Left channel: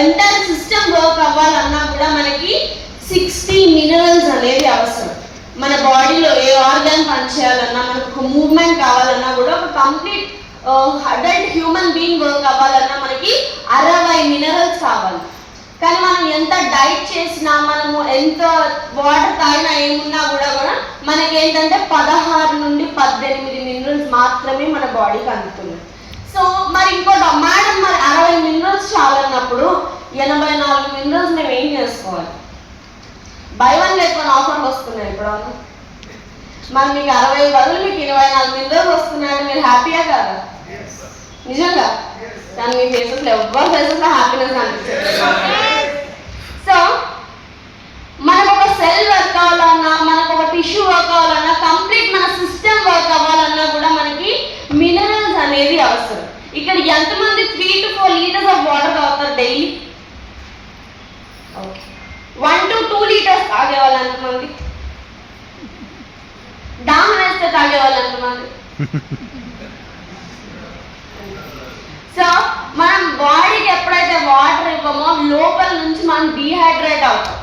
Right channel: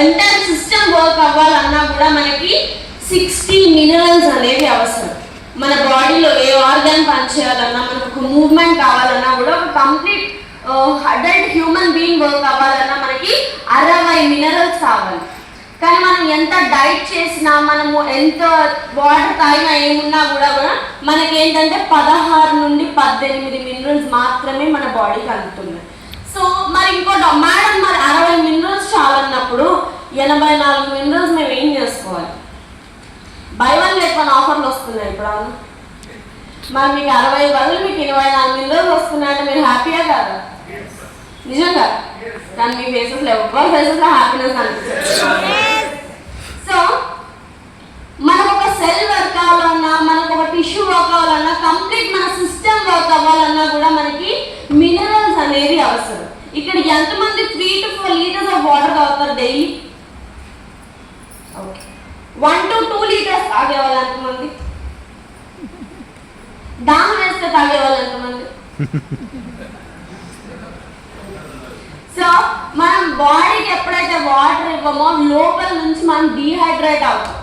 Entire system work అవ్వాలన్నా కూడా మనకి 60 మినరల్స్ అనేది అవసరం. మన బాడీలో ఏ ఆర్గాన్ పనిచేయాలన్నా, మనకు ఒక మూవ్మెంట్ కావాలన్నా కూడా, ఒక complete adult human being work అవ్వాలన్నా మనకి 60 మినరల్స్ కావాలి. కానీ మనం ఎంత డైట్ చేసినా, మనము ఎంత వాటర్ తాగినా, ఏమున్నా కూడా మనకి ఏంటంటే 16 నుండి 18 మినరల్స్ మాత్రమే మన బాడీకి అందుతున్నాయి. సో మరి ఇంకోటి మేడం, మరి 60 మినరల్స్ చాలన్నప్పుడు 84 మినరల్స్ మేము ఏం చేసుకోవాలి? బై 1 get 1 ఆఫర్లు వస్తున్నాయి ఇప్పుడు. మరి మీకు 60 బదులు మీకు 24 మినరల్స్ వస్తున్నాయంటే మీరు హ్యాపీయా కాదా? నిజంగా. కానీ మీ ఫేసెస్లో ఎవ్వరు ఫేసెస్లో హ్యాపీనెస్ అనిపిస్తుంది. సో మనకు ఒక సెల్ వర్క్ అవ్వాలన్నా, మనకు ఒక టిష్యూ వర్క్ అవ్వాలన్నా, కంప్లీట్ మన సిస్టమ్ వర్క్ అవ్వాలన్నా కూడా మనకి మినరల్స్ అనేది అవసరం. ఇక్కడ ఎంతమంది 3 to 4 లీటర్స్ ఆఫ్ వాటర్ తాగుతారు డైలీ? 1 to 2 లీటర్స్ తాగేవాళ్ళు ఎంతమంది? డామ్ వేస్తే తాగేవాళ్ళు ఎంతమంది? సో మనం బాడీకి ఎప్పుడైతే వాటర్ ఇవ్వమో లోపల నుంచి మనం డీహైడ్రేట్ అవుతాం.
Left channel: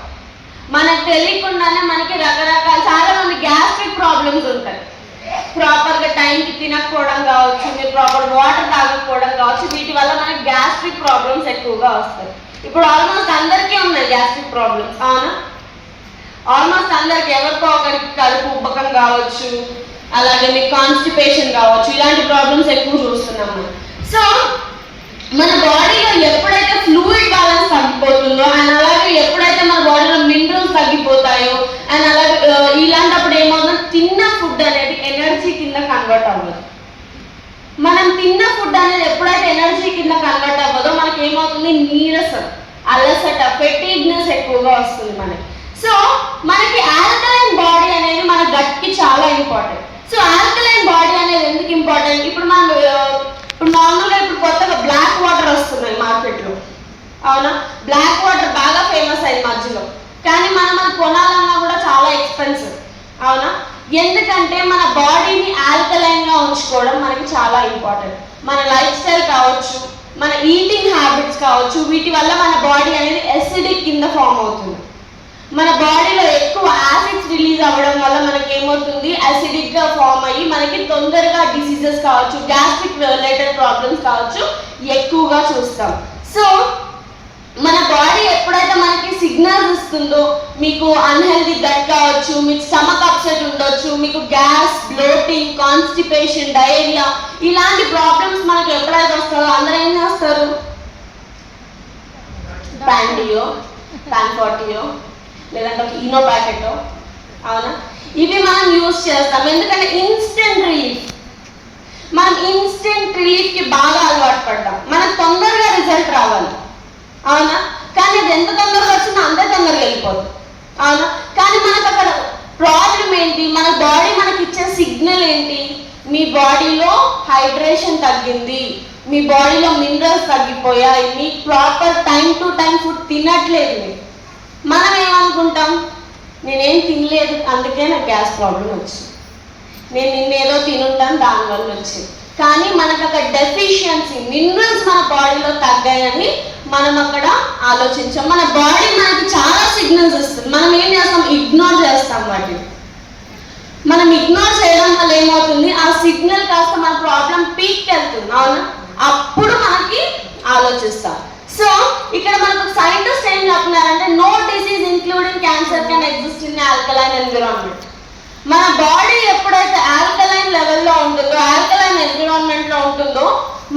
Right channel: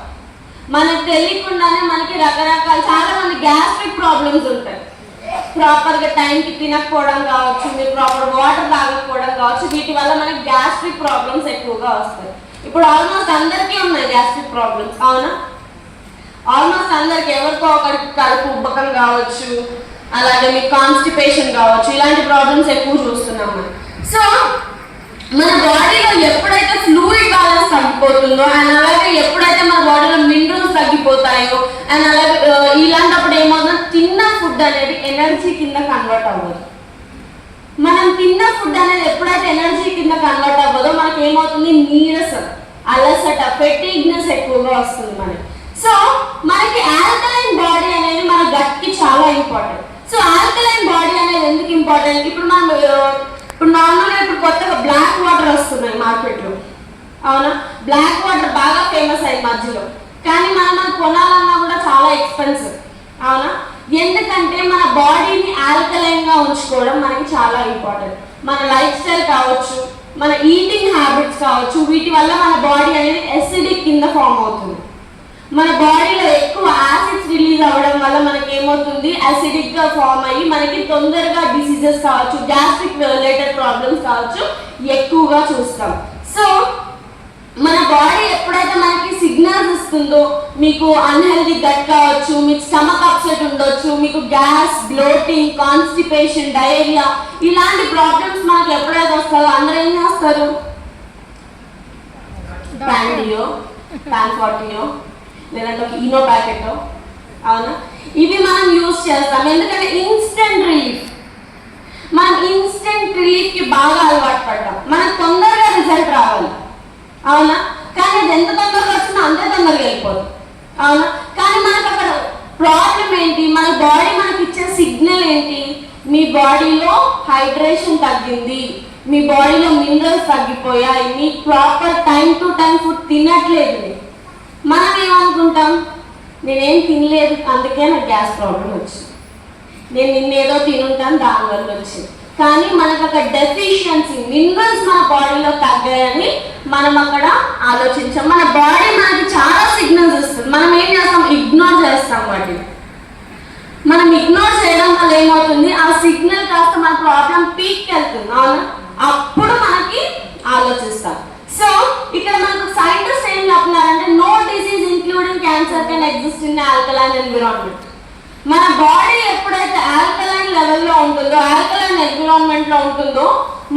మనకు తెలియకుండానే మనకి రకరకాల చాలా మంది గ్యాస్ట్రిక్ ప్రాబ్లమ్స్ ఉంటాయి. ప్రాపర్గా టైంకి తినకపోవడం కావచ్చు, మీరు ప్రాపర్ వాటర్ తాగకపోవడం కావచ్చు, వీటి వల్ల మనకి గ్యాస్ట్రిక్ ప్రాబ్లమ్స్ ఎక్కువగా వస్తాయి. ఇప్పుడు ఆల్మోస్ట్ అందరికీ ఉన్నాయి గ్యాస్ట్రిక్ ప్రాబ్లమ్స్, అవునా? ఆల్మోస్ట్ అందరికి, ఎవరికో ఒకరికి కడుపు ఉబ్బకం కావచ్చు, అలాగే మీకు కాన్స్టిపేషన్ కావచ్చు, ఇలాంటి ప్రాబ్లమ్స్ ఎక్కువ చూస్తున్నాం మనం. సో మన బాడీలో ఎప్పుడైతే ఫ్లూయిడ్ బ్యాలెన్స్ తగ్గిపోతుందో, అండ్ అలాగే ఎప్పుడైతే మన బాడీలో మినరల్స్ తగ్గిపోతాయో, అండ్ అలాగే ఇలాంటప్పుడు ఏమవుతుందో తిన్న ఫుడ్ అనేది ఎనర్జీ కింద కన్వర్ట్ అవ్వదు. మనం తిన్న ఫుడ్ అనేది ఎప్పుడైతే ఎనర్జీ కింద కన్వర్ట్ అవ్వదో మనకి ఏమవుతుంది? నీరసం, అలసట, ఫెటీగ్నెస్ ఎక్కువగా వస్తుంది మనకి. సో మనకి ఆల్కలైన్ బాడీ అనేది మన గట్కి చాలా ఇంపార్టెంట్. సో ఆల్కలైన్ బాడీ అనేది ఎందుకు ఇంపార్టెంట్? ఇప్పుడు మనం నార్మల్గా ఇప్పుడు కొత్తగా బ్లాక్ వాటర్ వస్తున్నాయి మార్కెట్లో, అవునా? బ్లాక్ వాటర్ బాగా ఫేమస్ అయ్యి మధ్యలో, కానీ మనం కొనాలన్నా కూడా చాలా ఎక్స్పెన్సివ్, అవునా? ఎందుకంటే మన బాడీని ఆల్కలైన్గా ఉంచుకోవడం మనకి చాలా ఇంపార్టెంట్. మన లైఫ్ స్టైల్ కావచ్చు, మన ఈటింగ్ హ్యాబిట్స్ కావచ్చు, వీటి వల్ల మన బాడీ అనేది ఎసిడిక్ కింద ఫామ్ అవుతుంది. మన బాడీలో ఎక్కువ యాసిడ్స్ రిలీజ్ అవ్వడం వల్ల మనకి ఏమవుతుంది? అసిడిక్ గా ఫామ్ అయ్యి మనకి తొందరగా డిసీజెస్ కావచ్చు, గ్యాస్ట్రిక్ రిలేటెడ్ ప్రాబ్లమ్స్ కావచ్చు ఎక్కువగా చూస్తాం. సో మన బాడీ ఎప్పుడైతే మనకి సిగ్నల్స్ ఇస్తుందో, మీకు అన్హెల్దీ గట్ కావచ్చు, మీకు స్టమక్ అప్సెట్ ఉండొచ్చు, మీకు గ్యాస్, బ్లోటింగ్, కాన్స్టిపేషన్, డయేరియా, ఇలాంటి ప్రాబ్లమ్స్ మనకి ఎప్పుడైతే వస్తారో అందరూ ఏం చేస్తారు? ప్యాంటియో, ప్యాంఫాటియో, లేదంటే ఒక ఈనో ప్యాకెట్, అవునా? ఇవి మనం యూజ్ చేస్తాం. ఎందుకంటే ఇన్స్టెంట్ రిలీఫ్, మనం ఇన్స్టెంట్ రిలీఫ్కి బాగా అలవాటు పడ్డాం. మనకు తొందరగా రిజల్ట్ రావాలి, అవునా? కానీ అది ఎంత తొందరగా వచ్చిందో అంతే తొందరగా వెళ్ళిపోతుంది, అవునా? కానీ మనకు అక్కడ ప్రాబ్లం ఏంటి? మన బాడీ మనకి ఇచ్చే సిగ్నల్ ఏంటి? మీ బాడీలో హైడ్రేషన్ తగ్గింది, మీ బాడీలో మినరల్స్ తగ్గిపోయాయి, మీ proper time to time food తినట్లేదు. మనం ఏమనుకుంటాం? నేనేం తినలేదు అందుకే నాకు గ్యాస్ ప్రాబ్లం వచ్చింది, నేను నిన్నేదో తినుంటాను దానివల్ల వచ్చింది. కానీ మనకు అక్కడ డెఫిషియన్సీ, మినరల్స్ మన బాడీలో తగ్గాయని మనం అక్కడ ఆలోచించాం. మన బాడీ మనకి చాలా సిగ్నల్స్ ఇస్తుంది, మనం ఏం చేస్తాం? ఇగ్నోర్ చేస్తాం వాటిని. మనం ఇగ్నోర్ చేయడం వల్ల ఏమవుతుంది? ఆ సిగ్నల్ కాస్త మన ప్రాబ్లం పీక్కి వెళ్తుంది, అవునా? అప్పుడు మనకి ఆలోచిస్తాం. సో ఇక్కడ మనకు సైంటిస్ట్ ఏం చెప్తున్నారంటే, no disease including cancer can exist in alkaline environment. మన బాడీ ఎప్పుడైతే ఆల్కలైన్ లెవెల్లో ఉంటుందో, ఆల్కలైన్ ఎన్విరాన్మెంట్ లో ఉంటుందో,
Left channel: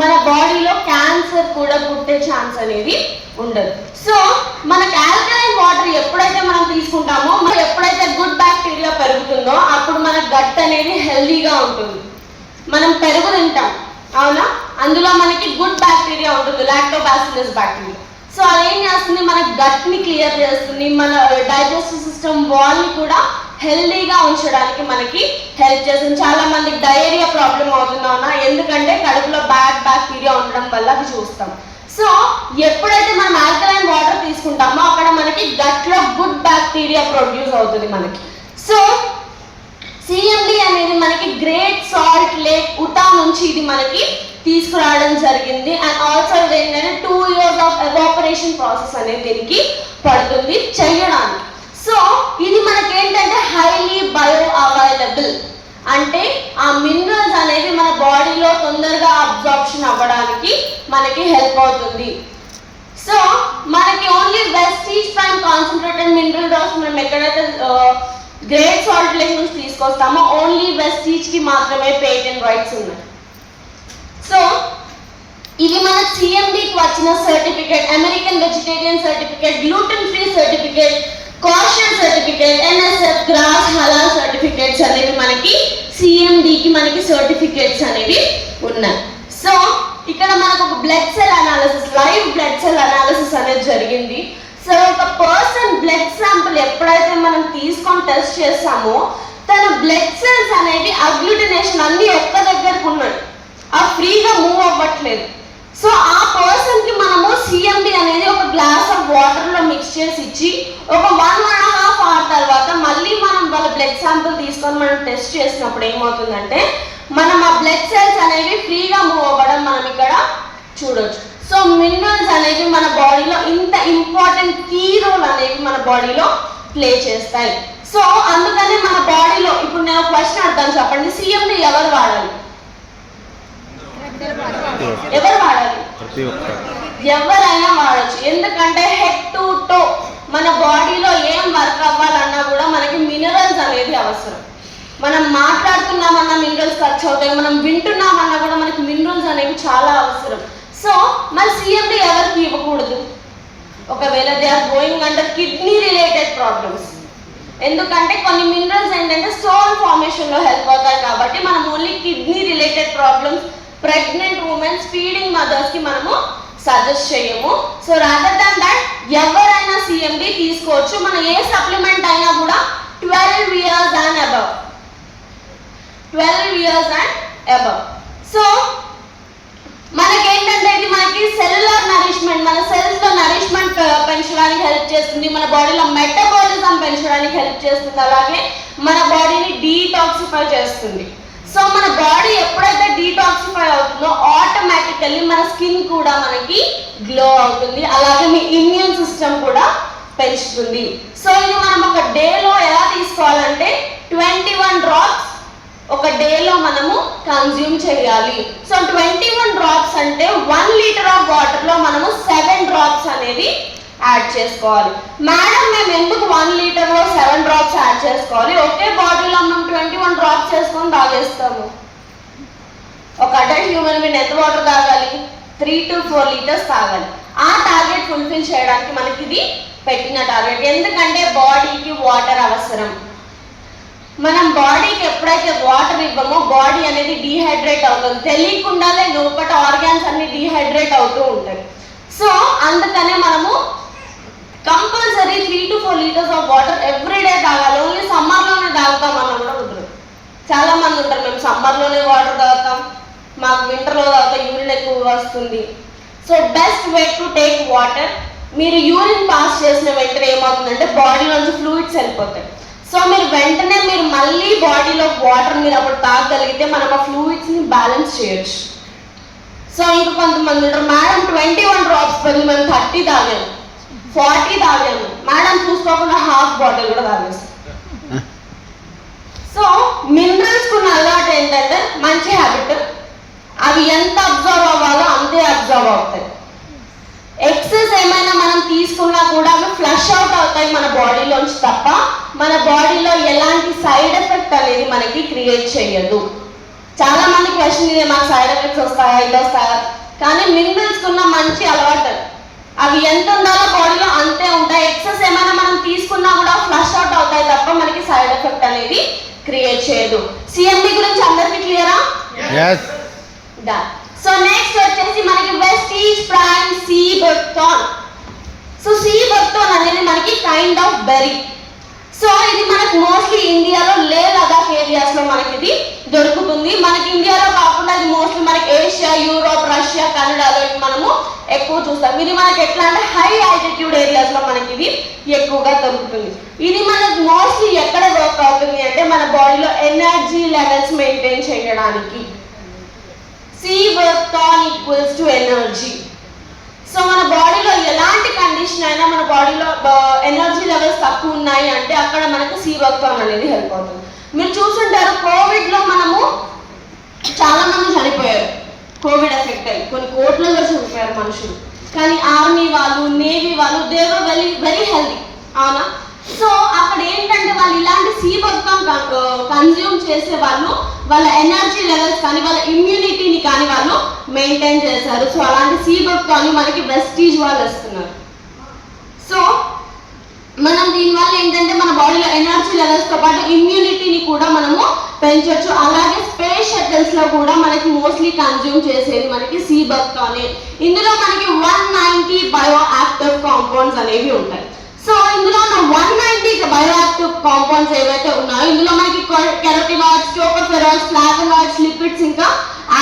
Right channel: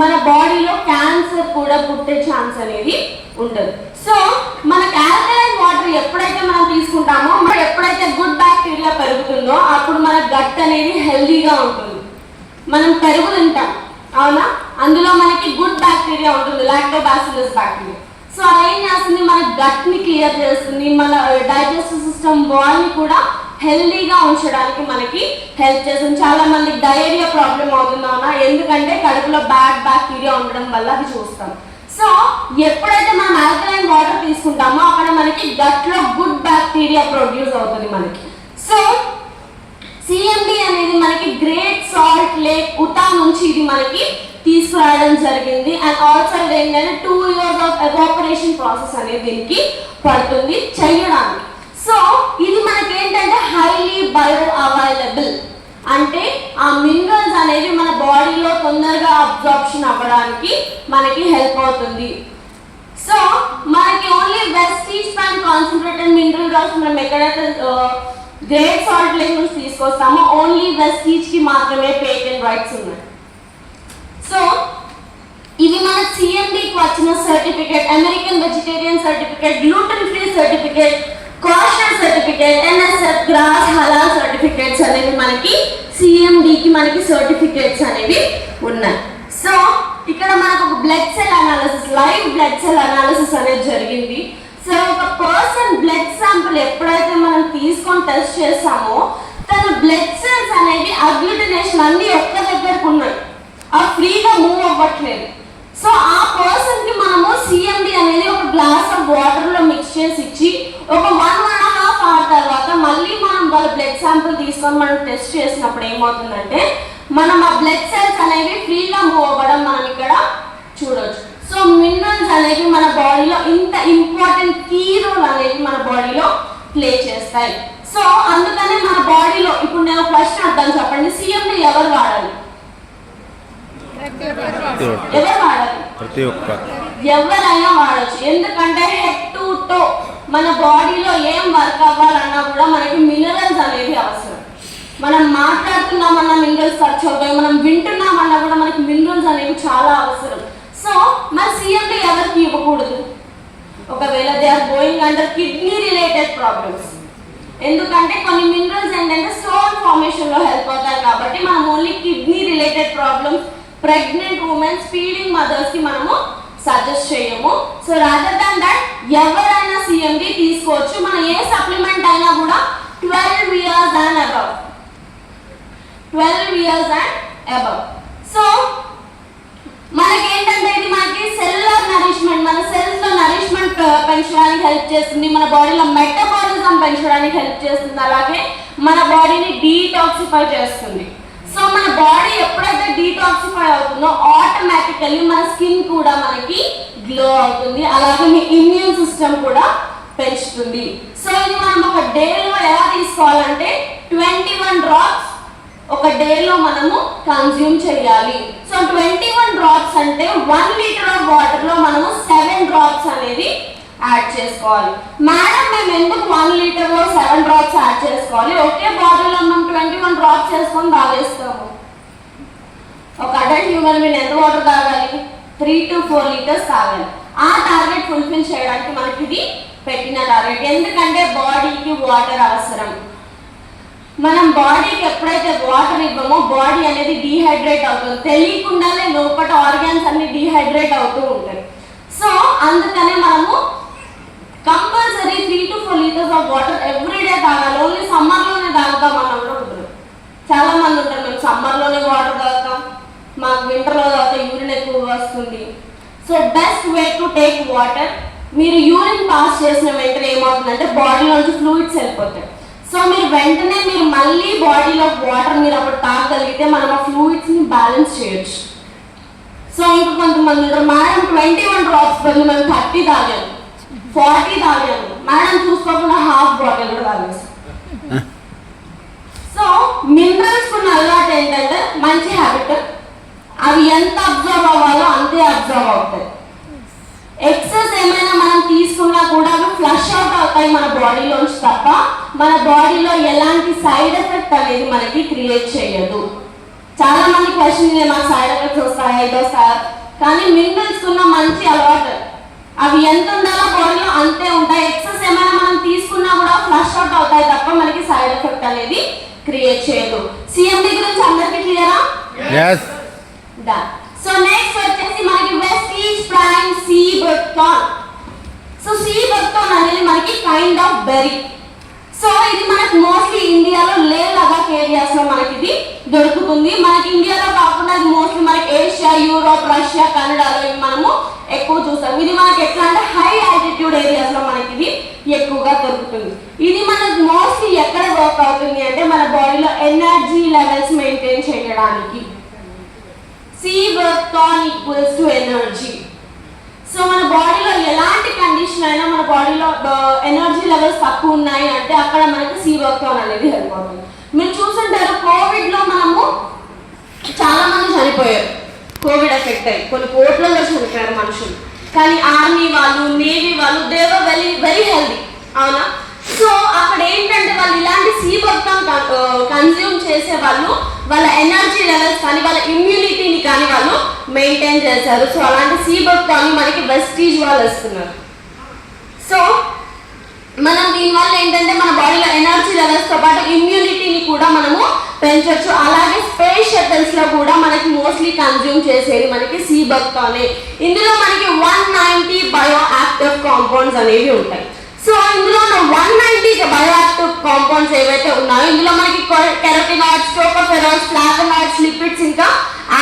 మన బాడీలో క్యాన్సర్ కూడా పుట్టే ఛాన్స్ అనేది ఉండదు. సో మనకు ఆల్కలైన్ వాటర్ ఎప్పుడైతే మనం తీసుకుంటామో, మరి ఎప్పుడైతే గుడ్ బ్యాక్టీరియా పెరుగుతుందో అప్పుడు మన గట్ అనేది హెల్దీగా ఉంటుంది. మనం పెరుగు తింటాం, అవునా? అందులో మనకి గుడ్ బ్యాక్టీరియా ఉంటుంది, లాక్టోబాసిల్లస్ బ్యాక్టీరియా. సో అదేం చేస్తుంది? మన గట్ ని క్లియర్ చేస్తుంది, మన డైజెస్టివ్ సిస్టమ్ వాల్ ని కూడా హెల్దీగా ఉంచడానికి మనకి హెల్ప్ చేస్తుంది. చాలా మందికి డయేరియా ప్రాబ్లం అవుతుందా? ఎందుకంటే కడుపులో బ్యాడ్ బ్యాక్టీరియా ఉండడం వల్ల అది చూస్తాం. సో ఎప్పుడైతే మనం ఆల్కలైన్ వాటర్ తీసుకుంటామో అక్కడ మనకి గట్ లో గుడ్ బ్యాక్టీరియా ప్రొడ్యూస్ అవుతుంది మనకి. సో సిఎండి అనేది మనకి గ్రేట్ సాల్ట్ లేక్ ఉటా నుంచి ఇది మనకి తీసుకురావడం జరిగింది. అండ్ ఆల్సో ఏంటంటే 2 years ఆఫ్ ఎవాపరేషన్ ప్రాసెస్ అనేది దీనికి పడుతుంది చేయడానికి. సో ఇది మనకి ఏంటంటే హైలీ బయో అవైలబుల్, అంటే ఆ మినరల్స్ అనేవి మన బాడీలో తొందరగా అబ్జార్ప్షన్ అవ్వడానికి మనకి హెల్ప్ అవుతుంది. సో మనకి only Vestige from concentrated mineral drops మనం ఎక్కడైతే గ్రేట్ సాల్ట్ లేక్ నుంచి తీసుకొస్తామో ఓన్లీ వెస్టీజ్ కి మాత్రమే పేటెంట్ రైట్స్ ఉన్నాయి. సో ఇది మన సిఎండికి వచ్చిన certificate, American vegetarian certificate, gluten free certificate, kosher certificate, NSF, గ్రాస్ హలాల్ సర్టిఫికేట్స్ అనేవి మనకి సిఎండికి మనకి సర్టిఫికేట్స్ అనేవి ఉన్నాయి. సో ఇక్కడ మనకు ఒక blood cell analysis, live blood cell analysis అనేది జరిగింది. సో ఒక పర్సన్ బ్లడ్ శాంపుల్ ఎప్పుడైతే మనం తీసుకొని టెస్ట్ చేస్తామో తన బ్లడ్ సెల్స్ అనేవి అగ్లూటినేషన్ అన్ని ఒక్క దగ్గరకు ఉన్నాయి, ఆ ఫ్రీగా మూవ్ అవ్వట్లేదు. సో ఆ పర్సన్ కి మనము సిఎండి అనేది ఒక గ్లాస్ ఆఫ్ వాటర్ లో మిక్స్ చేసి ఇచ్చి ఒక 1.5 hour తర్వాత మళ్ళీ మనం వాళ్ళ బ్లడ్ శాంపుల్ తీసుకొని మనం టెస్ట్ చేసినప్పుడు ఏమవుతుందంటే మనం ఆ బ్లడ్ సెల్స్ అనేవి ఫ్రీగా మూవ్ అవ్వడం మనం ఇక్కడ చూడొచ్చు. సో మినరల్స్ అనేవి మన బాడీలో ఇంత ఇంపార్టెంట్ కీ రోల్ అనేవి మన బాడీలో ప్లే చేస్తాయి. సో అందుకని మన బాడీలో ఇప్పుడు నేను క్వశ్చన్ అర్థం చెప్పండి, సిఎండి ఎవరు వాడాలి? ఎవరు వాడాలి? ఎవరైనా వాడచ్చు. ఎందుకంటే హెడ్ టు టో మన బాడీలో ఏం వర్క్ అవ్వాలన్నా కూడా మనకి మినరల్స్ అనేది అవసరం. మనం మాట్లాడుతున్నామన్నా మినరల్స్ ఖర్చు అవుతాయి, మనం వింటున్నామన్నా కూడా మనకి మినరల్స్ అనేవి చాలా అవసరం. సో మన సిఎండి ఎవరికి ఇవ్వకూడదు? ఒకవేళ they are going under kidney related problems. ఎందుకంటే కొన్ని మినరల్స్ ఏంటంటే స్టోన్ ఫార్మేషన్ లో హెల్ప్ అవుతాయి కాబట్టి మనం only kidney related problems, pregnant womens, feeding mothers కి మనము సజెస్ట్ చేయము. సో రాదర్ దాన్ దట్ ఎవరైనా సిఎండి తీసుకోవచ్చు. మన ఏ సప్లిమెంట్ అయినా కూడా 12 years and above. 12 years and above. So మనకేంటంటే ఇది మనకి సెల్యులర్ నరిష్మెంట్, మన సెల్స్ లో నరిష్మెంట్ పెంచడానికి హెల్ప్ చేస్తుంది, మన బాడీలో మెటబాలిజం పెంచడానికి హెల్ప్ చేస్తుంది, అలాగే మన బాడీని డీటాక్సిఫై చేస్తుంది. సో మన బాడీ ఎప్పుడైతే డీటాక్సిఫై అవుతుందో ఆటోమేటికల్లీ మన స్కిన్ కూడా మనకి గ్లో అవుతుంది, అలాగే మీ ఇమ్యూన్ సిస్టమ్ కూడా పెంచుతుంది. సో ఇది మనం ఒక డేలో ఎలా తీసుకోవాలంటే 21 drops ఒక డేలో మనము కన్జ్యూమ్ చేయాలి. సో 21 drops అంటే 1 liter ఆఫ్ వాటర్ లో మనము 7 drops అనేది యాడ్ చేసుకోవాలి. మేడం మేము ఎందుకు 1 liter లో 7 drops యాడ్ చేసుకోవాలి? ఒకే బాడీలో మనం 21 drops చేసుకొని తాగేస్తాము. ఒక అడల్ట్ హ్యూమన్ బీయింగ్ ఎంత వాటర్ తాగాలి? 3 to 4 liters తాగాలి. ఆ టార్గెట్ ఫుల్ఫిల్ చేయడానికి మనకి ఇది పెట్టిన టార్గెట్. ఎందుకంటే బాడీకి వాటర్ అవసరం. మనం బాడీకి ఎప్పుడైతే వాటర్ ఇవ్వమో బాడీ అనేది డీహైడ్రేట్ అవుతుంది, తెలియకుండానే లోపల ఆర్గాన్స్ అన్ని డీహైడ్రేట్ అవుతూ ఉంటాయి. సో అందుకనే మనము compulsory 3 to 4 liters of water everyday తాగాలి. ఓన్లీ సమ్మర్లోనే తాగుతాం అన్నప్పుడు చాలా మంది ఉంటారు, మేము సమ్మర్లోనే వాటర్ తాగుతాం, మాకు వింటర్లో తాగితే యూరిన్ ఎక్కువ వస్తుంది. So best way to take water, మీరు యూరిన్ పాస్ చేసిన వెంటనే ఏమవుతుందంటే బాడీలోంచి ఫ్లూయిడ్స్ వెళ్ళిపోతాయి. సో మీరు వెంటనే మీరు మళ్ళీ బాడీలో వాటర్ మీరు అప్పుడు తాగగలిగితే మనం ఆ ఫ్లూయిడ్స్ ని బ్యాలెన్స్ చేయొచ్చు. సో ఇంకా కొంతమంది ఉంటారు, మేడం 21 drops బదులు మేము 30 తాగాము, 40 తాగాము, మేడం చూసుకోకుండా హాఫ్ బాటిల్ కూడా తాగేస్తాం. సో మినరల్స్ ఉన్న అలవాటు ఏంటంటే మంచి హ్యాబిట్, అవి ఎంత అబ్జర్వ్ అవ్వాలో అంతే అబ్జర్వ్ అవుతాయి. ఎక్సెస్ ఏమైనా మనం తీసుకున్నా కూడా అవి ఫ్లష్ అవుట్ అవుతాయి మన బాడీలోంచి తప్ప మన బాడీలో ఎలాంటి సైడ్ ఎఫెక్ట్ అనేది మనకి క్రియేట్ చేయదు. చాలా మంది క్వశ్చన్ ఇదే, మాకు సైడ్ ఎఫెక్ట్స్ వస్తాయా ఇది వస్తాయా, కానీ మినరల్స్ ఉన్న మంచి అలవాటు అవి ఎంత ఉండాలో బాడీలో అంతే ఉంటాయి. ఎక్సెస్ ఏమైనా మనం తీసుకున్నా కూడా ఫ్లష్ అవుట్ అవుతాయి తప్ప మనకి సైడ్ ఎఫెక్ట్ అనేది క్రియేట్ చేయదు. సిఎండి గురించి అందరికీ క్లియరా? yes done. సో నెక్స్ట్ వచ్చేసి మనకి Vestige Prime sea buckthorn. So sea buckthorn అనేది మనకి కైండ్ ఆఫ్ బెర్రీ. సో ఇది మనకు మోస్ట్లీ ఇండియాలో లే లదాఖ్ ఏరియాస్ లో మనకి ఇది దొరుకుతుంది. మనకి ఇండియాలో కాకుండా ఇది మోస్ట్లీ మనకి ఏషియా, యూరోప్, రష్యా, కెనడాలో మనము ఎక్కువ చూస్తాం. ఇది మనకి ఎట్లా అంటే హై ఆల్టిట్యూడ్ ఏరియాస్ లో మనకి ఇది ఎక్కువగా దొరుకుతుంది. ఇది మనకు మోస్ట్లీ ఎక్కడ వర్క్ అవుతుంది అంటే మన బాడీలో ఎనర్జీ లెవెల్స్ మెయింటైన్ చేయడానికి. C work ton equals to energy. So మన బాడీలో ఎలాంటి కండిషన్ అయినా మన బాడీలో ఎనర్జీ లెవెల్స్ తక్కువ ఉన్నాయి అంటే అక్కడ మనకు C work ton అనేది హెల్ప్ అవుతుంది. మీరు చూసుంటారు కోవిడ్లో మనము చాలా మంది చనిపోయారు, కోవిడ్ ఎఫెక్ట్ అయ్యి కొన్ని కోట్లలో చనిపోయారు మనుషులు. కానీ ఆర్మీ వాళ్ళు, నేవీ వాళ్ళు దే వర్ వెరీ హెల్దీ, అవునా? సో అక్కడ ఏంటంటే వాళ్ళు ఇలాంటి C work ton కన్జ్యూమ్ చేసే వాళ్ళు వాళ్ళ ఎనర్జీ లెవెల్స్ కానీ వాళ్ళ ఇమ్యూనిటీని కానీ వాళ్ళు మెయింటైన్ చేశారు. సో అలాంటి C work ton మనకి వెస్టీజ్ వాళ్ళు వస్తున్నారు. సో మనం దీనివల్ల ఏంటంటే మన బాడీలో ఎనర్జీ లెవెల్స్తో పాటు ఇమ్యూనిటీని కూడా మనము పెంచవచ్చు. అలాగే స్పేస్ షటిల్స్లో కూడా మనకి మోస్ట్లీ కన్జ్యూమ్ చేసేది మనకి C work ton. ఇందులో మనకి 190 బయో యాక్టివ్ కాంపౌండ్స్ అనేవి ఉంటాయి. సో ఇందులో 190 బయో యాక్టివ్ కాంపౌండ్స్ ఏవైతే ఉన్నాయో ఇందులో మనకి కెరటినాయిడ్స్, టోకోఫెరాల్స్, ఫ్లావోనాయిడ్స్, లిపిడ్స్, ఇంకా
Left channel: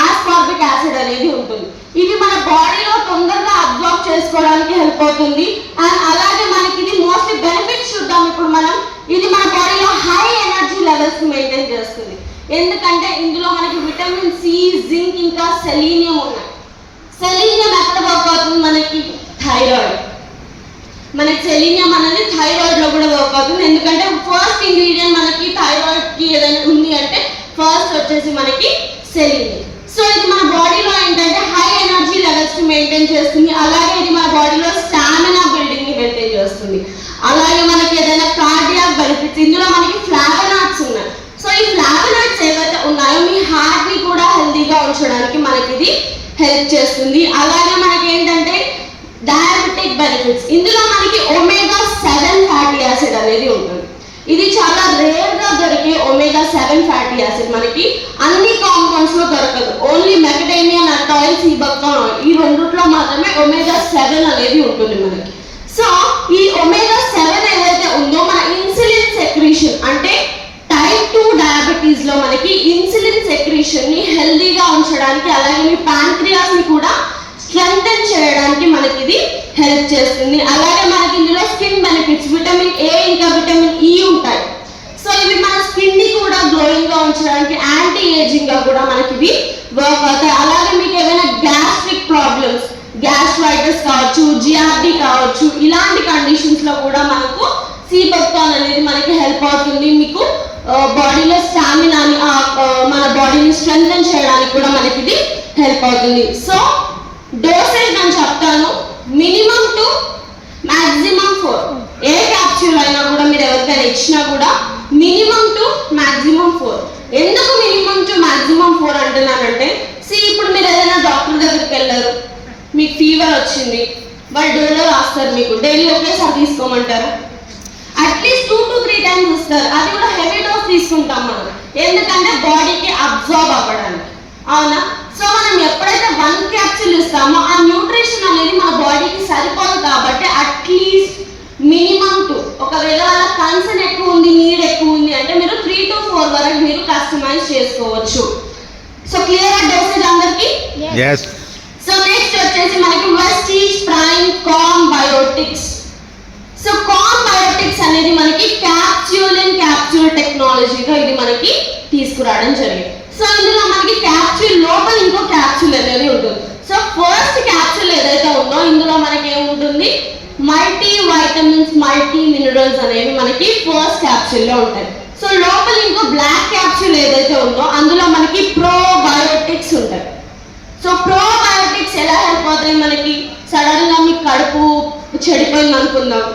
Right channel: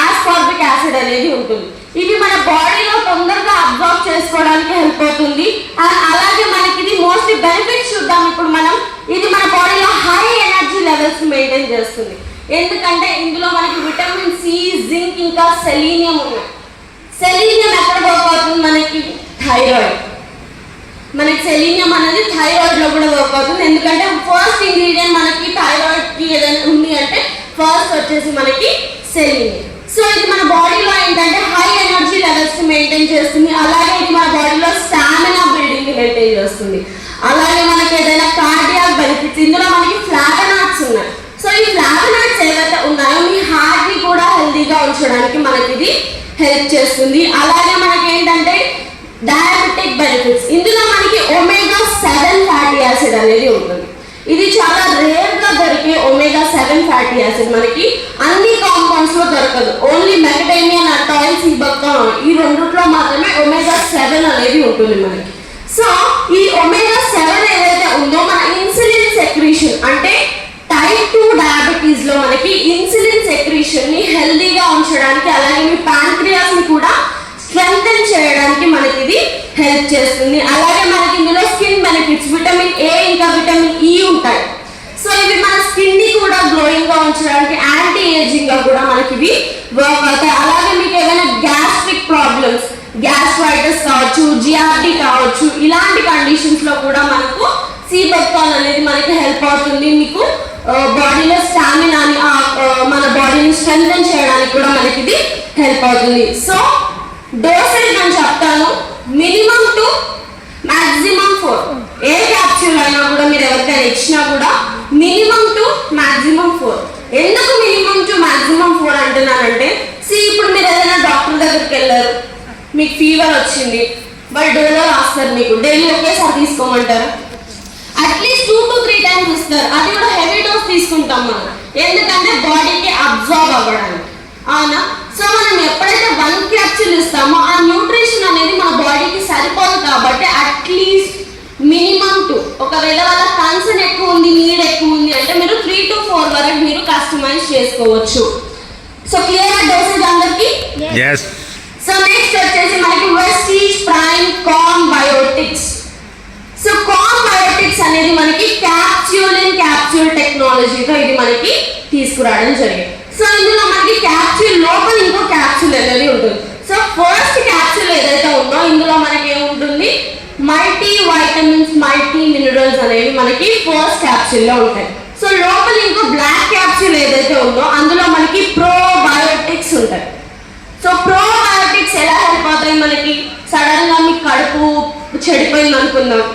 ఆస్కార్బిక్ యాసిడ్ అనేది ఉంటుంది. ఇవి మన బాడీలో తొందరగా అబ్జార్బ్ చేసుకోవడానికి హెల్ప్ అవుతుంది. అండ్ అలాగే మనకి ఇది మోస్ట్లీ బెనిఫిట్స్ చూద్దాం ఇప్పుడు మనం. ఇది మన బాడీలో హై ఎనర్జీ లెవెల్స్ మెయింటైన్ చేస్తుంది. ఎందుకంటే ఇందులో మనకి విటమిన్ సి, జింక్, ఇంకా సెలీనియం ఉన్నాయి. సెలీనియం ఎక్కడ వర్క్ అవుతుంది? మనకి థైరాయిడ్. మనకి సెలీనియం అనేది థైరాయిడ్ లో కూడా వర్క్ అవుతుంది. ఎందుకంటే ఫస్ట్ ఇంగ్రీడియంట్ మనకి థైరాయిడ్ కి ఏదైనా ఉంది అంటే ఫస్ట్ వచ్చేసి మనకి సెలీనియం. సో ఇది మన బాడీలో ఏంటంటే హై ఎనర్జీ లెవెల్స్ మెయింటైన్ చేస్తుంది. అలాగే ఇది మన బాడీలో స్టామినా బిల్డింగ్ ని మెయింటైన్ చేస్తుంది. అలాగే మనకి ఏదైనా కార్డియాక్ బెనిఫిట్స్ ఇందులో మనకి ఫ్లావోనాయిడ్స్ ఉన్నాయి. సో ఈ ఫ్లావోనాయిడ్స్ ఏవైతే ఉన్నాయో మీ హార్ట్ ని కూడా హెల్తీగా ఉంచడానికి మనకి ఇది హెల్ప్ చేస్తుంది. అలాగే మనకి ఏంటంటే డయాబెటిక్ బెనిఫిట్స్ ఇందులో మనకి ఒమేగా 7 ఫ్యాటీ యాసిడ్ అనేది ఉంటుంది. ఇది చాలా రేర్ గా దొరికే ఒమేగా 7 ఫ్యాటీ యాసిడ్ మనకి అన్ని కాంపౌండ్స్ లో దొరకదు. Only macadamia nut oil, C work ton ఈ రెండిట్లో మాత్రమే ఒమేగా 7 అనేది ఉంటుంది మనకి. సో ఈ ఒమేగా 7 ఏదైతే ఉందో మన ఇన్సులిన్ సెక్రీషన్ అంటే టైప్ 2 డయాబెటీస్ లో మనకి ఇన్సులిన్ సెక్రీషన్ ని హెల్దీగా ఉంచడానికి, అలాగే మీ ప్యాంక్రియాస్ ని కూడా స్ట్రెంథెన్ చేయడానికి మనకి ఇది హెల్ప్ చేస్తుంది. అలాగే మనకి ఇందులో స్కిన్ బెనిఫిట్స్ విటమిన్ ఏ ఇంకా విటమిన్ ఈ ఉంటాయి. సో ఇవి మన స్కిన్ ని కూడా గ్లోయింగ్ గా ఉంచడానికి, యాంటీ ఏజింగ్ గా కూడా మనకి ఇవి వర్క్ అవుతాయి. అలాగే మీకు ఏదైనా గ్యాస్ట్రిక్ ప్రాబ్లమ్స్, గ్యాస్ట్రైటిస్ కావచ్చు, జిఆర్డి కావచ్చు, ఇలాంటి కండిషన్స్ లో కూడా మనకు C work ton అనేది మనకి హెల్ప్ అవుతుంది. మీకు బాడీలో స్టామినాని, మన బాడీని స్ట్రెంథెన్ చేయడానికి కూడా మనకి ఇది హెల్ప్ అవుతుంది. సో డోసేజ్ నేను చెప్తాను, minimum to maximum 4. A capsule అయినా కూడా మీరు ఎవరికైనా ఇచ్చినా కూడా మినిమం టు మాక్సిమం 4. ఎందుకు మినిమం టు మాక్సిమం 4 అంటున్నానంటే ఇప్పుడు మీరు ఏదైనా డాక్టర్ దగ్గరికి వెళ్ళారు, మీకు ఫీవర్ వచ్చింది, వాళ్ళు డోలో రాస్తారు, మీకు డైలీ ఒకేసారి తీసుకోమంటారు. అట్లీస్ట్ 2 to 3 టైమ్స్ ఇస్తారు. అది కూడా హెవీ డోస్ తీసుకుంటాం మనం, ఎందుకంటే బాడీకి అబ్జార్బ్ అవ్వడానికి, అవునా? సో మనం ఎప్పుడైతే 1 క్యాప్సూల్ ఇస్తామో ఆ న్యూట్రిషన్ అనేది మన బాడీకి సరిపోదు. కాబట్టి అట్లీస్ట్ మినిమం 2. ఒకవేళ వాళ్ళ కన్సర్న్ ఎక్కువ ఉంది, నీడ్ ఎక్కువ ఉంది అంటే మీరు 3 to 4 వరకు మీరు కస్టమైజ్ చేసుకోవచ్చు. సో క్లియర్ డోసేజ్ అందరికి? yes. సో నెక్స్ట్ వచ్చేసి మనకి Vestige prime calm biotics. So calm biotics అనేది మనకి క్యాప్సూల్ ఇన్ క్యాప్సూల్ టెక్నాలజీతో ఇది మనకి తీసుకురావడం జరిగింది. సో ఇందులో మనకి క్యాప్సూల్ లోపల ఇంకో క్యాప్సూల్ అనేది ఉంటుంది. సో ఫస్ట్ క్యాప్సూల్ ఏదైతే ఉందో ఇందులో మనకి ఏముంటుంది, మల్టీ వైటమిన్స్, మల్టీ మినరల్స్ అనేవి మనకి ఫస్ట్ క్యాప్సూల్ లో ఉంటాయి. సో లోపల ఇంకో బ్లాక్ క్యాప్సూల్ ఏదైతే ఉందో అందులో మనకి ప్రోబయోటిక్స్ ఉంటాయి. సో ప్రోబయోటిక్స్ ఎలా హెల్ప్ అవుతాయి మనకి? సడన్ గా మీకు కడుపు చెడిపోయింది అనుకుందాం,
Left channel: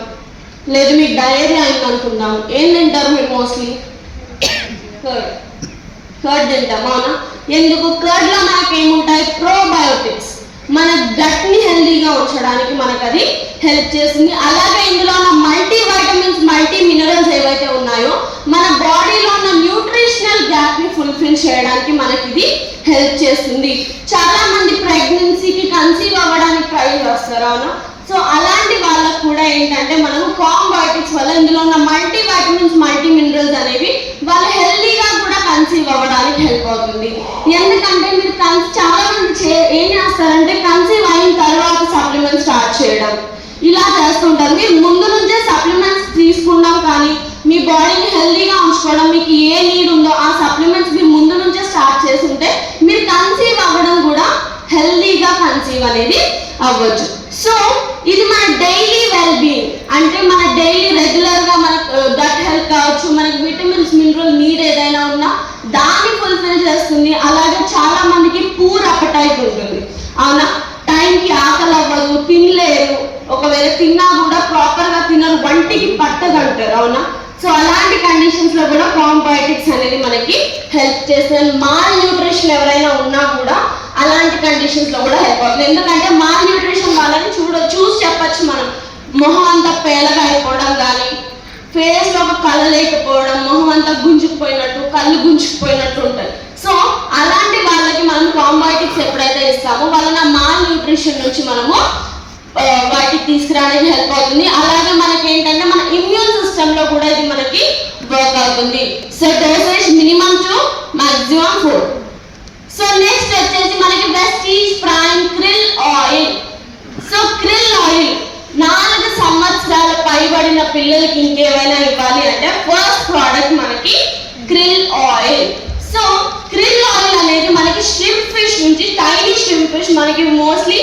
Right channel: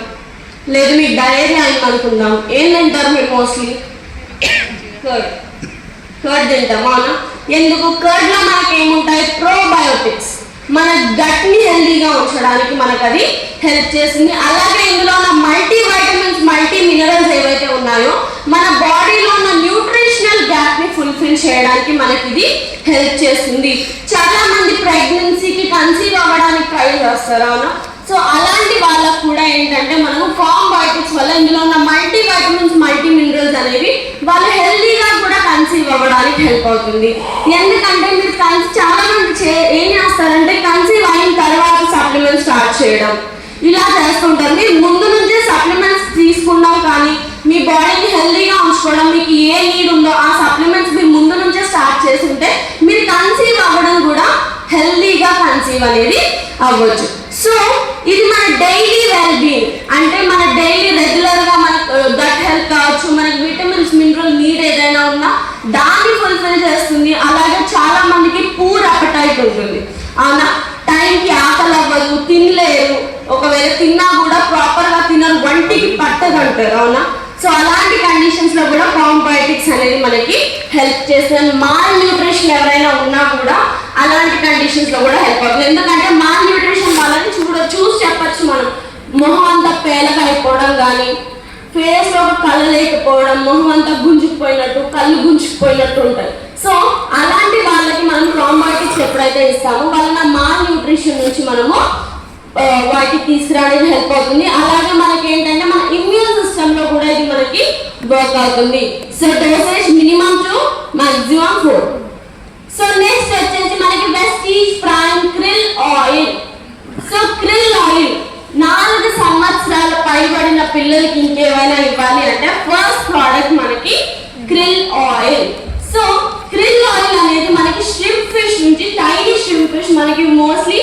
లేదు మీకు డయేరియా అయింది అనుకుందాం, ఏం తింటారు మీరు? మోస్ట్లీ కర్డ్ తింటాం, అవునా? ఎందుకు? కర్డ్ లో మనకి ఏముంటాయి? ప్రోబయోటిక్స్. మన గట్ ని హెల్దీగా ఉంచడానికి మనకు అది హెల్ప్ చేస్తుంది. అలాగే ఇందులో ఉన్న మల్టీ వైటమిన్స్, మల్టీ మినరల్స్ ఏవైతే ఉన్నాయో మన బాడీలో ఉన్న న్యూట్రిషనల్ గ్యాప్ ని ఫుల్ఫిల్ చేయడానికి మనకి ఇది హెల్ప్ చేస్తుంది. చాలా మంది ప్రెగ్నెన్సీకి కన్సీవ్ అవ్వడానికి ట్రై చేస్తారు, అవునా? సో అలాంటి వాళ్ళకు కూడా ఏంటంటే మనము కామ్ బయోటిక్స్ వల్ల ఇందులో ఉన్న మల్టీ వైటమిన్స్, మల్టీ మినరల్స్ అనేవి వాళ్ళు హెల్దీగా కూడా కన్సీవ్ అవ్వడానికి హెల్ప్ అవుతుంది. ఎందుకంటే మీరు చాలా మంది ఏం చేస్తారంటే కన్సీవ్ అయిన తర్వాత సప్లిమెంట్స్ స్టార్ట్ చేయడం ఇలా చేస్తుంటారు. మీరు ముందు నుంచే సప్లిమెంట్స్ తీసుకున్నాం కానీ మీ బాడీని హెల్దీగా ఉంచుకోవడం, మీకు ఏ నీడ్ ఉందో ఆ సప్లిమెంట్స్ మీరు ముందు నుంచే స్టార్ట్ చేస్తుంటే మీరు కన్సీవ్ అవ్వడం కూడా హెల్దీగా కన్సీవ్ అనేది అవ్వచ్చు. సో ఇది మన డైలీ వెల్ బీయింగ్, అంటే మన డైలీ రెగ్యులర్గా మన గట్ హెల్త్ కావచ్చు, మనకి విటమిన్స్ మినరల్ నీడ్ ఏదైనా ఉన్నా దాన్ని ఫుల్ఫిల్ చేస్తుంది. అలాగే చాలా మందికి పూర్ అపటైట్ ఉంటుంది, అవునా, టైంకి ఆకలి అవ్వదు, తినలేరు, ఒకవేళ తిన్నా కూడా ప్రాపర్గా తినరు, వంటికి పట్టదంటారు, అవునా. సో అలాంటి కండిషన్స్ లో కూడా ప్రోబయోటిక్స్ అనేది మనకి హెల్ప్ చేస్తుంది. మాల్ న్యూట్రిషన్ ఎవరైనా ఉన్నా కూడా అలాంటి కండిషన్స్ లో కూడా హెల్ప్ అవుతుంది. ఎందుకంటే మాల్ న్యూట్రిషన్ వాళ్ళని చూసి చెప్పచ్చు మనం, మొహం అంతా పేలగా అయిపోవడం కానీ, ఫేస్ లో కళ్ళు లేకపోవడం, మొహం అంతా గుంజుకుపోయినట్టు, కళ్ళు గుంజుకుపోయినట్టు ఉంటాయి. సో అలాంటి వాళ్ళకి మనం ప్రోబయోటిక్స్ ఎప్పుడైతే ఇస్తామో వాళ్ళ మాల్ న్యూట్రిషన్ నుంచి మనము వాటికి తీసుకురావడానికి హెల్ప్ అవుతుంది. అలాగే మనకి ఏంటంటే మన ఇమ్యూన్ సిస్టమ్ లో కూడా ఇది మనకి వర్క్ అవుతుంది. So dosage minimum to maximum 4. So next వచ్చేసి మనకి Vestige prime krill oil. So krill oil 4 సంవత్సరాల పైబడిన పిల్లలకి ఇంకేమైనా ఇవ్వాలి అంటే ఫస్ట్ ప్రోడక్ట్ మనకి krill oil. So krill oil అనేది మనకి ష్రింప్ ఫిష్ నుంచి, టైనీ ష్రింప్ ఫిష్ మనకి mostly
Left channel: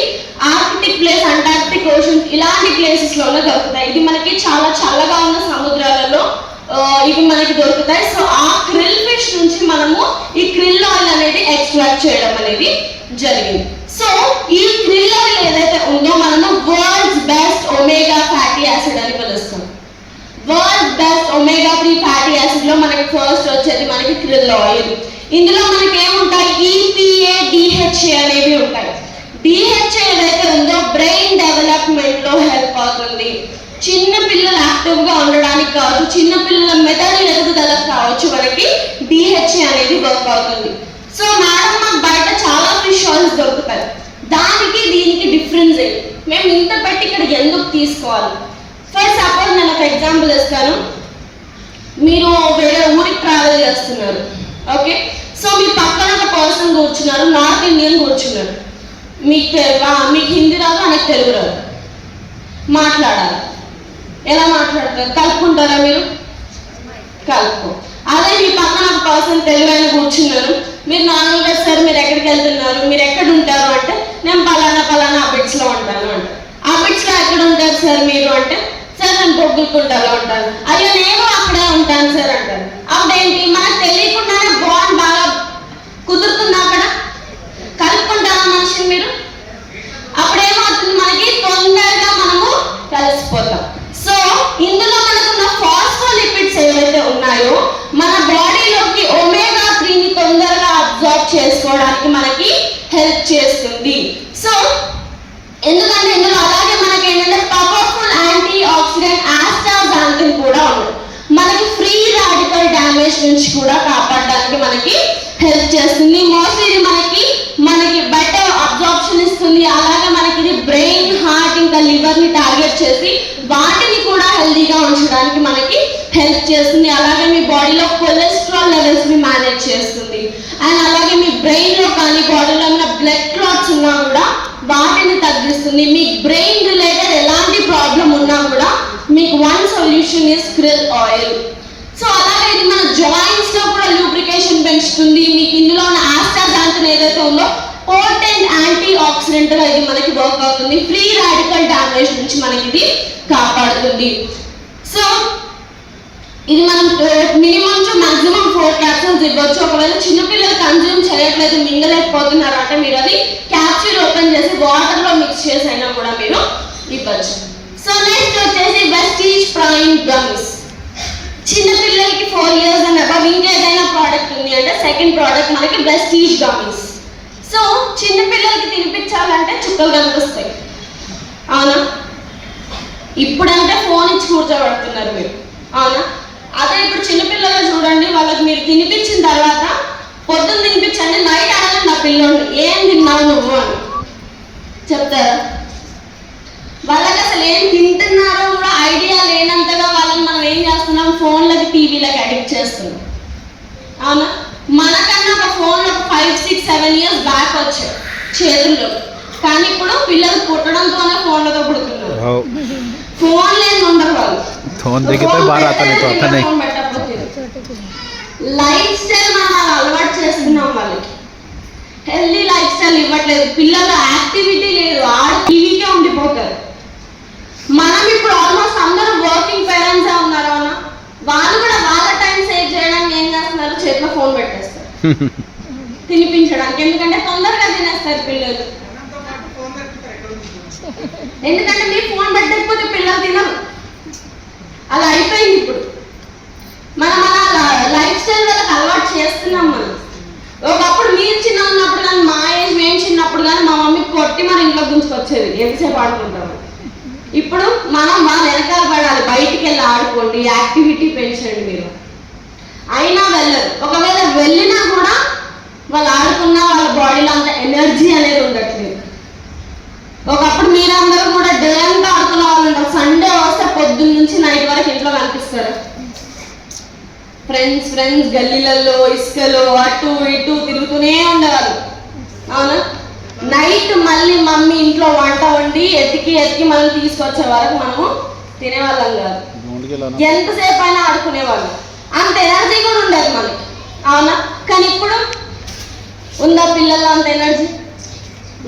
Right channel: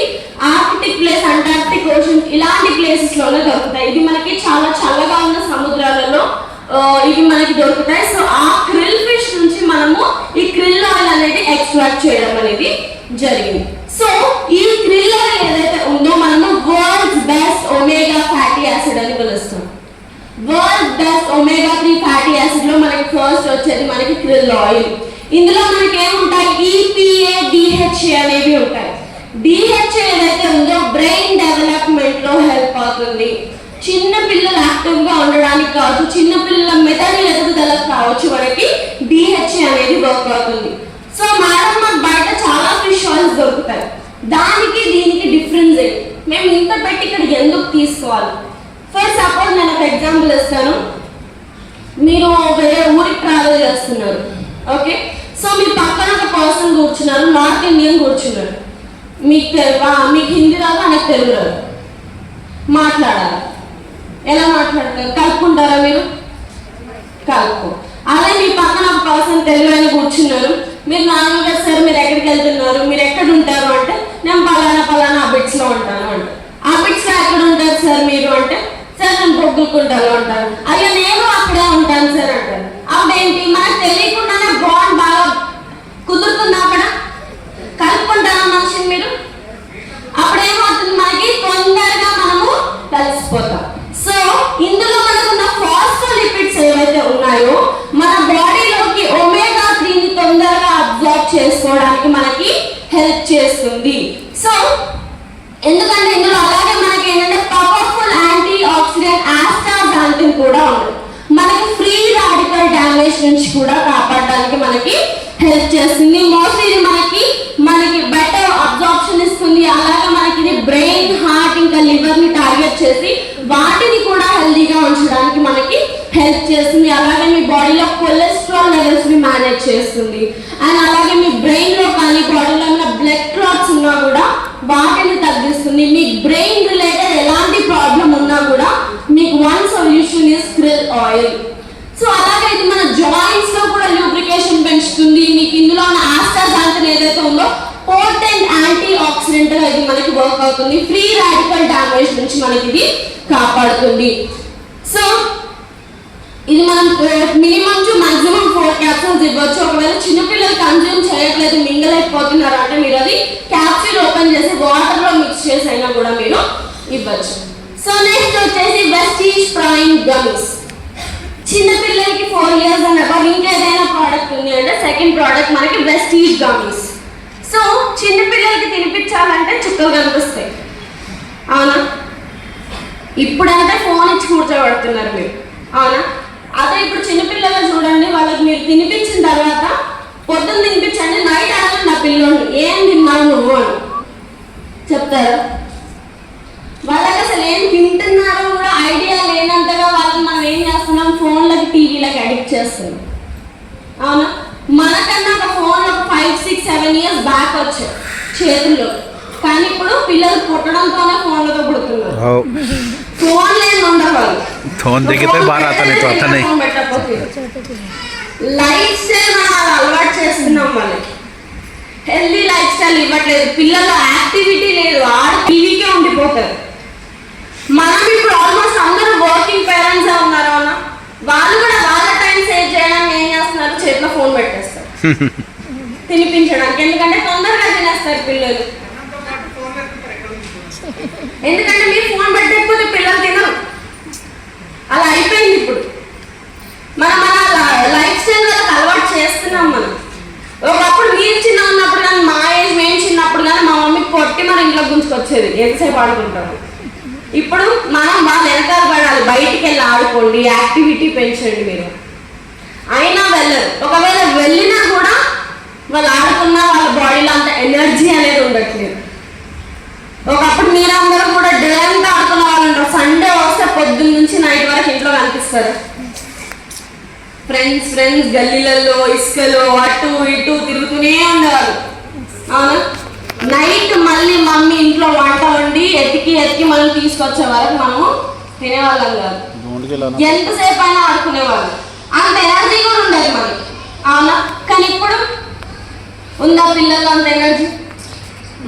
Arctic place, Antarctic ocean ఇలాంటి ప్లేసెస్ లోనే దొరుకుతాయి. ఇది మనకి చాలా చల్లగా ఉన్న సముద్రాలలో ఇవి మనకి దొరుకుతాయి. సో ఆ క్రిల్ ఫిష్ నుంచి మనము ఈ క్రిల్ ఆయిల్ అనేది ఎక్స్ట్రాక్ట్ చేయడం అనేది జరిగింది. సో ఈ క్రిల్ ఆయిల్ ఏదైతే ఉందో మనము world's best omega fatty acid అని పిలుస్తాం. World best omega 3 fatty acid లో మనకి ఫస్ట్ వచ్చేది మనకి క్రిల్ ఆయిల్. ఇందులో మనకి ఏముంటాయి, EPA, DHA అనేవి ఉంటాయి. DHA ఏదైతే ఉందో బ్రెయిన్ డెవలప్మెంట్ లో హెల్ప్ అవుతుంది. చిన్న పిల్లలు యాక్టివ్ గా ఉండడానికి కావచ్చు, చిన్న పిల్లల మెదడు ఎదుగుదలకు కావచ్చు, మనకి DHA అనేది వర్క్ అవుతుంది. సో మేడం మాకు బయట చాలా ఫిష్ ఆయిల్స్ దొరుకుతాయి, దానికి దీనికి డిఫరెన్స్ ఏంటి, మేము ఇంత పెట్టి ఇక్కడ ఎందుకు తీసుకోవాలి? ఫర్ సపోజ్ నేను ఒక ఎగ్జాంపుల్ ఇస్తాను. మీరు వేరే ఊరికి ట్రావెల్ చేస్తున్నారు, ఓకే. సో మీ పక్కన ఒక పర్సన్ కూర్చున్నారు, నార్త్ ఇండియన్ కూర్చున్నారు. మీకు తెలుగు, మీకు హిందీ రాదు, నాకు తెలుగు రాదు, మాట్లాడాలి. ఎలా మాట్లాడతారు? కలుపుకుంటారా మీరు? కలుపు. అదే మీ పక్కన ఒక పర్సన్ తెలుగు అని కూర్చున్నారు, మీరు నార్మల్గా సార్ మీరు ఎక్కడికి వెళ్తున్నారు, మీరు ఎక్కడ ఉంటారు అంటే నేను పలానా అబిట్స్ లో ఉంటాను అంటే, అబిట్స్ లో ఎక్కడ ఉంటారు సార్ మీరు అంటే, సార్ నేను బొగ్గుకుంటాను అంటారు. అయ్యో నేను అక్కడే ఉంటాను సార్ అంటారు. అప్పుడేంటి, మనకు తెలియకుండానే బాండ్ బాగా కుదురుతుంది. అక్కడ కలుపుకుంటాను మనిషిని మీరు, అప్పుడేమవుతుంది, మనకి తొందరగా మనము కలిసిపోతాం. సో ఇందులో మనకున్న ఫాస్ఫోలిపిడ్స్ ఏవైతే ఉన్నాయో మన బాడీలోకి ఒమేగా 3ని తొందరగా అబ్జార్బ్ చేసుకోవడానికి మనకి హెల్ప్ చేస్తుంది. సో ఎందుకంటే ఇందులో అలాగే మనకి ఏంటంటే పవర్ఫుల్ యాంటీ ఆక్సిడెంట్ ఆస్టాగ్లాంటిన్ కూడా ఉంది, మనకి ఫ్రీ రాడికల్ డ్యామేజ్ నుంచి కూడా కాపాడడానికి మనకి హెల్ప్ చేస్తుంది. మోస్ట్లీ ఇది మనకి బెటర్ అబ్జార్ప్షన్ ఇస్తుంది. అలాగే మనకి ఇది బ్రెయిన్, హార్ట్, ఇంకా లివర్ ని టార్గెట్ చేసి వాటిని కూడా హెల్దీగా ఉంచడానికి మనకి హెల్ప్ చేస్తుంది. అలాగే మీ బాడీలో కొలెస్ట్రాల్ లెవెల్స్ ని మేనేజ్ చేస్తుంది. అండ్ అలాగే మీ బ్రెయిన్ లో కానీ బాడీలో ఉన్న బ్లడ్ క్లాట్స్ ఉన్నా కూడా వాటిని తగ్గిస్తుంది. మీ బ్రెయిన్ రిలేటెడ్ ఎలాంటి ప్రాబ్లం ఉన్నా కూడా మీకు one solution is krill oil. So అలాగే ఇది మన జాయింట్స్ లో కూడా లూబ్రికేషన్ పెంచుతుంది. మీకు ఇందులో ఉన్న ఆస్టాగ్లాంటిన్ ఏదైతే ఉందో పోటెంట్ యాంటీ ఆక్సిడెంట్ గా ఇది మనకి వర్క్ అవుతుంది. ఫ్రీ రాడికల్ డ్యామేజ్ నుంచి మనకి ఇది కాపాడుతుంది. సో ఇది మనం మినిమం టు మాక్సిమం 4 క్యాప్సూల్స్ ఇవ్వచ్చు. ఒకవేళ చిన్నపిల్లలు కన్జ్యూమ్ చేయట్లేదు, మింగలేకపోతున్నారు అంటే మీరు అది క్యాప్సూల్ ఓపెన్ చేసి వాటర్ లో మిక్స్ చేసి అయినా కూడా మీరు ఇవ్వచ్చు. సో నెక్స్ట్ వచ్చేసి వెస్టీజ్ ప్రైమ్ గమ్స్. చిన్నపిల్లలకి 4 years అండ్ అబవ్ ఇంకా ఏదైనా ప్రోడక్ట్ ఉంది అంటే సెకండ్ ప్రోడక్ట్ మనకి వెస్టీజ్ గమ్స్. సో చిన్నపిల్లలకి తినిపించాలంటే చుక్కలు కనిపిస్తాయి, అవునా. ఇప్పుడంటే ఫోన్ ఇచ్చి కూర్చోబెడుతున్నారు మీరు, అవునా. అదే ఇప్పుడు చిన్నపిల్లలు చూడండి, వాళ్ళకి మీరు తినిపించిన తర్వాత పొద్దున్న తినిపించండి, నైట్ అడగండి నా పిల్లోని ఏం తిన్నావు నువ్వు అని చెప్తారా? వాళ్ళకి అసలు ఏం తింటున్నారో కూడా ఐడియా లేనంతగా వాళ్ళని మనం ఏం చేస్తున్నాం, ఫోన్లకి టీవీలకి అడిక్ట్ చేస్తున్నాం, అవునా. మనకన్నా ఒక ఫోన్ ఒక 5, 6, 7 years బ్యాక్ వచ్చాయి చేతుల్లో, కానీ ఇప్పుడు పిల్లలు పుట్టడంతోనే ఫోన్లతో పుడుతున్నారు. ఫోన్ లేని ఉండరు, फोन देखे तो बाहर आता नहीं तो आता नहीं. లైఫ్ స్టైల్ అలవాటు చేస్తున్నాం వాళ్ళకి. హెల్దీ లైఫ్ స్టైల్ ఇవ్వట్లేదు, పిల్లల యాక్టివిటీ లేదు, టీవీకే ఉండిపోతారు. మనం ఇప్పుడు ఆల్మోస్ట్ అందరూ వర్కింగ్ పేరెంట్స్ ఉన్నారు అన్న, వాళ్ళు కూడా వాళ్ళ టైం సేవ్ చేయడానికి ఏం చేస్తున్నారు, చేతిలో ఫోన్ పెట్టేస్తారు తినిపించడానికి. ఎందుకంటే తొందరగా తినేస్తారు పిల్లలు, ఎందుకంటే మీరు ఫోన్ పెట్టకపోతే పిల్లలు తినరు. అలా అయిపోయింది ఇప్పుడు. మనం మన లైఫ్ స్టైల్ వాళ్ళకి అలవాటు చేస్తున్నాం. మనం ఒకప్పుడు మీరు చిన్న ఉన్నప్పుడు కానీ, మా ఏజ్ మేము చిన్నప్పుడు కానీ మా మమ్మీ కొట్టి మన ఇంట్లో గుంచుకొచ్చేది, ఎంతసేపు ఆడుకుంటాము. ఇప్పుడు మనం మా వెనకాల పడాలి, బయటికి వెళ్ళి ఆడుకోండి, యాక్టివిటీ పెంచండి. మీరు అయినా వెళ్ళరు, ఒకవేళ వెళ్ళినా కూడా వాళ్ళు ఆడుకున్నా వాళ్ళ బాడీలో అంత ఎనర్జీ అనేది ఉండట్లేదు. ఒకప్పుడు మీరందరూ కూడా డే అంతా ఆడుకున్న వాళ్ళు ఉంటారు, సండే వస్తే పొద్దున్న నుంచి నైట్ వరకు ఇంట్లో కనిపిస్తారు. ఫ్రెండ్స్ గల్లీలలో ఇసుకలో అటు ఇటు తిరుగుతూనే ఉండేవారు. అవునా? నైట్ మళ్ళీ మమ్మీ ఇంట్లో వంట వండి ఎతికి మళ్ళీ తీసుకొచ్చే వరకు మనము తినేవాళ్ళం కాదు, ఎంతసేపు అయినా ఆడుకునేవాళ్ళం. అంత ఎనర్జీ కూడా ఉండదు మనకి. అవునా? కానీ ఇప్పుడు ఉందా పిల్లలు అంత ఎనర్జీ?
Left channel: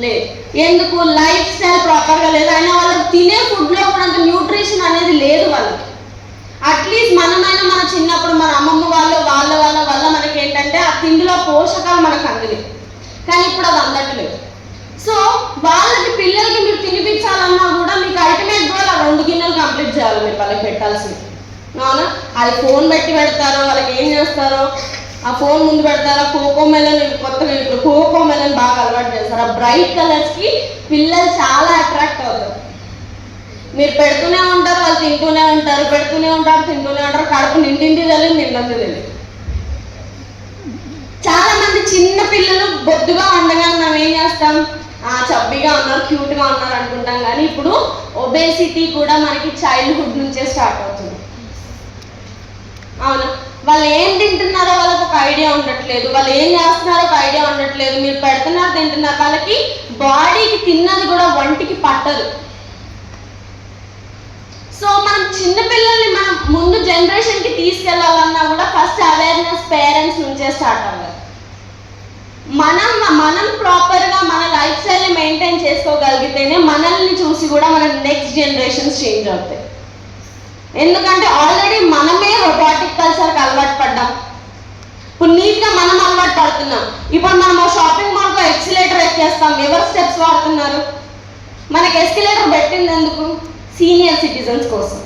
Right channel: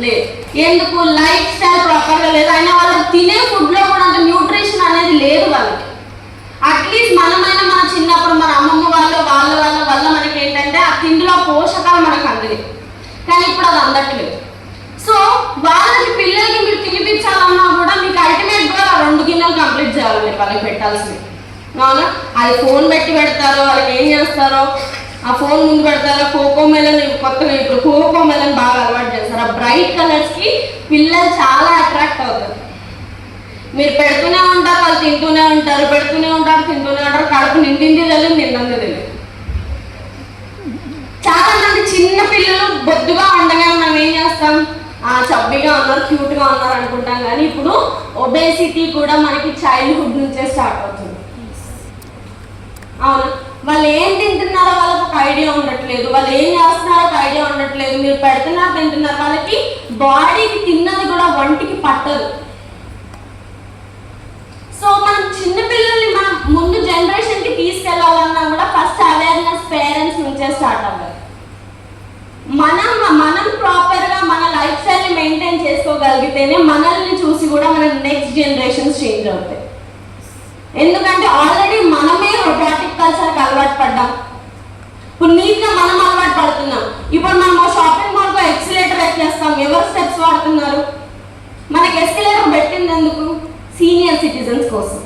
లేదు. ఎందుకు? లైఫ్ స్టైల్ ప్రాపర్గా లేదు. అయినా వాళ్ళకి తినే ఫుడ్లో కూడా అంత న్యూట్రిషన్ అనేది లేదు వాళ్ళకి. అట్లీస్ట్ మనమైనా మన చిన్నప్పుడు మన అమ్మమ్మ వాళ్ళ వల్ల మనకి ఏంటంటే ఆ తిండిలో పోషకాలు మనకు అందింది. కానీ ఇప్పుడు అది అందట్లేదు. సో వాళ్ళకి పిల్లలకి మీరు తినిపించాలన్నా కూడా మీకు అల్టిమేట్ కూడా 2 గిన్నెలు కంప్లీట్ చేయాలి మీరు వాళ్ళకి పెట్టాల్సింది. అవునా? అది ఫోన్ పెడతారో, వాళ్ళకి ఏం చేస్తారో, ఆ ఫోన్ ముందు పెడతారో, కోకో మెలన్ కొత్తగా ఇప్పుడు కోకో మెలన్ బాగా అలవాటు చేస్తారు. ఆ బ్రైట్ కలర్స్కి పిల్లలు చాలా అట్రాక్ట్ అవుతారు. మీరు పెడుతూనే ఉంటారు, వాళ్ళు తింటూనే ఉంటారు, పెడుతూనే ఉంటారు, తింటూనే ఉంటారు, కడుపు నిండింది తెలియదు, నిండంది తెలియదు. చాలా మంది చిన్న పిల్లలు బొద్దుగా ఉండగా మనం ఏం చేస్తాం, చబ్బిగా ఉన్నారు, క్యూట్గా ఉన్నారు అనుకుంటాం. కానీ ఇప్పుడు ఒబేసిటీ కూడా మనకి చైల్డ్హుడ్ నుంచే స్టార్ట్ అవుతుంది. అవును, వాళ్ళు ఏం తింటున్నారో వాళ్ళకి ఒక ఐడియా ఉండట్లేదు, వాళ్ళు ఏం చేస్తున్నారో ఒక ఐడియా ఉండట్లేదు. మీరు పెడుతున్నారు, తింటున్నారు, వాళ్ళకి బాడీకి తిన్నది కూడా వంటికి పట్టదు. సో మనం చిన్నపిల్లల్ని మనం ముందు జనరేషన్కి తీసుకెళ్లాలన్నా కూడా ఫస్ట్ అవేర్నెస్ పేరెంట్స్ నుంచే స్టార్ట్ అవ్వాలి. మనం ప్రాపర్గా మన లైఫ్ స్టైల్ని మెయింటైన్ చేసుకోగలిగితేనే మనల్ని చూసి కూడా మన నెక్స్ట్ జనరేషన్స్ చేంజ్ అవుతాయి. ఎందుకంటే ఆల్రెడీ మనమే రోబోటిక్ కల్చర్కి అలవాటు పడ్డాం. ఇప్పుడు నీట్గా మనం అలవాటు పడుతున్నాం. ఇప్పుడు మనం షాపింగ్ మాల్తో ఎక్సిలేటర్ ఎక్కేస్తాం, ఎవరు స్టెప్స్ వాడుతున్నారు? మనకి ఎస్కలేటర్ పెట్టింది ఎందుకు? సీనియర్ సిటిజన్స్ కోసం.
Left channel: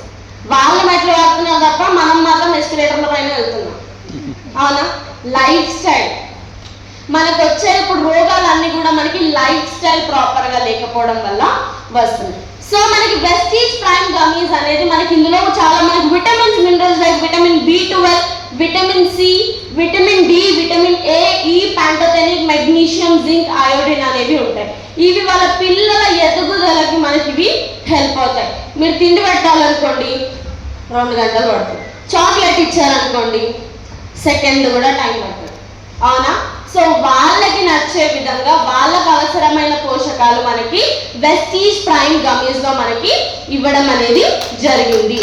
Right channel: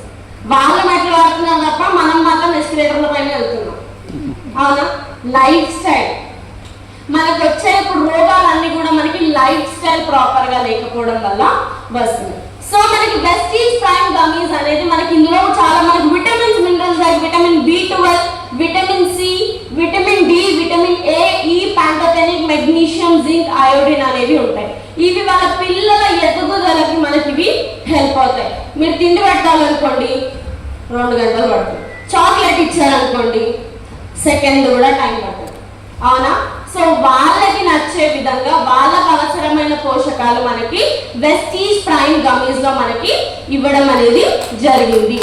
వాళ్ళు మెట్లు వాడుతున్నారు తప్ప మనం మాత్రం ఎస్కలేటర్ల పైన వెళ్తున్నాం. అవునా? లైఫ్ స్టైల్ మనకు వచ్చే ఇప్పుడు రోగాలన్నీ కూడా మనకి లైఫ్ స్టైల్ ప్రాపర్గా లేకపోవడం వల్ల వస్తుంది. సో మనకి వెస్టీజ్ ప్రైమ్ గమీస్ అనేది మనకి ఇందులో చాలా మనకి vitamins, minerals like vitamin B12, vitamin C, vitamin D, vitamin A, E, pantothenic, magnesium, zinc, iodine అనేవి ఉంటాయి. ఇవి వాళ్ళ పిల్లల ఎదుగుదలకి మనకి ఇవి హెల్ప్ అవుతాయి. మీరు తిండి పెట్టాలనుకోండి 2 గంటలు పడుతుంది, చాక్లెట్ ఇచ్చారనుకోండి సెకండ్ కూడా టైం పడుతుంది. అవునా? సో వాళ్ళకి నచ్చే విధంగా వాళ్ళకు అవసరమైన పోషకాలు మనకి వెస్టీజ్ ప్రైమ్ గమీస్ లో మనకి ఇవ్వడం అనేది జరిగింది.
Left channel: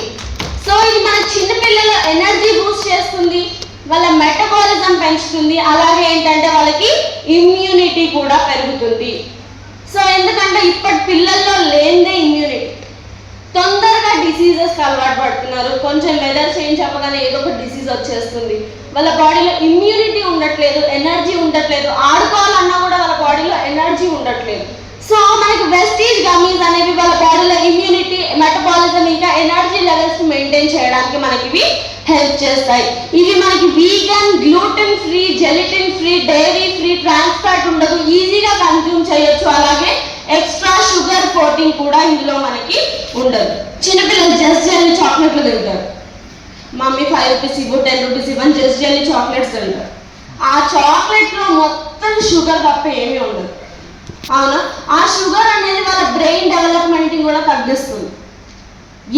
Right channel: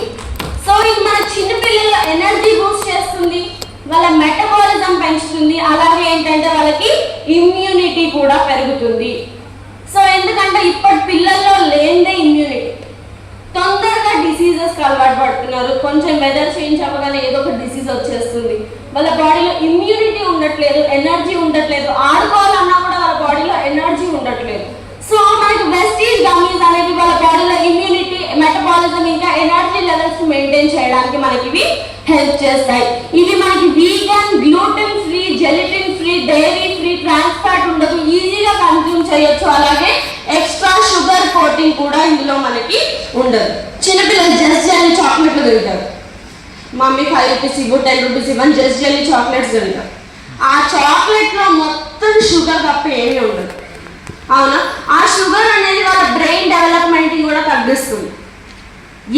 సో ఇది మన చిన్నపిల్లల ఎనర్జీ బూస్ట్ చేస్తుంది, వాళ్ళ మెటబాలిజం పెంచుతుంది, అలాగే ఏంటంటే వాళ్ళకి ఇమ్యూనిటీ కూడా పెరుగుతుంది. సో ఎందుకంటే ఇప్పటి పిల్లల్లో లేనిదే ఇమ్యూనిటీ, తొందరగా డిసీజెస్కి అలవాటు పడుతున్నారు. కొంచెం వెదర్ చేంజ్ అవ్వగానే ఏదో ఒక డిసీజ్ వచ్చేస్తుంది. వాళ్ళ బాడీలో ఇమ్యూనిటీ ఉండట్లేదు, ఎనర్జీ ఉండట్లేదు, ఆడుకోవాలన్నా కూడా వాళ్ళ బాడీలో ఎనర్జీ ఉండట్లేదు. సో మనకి వెస్టీజ్ గమీస్ అనేవి వాళ్ళ బాడీలో ఇమ్యూనిటీ, మెటబాలిజం ఇంకా ఎనర్జీ లెవెల్స్ మెయింటైన్ చేయడానికి మనకి ఇవి హెల్ప్ చేస్తాయి. ఇవి మనకి vegan, gluten free, gelatin free, dairy free, trans fat ఉండదు, ఈజీగా కన్జ్యూమ్ చేయొచ్చు. అలాగే ఎక్స్ట్రా షుగర్ కోటింగ్ కూడా ఇందులో మనకి ఉండదు. చిన్నపిల్లలు జస్ట్ జెల్లీ చాక్లెట్లు తింటారు, మమ్మీ 5 రూపీస్ ఇవ్వు, 10 రూపీస్ ఇవ్వని జస్ట్ జెల్లీ చాక్లెట్స్ తింటారు. ఆ చాక్లెట్లో మొత్తం షుగర్ తప్ప ఏమీ ఉండదు. అవునా? ఆ షుగర్ అనేది వాళ్ళ బ్రెయిన్ డెవలప్మెంట్ కూడా తగ్గిస్తుంది.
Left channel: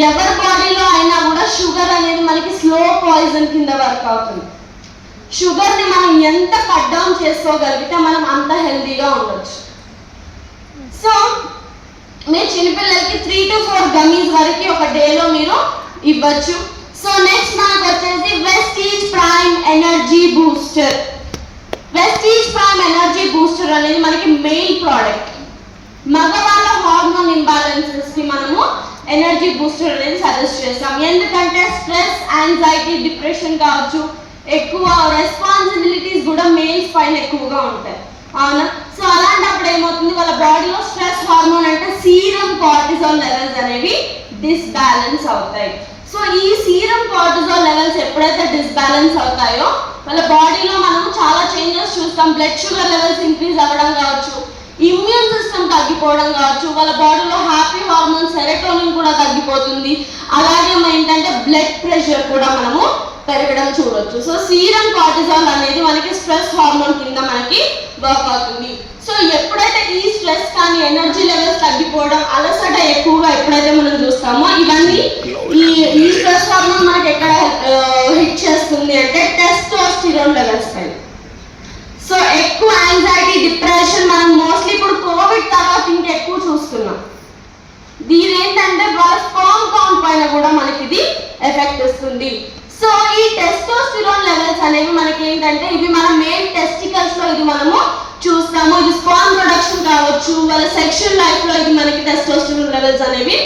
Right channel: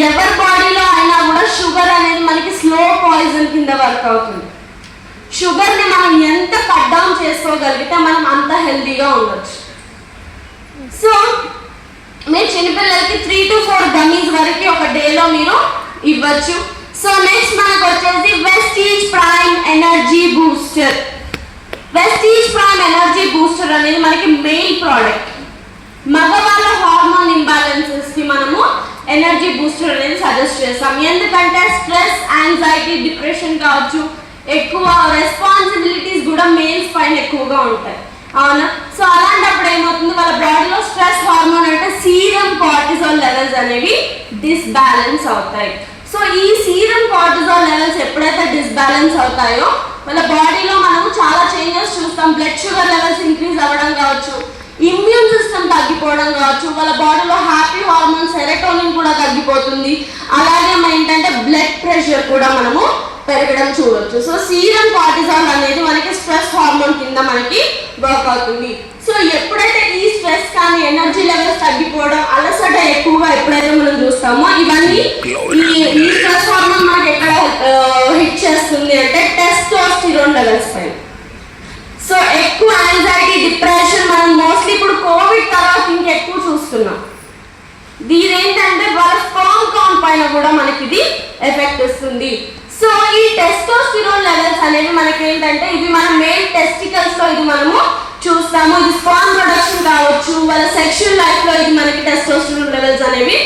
ఎవరి బాడీలో అయినా కూడా షుగర్ అనేది మనకి స్లో పాయిజన్ కింద వర్క్ అవుతుంది. షుగర్ని మనం ఎంత కట్ డౌన్ చేసుకోగలిగితే మనం అంత హెల్తీగా ఉండొచ్చు. సో మీరు చిన్నపిల్లలకి 3 to 4 గమీస్ వరకు ఒక డేలో మీరు ఇవ్వచ్చు. సో నెక్స్ట్ మనకు వచ్చేసి Vestige prime energy booster. Vestige prime energy booster అనేది మనకి మెయిన్ ప్రోడక్ట్. మగవాళ్ళ హార్మోన్ ఇంబ్యాలెన్సెస్ కి మనము ఎనర్జీ బూస్టర్ అనేది సజెస్ట్ చేస్తాం. ఎందుకంటే స్ట్రెస్, యాంగ్జైటీ, డిప్రెషన్ కావచ్చు, ఎక్కువ రెస్పాన్సిబిలిటీస్ కూడా మేల్స్ పైన ఎక్కువగా ఉంటాయి, అవునా? సో అలాంటప్పుడు ఏమవుతుంది, వాళ్ళ బాడీలో స్ట్రెస్ హార్మోన్ అంటే సీరం కార్టిజాల్ లెవెల్స్ అనేవి డిస్బ్యాలెన్స్ అవుతాయి. సో ఈ సీరం కార్టిజాల్ లెవెల్స్ ఎప్పుడైతే డిస్బ్యాలెన్స్ అవుతాయో వాళ్ళ బాడీలో మనము చాలా చేంజెస్ చూస్తాం. బ్లడ్ షుగర్ లెవెల్స్ ఇంక్రీజ్ అవ్వడం కావచ్చు, ఇమ్యూన్ సిస్టమ్ తగ్గిపోవడం కావచ్చు, వాళ్ళ బాడీలో హ్యాపీ హార్మోన్ సెరోటోనిన్ కూడా తగ్గిపోతుంది. అలాగే ఏంటంటే బ్లడ్ ప్రెషర్ కూడా మనము పెరగడం చూడొచ్చు. సో సీరం కార్టిజాల్ అనేది మనకి స్ట్రెస్ హార్మోన్ కింద మనకి వర్క్ అవుతుంది. సో ఎప్పుడైతే ఈ స్ట్రెస్ కానీ ఎనర్జీ లెవెల్స్ తగ్గిపోవడం, అలసట ఎక్కువగా ఎప్పుడైతే మనం చూస్తామో ఇవన్నీ ఈ స్ట్రెస్ హార్మోన్ మనకి ఎక్కడ హిట్ చేస్తుంది అంటే టెస్టోస్టిరోన్ లెవెల్స్ పైన. సో ఎక్కువ యాంగ్జైటీ, డిప్రెషన్ మనం మోస్ట్లీ ఇప్పుడు కోవిడ్ తర్వాత ఇంకెక్కువ చూస్తున్నాం. దీని ఏంటంటే వాళ్ళ స్పర్మ్ కౌంట్ పైన కూడా మనకి ఇది ఎఫెక్ట్ ఇస్తుంది. సో ఈ టెస్టోస్టిరోన్ లెవెల్స్ అనేవి మనకి ఏంటంటే ఇవి మన మెయిన్ టెస్టికల్స్ లో ఇది మనము చూస్తాము. ఇది స్పర్మ్ ప్రొడక్షన్ కావచ్చు, వాళ్ళ సెక్షువల్ లైఫ్ లో ఇది మనకి టెస్టోస్టిరోన్ లెవెల్స్ అనేవి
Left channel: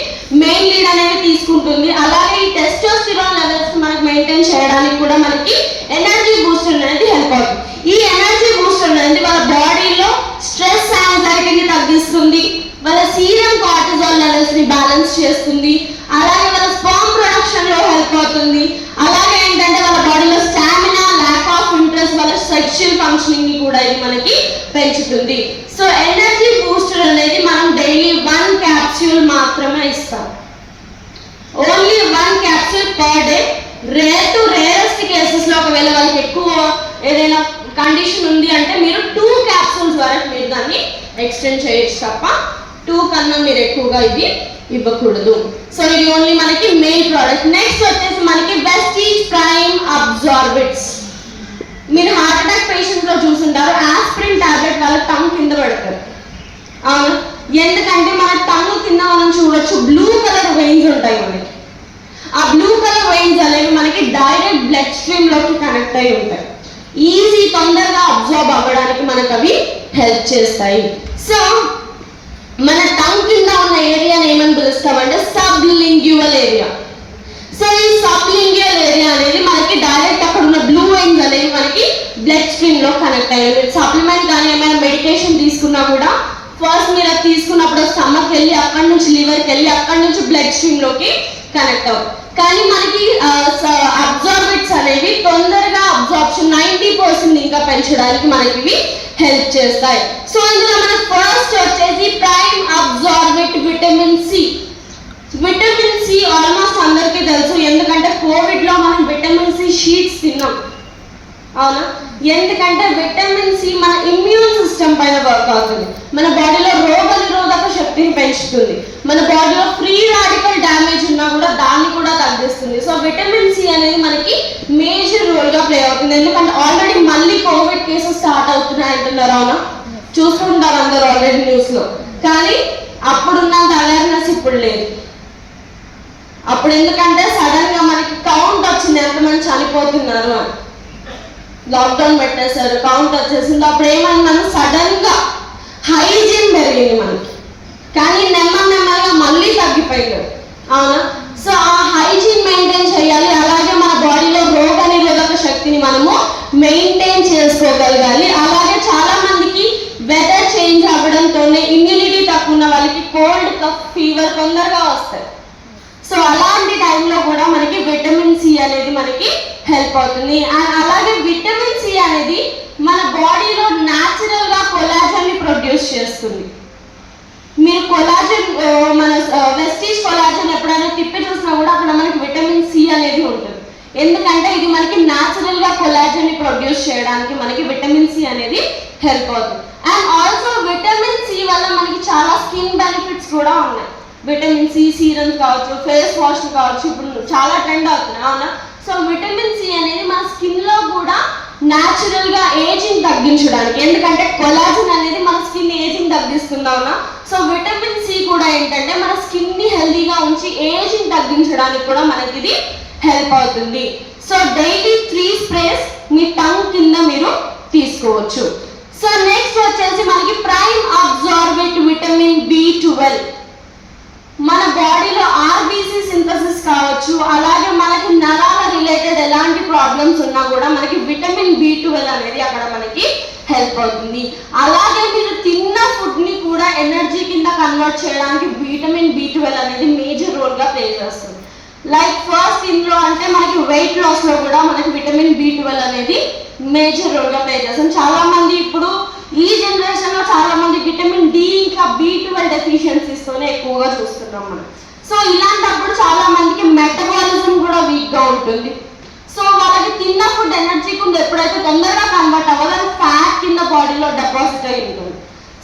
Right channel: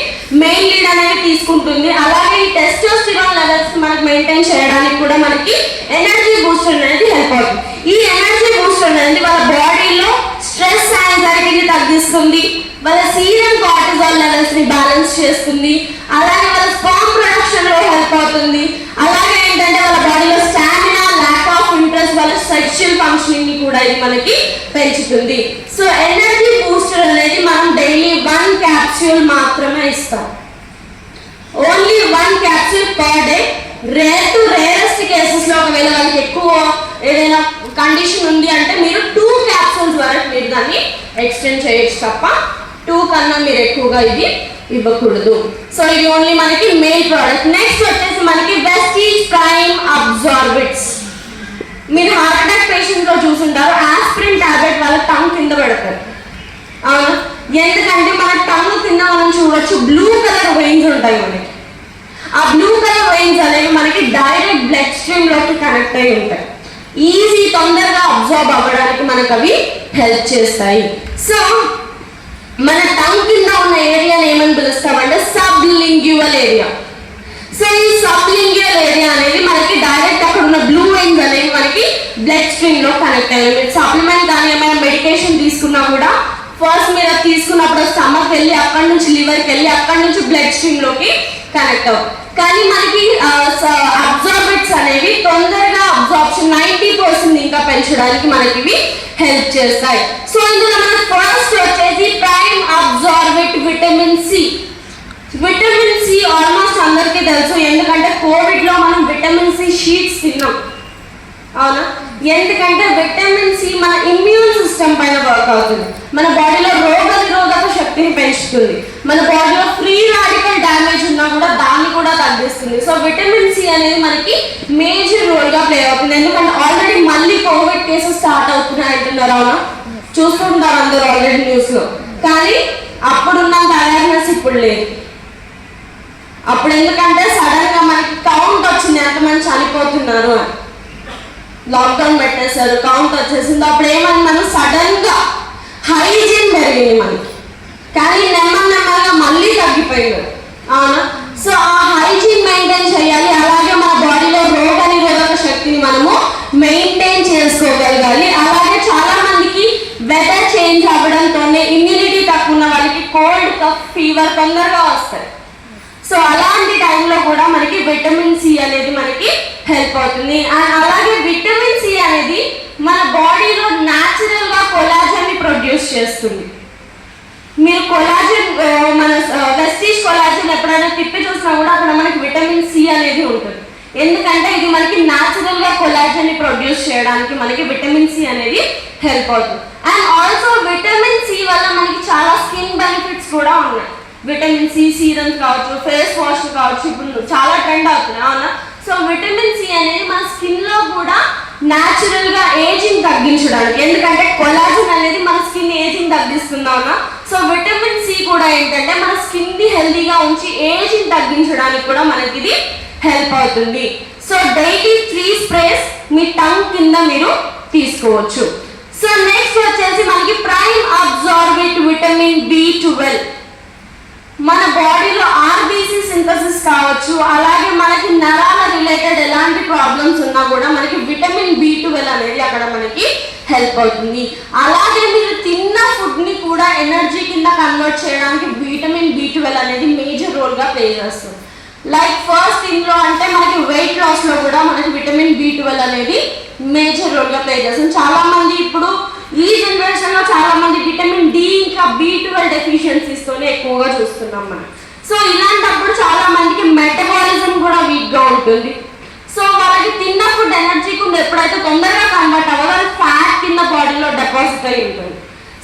మెయిన్ లీడ్ అనేవి తీసుకుంటుంది. అలాగే ఈ టెస్టోస్టిరోన్ లెవెల్స్ మనకి మెయింటైన్ చేయడానికి కూడా మనకి ఎనర్జీ బూస్టర్ అనేది హెల్ప్ అవుతుంది. ఈ ఎనర్జీ బూస్టర్ అనేది వాళ్ళ బాడీలో స్ట్రెస్, యాంగ్జైటీని తగ్గిస్తుంది, వాళ్ళ సీరం కార్టిజాల్ లెవెల్స్ ని బ్యాలెన్స్ చేస్తుంది, అలాగే వాళ్ళ స్పర్మ్ ప్రొడక్షన్ లో హెల్ప్ అవుతుంది. అలాగే ఏంటంటే వాళ్ళ బాడీలో స్టామినా, ల్యాక్ ఆఫ్ ఇంట్రెస్ట్, వాళ్ళ సెక్షువల్ ఫంక్షనింగ్ ని కూడా ఇది మనకి పెంచుతుంది. సో ఎనర్జీ బూస్టర్ అనేది మనం డైలీ 1 క్యాప్సూల్ మాత్రమే ఇస్తాం. Only 1 capsule per day. Rare to rarest cases లో ఒకవేళ వాళ్ళకి ఎక్కువ ఏదైనా కండిషన్ ఉంది అంటే మీరు 2 క్యాప్సూల్స్ వరకు మీరు దాన్ని ఎక్స్టెండ్ చేయొచ్చు తప్ప 2 కన్నా మీరు ఎక్కువగా ఇది ఇవ్వకూడదు. సో ఇది ఓన్లీ మనకి మెయిన్ ప్రోడక్ట్. నెక్స్ట్ వచ్చేసి మనకి వెస్టీజ్ ప్రైమ్ అబ్జార్బిట్స్. మీరు హార్ట్ అటాక్ పేషెంట్ లో చూసుంటారు, ఆస్పిరిన్ టాబ్లెట్ వాళ్ళ టంగ్ కింద పెడతారు, అవును? ఎందుకంటే మన టంగ్ కింద మనం చూడొచ్చు బ్లూ కలర్ వెయిన్స్ ఉంటాయి మనకి. ఆ బ్లూ కలర్ వెయిన్స్ అనేవి మనకి డైరెక్ట్ బ్లడ్ స్ట్రీమ్ లోకి కనెక్ట్ అయి ఉంటాయి. ఈజీ తొందరగా అబ్జర్వ్ అవ్వడానికి మనకు అవి హెల్ప్ చేస్తాయి. సో మన టంగ్ కింద ఉన్న ఏరియాని ఏమని పిలుస్తామంటే సబ్లింగ్యువల్ ఏరియా. సో ఈ సబ్లింగ్యువల్ ఏరియా అనేది మనకి డైరెక్ట్ అక్కడ ఉన్న బ్లూ వెయిన్స్ అనేవి మనకి బ్లడ్ స్ట్రీమ్ లో కనెక్ట్ అయ్యాయి. మీరు సప్లిమెంట్ కానీ ఏమైనా మెడికేషన్ తీసుకున్నా కూడా ఫస్ట్ మీరు అది తీసుకున్నప్పుడు స్టమక్ వెళ్ళి అక్కడ నుంచి లివర్కి వెళ్ళి అక్కడ నుంచి బ్లడ్ స్ట్రీమ్ లోకి కనెక్ట్ అవుతుంది. కానీ మనకి అబ్జార్బెంట్స్ అనేవి తొందరగా అబ్జార్ప్షన్ 90% ఇంకా పెంచడానికి మనకి ఇవి హెల్ప్ చేస్తాయి. సో ఇందులో మనకి ఫస్ట్ వచ్చేసి prime absorbent vitamin C. Vitamin C almost అందరికీ తెలుసు, ఎందుకంటే కోవిడ్ లో మనం విటమిన్ సి షీట్స్ తిన్నాం, అవునా? ఎందుకంటే విటమిన్ సి మన ఇమ్యూన్ సిస్టమ్ పైన వర్క్ అవుతుంది, మన బాడీలో రోగ నిరోధక శక్తిని పెంచుతుంది, మన బాడీలో ఫ్రీ రాడికల్ డ్యామేజ్ ఉన్నా కూడా దాన్ని కూడా తగ్గిస్తుంది. సో విటమిన్ సి అనేది మనకి మేజర్ రోల్ గా ప్లే అవుతుంది. ఎందుకంటే ఆల్రెడీ మళ్ళీ కోవిడ్ కేసెస్ స్టార్ట్ అవుతున్నాయి అంటున్నారు, అవునా? చూసుకుంటారు అందరూ ఆల్రెడీ న్యూస్ లో. కానీ అప్పుడున్నంత అవేర్నెస్ ఇప్పుడు లేదు. అప్పుడు ఎందుకంటే సడన్ గా మనకి కౌంట్ వచ్చింది, ఎంతమంది చనిపోతున్నారు అని లాక్డౌన్ పెట్టేశారు, కౌంట్ వచ్చేసింది. అప్పుడు ఏమన్నా సడన్ గా హైజీన్ పెరిగింది మనకి, కానీ నెమ్మదిగా మళ్ళీ తగ్గిపోయింది, అవునా? సో ఆ హైజీన్ మెయింటైన్ చేయాలి. అలాగే మన బాడీలో రోగ నిరోధక శక్తిని మనము మెయింటైన్ చేసుకోగలగాలి. అలాగే చాలా మందికి వెదర్ చేంజ్ అవ్వడంతోనే ఇమ్యూనిటీ తక్కువ ఉన్న వాళ్ళకి కోల్డ్, కఫ్, ఫీవర్ తొందరగా వస్తాయి. సో అలాంటి టైంలో కూడా మనకి విటమిన్ సి అనేది మనకి హెల్ప్ అవుతుంది. అండ్ అలాగే విటమిన్ సి అనేది మన బాడీలో న్యాచురల్ గా కొలాజన్ ని ప్రొడ్యూస్ చేస్తుంది. మీరు కొలాజన్ మన వెస్టీజ్ కొలాజన్ ఎప్పుడైనా తిప్పి చూసినా కూడా అక్కడ మనకి విటమిన్ సి అనేది ఉంటుంది. ఎందుకంటే ఇది మనకి న్యాచురల్ గా కొలాజన్ ని ప్రొడ్యూస్ చేయడానికి మనకి విటమిన్ సి అనేది హెల్ప్ అవుతుంది. అండ్ ఆల్సో విటమిన్ సి వల్ల మనకి చాలా స్కిన్ బెనిఫిట్స్ కూడా ఉన్నాయి. విటమిన్ సి సీరమ్స్ కావచ్చు, ఫేస్ వాష్ కావచ్చు, ఇప్పుడు చాలా ట్రెండ్ అవుతున్నాయి, అవునా? సో విటమిన్ సి అనేది మన స్కిన్ లో కూడా న్యాచురల్ గా ఏజింగ్ తగ్గించడానికి, ఎందుకంటే కొలాజన్ అనేది మన స్కిన్ ఏజింగ్ తగ్గిస్తుంది, అవునా? సో విటమిన్ సి కూడా ఏంటంటే మన స్కిన్ ని హెల్దీగా ఉంచి ఏజింగ్ తగ్గించడానికి కూడా మనకి ఇది హెల్ప్ అవుతుంది. సో డైలీ 3 స్ప్రేస్ మీ టంగ్ కింద మీరు తీసుకోవచ్చు. సో నెక్స్ట్ వచ్చేసి మనకి ప్రైమ్ అబ్జార్బెంట్ విటమిన్ B12. మన బాడీలో ఆర్బీసీ సింథసిస్ కావచ్చు, అలాగే మనకి నరాల రిలేటెడ్ ఎలాంటి ప్రాబ్లమ్స్ ఉన్నా కూడా మనకి విటమిన్ B12 అనేది అక్కడ మనకి హెల్ప్ అవుతుంది. అలాగే మీరు తిన్న ఫుడ్ ని కూడా ఎనర్జీ కింద కన్వర్ట్ చేయడానికి విటమిన్ B12 అనేది మేజర్ రోల్ గా ప్లే చేస్తుంది. లైక్ ఫస్ట్ ఇందులో అంటే మనకి వెయిట్ లాస్ లో కూడా మనకి విటమిన్ B12 అనేది మేజర్ రోల్ గా ప్లే చేస్తుంది. చాలా మంది ఇప్పుడు ఈ జనరేషన్ లో చాలా మంది విటమిన్ D ఇంకా B12 డెఫిషియన్సీస్ తోనే ఎక్కువగా చూస్తున్నాం మనం. సో ఇలాంటప్పుడు చాలా మందికి మెటబాలిజం కూడా వీక్ గా ఉంటుంది. సో వాళ్ళకి తిన్న ఫుడ్ ఎనర్జీ కింద ఎప్పుడైతే తొందరగా కన్వర్ట్ అవ్వాలో అది ఫ్యాట్ కింద బాడీలో డిపాజిట్ అయి ఉంటుంది.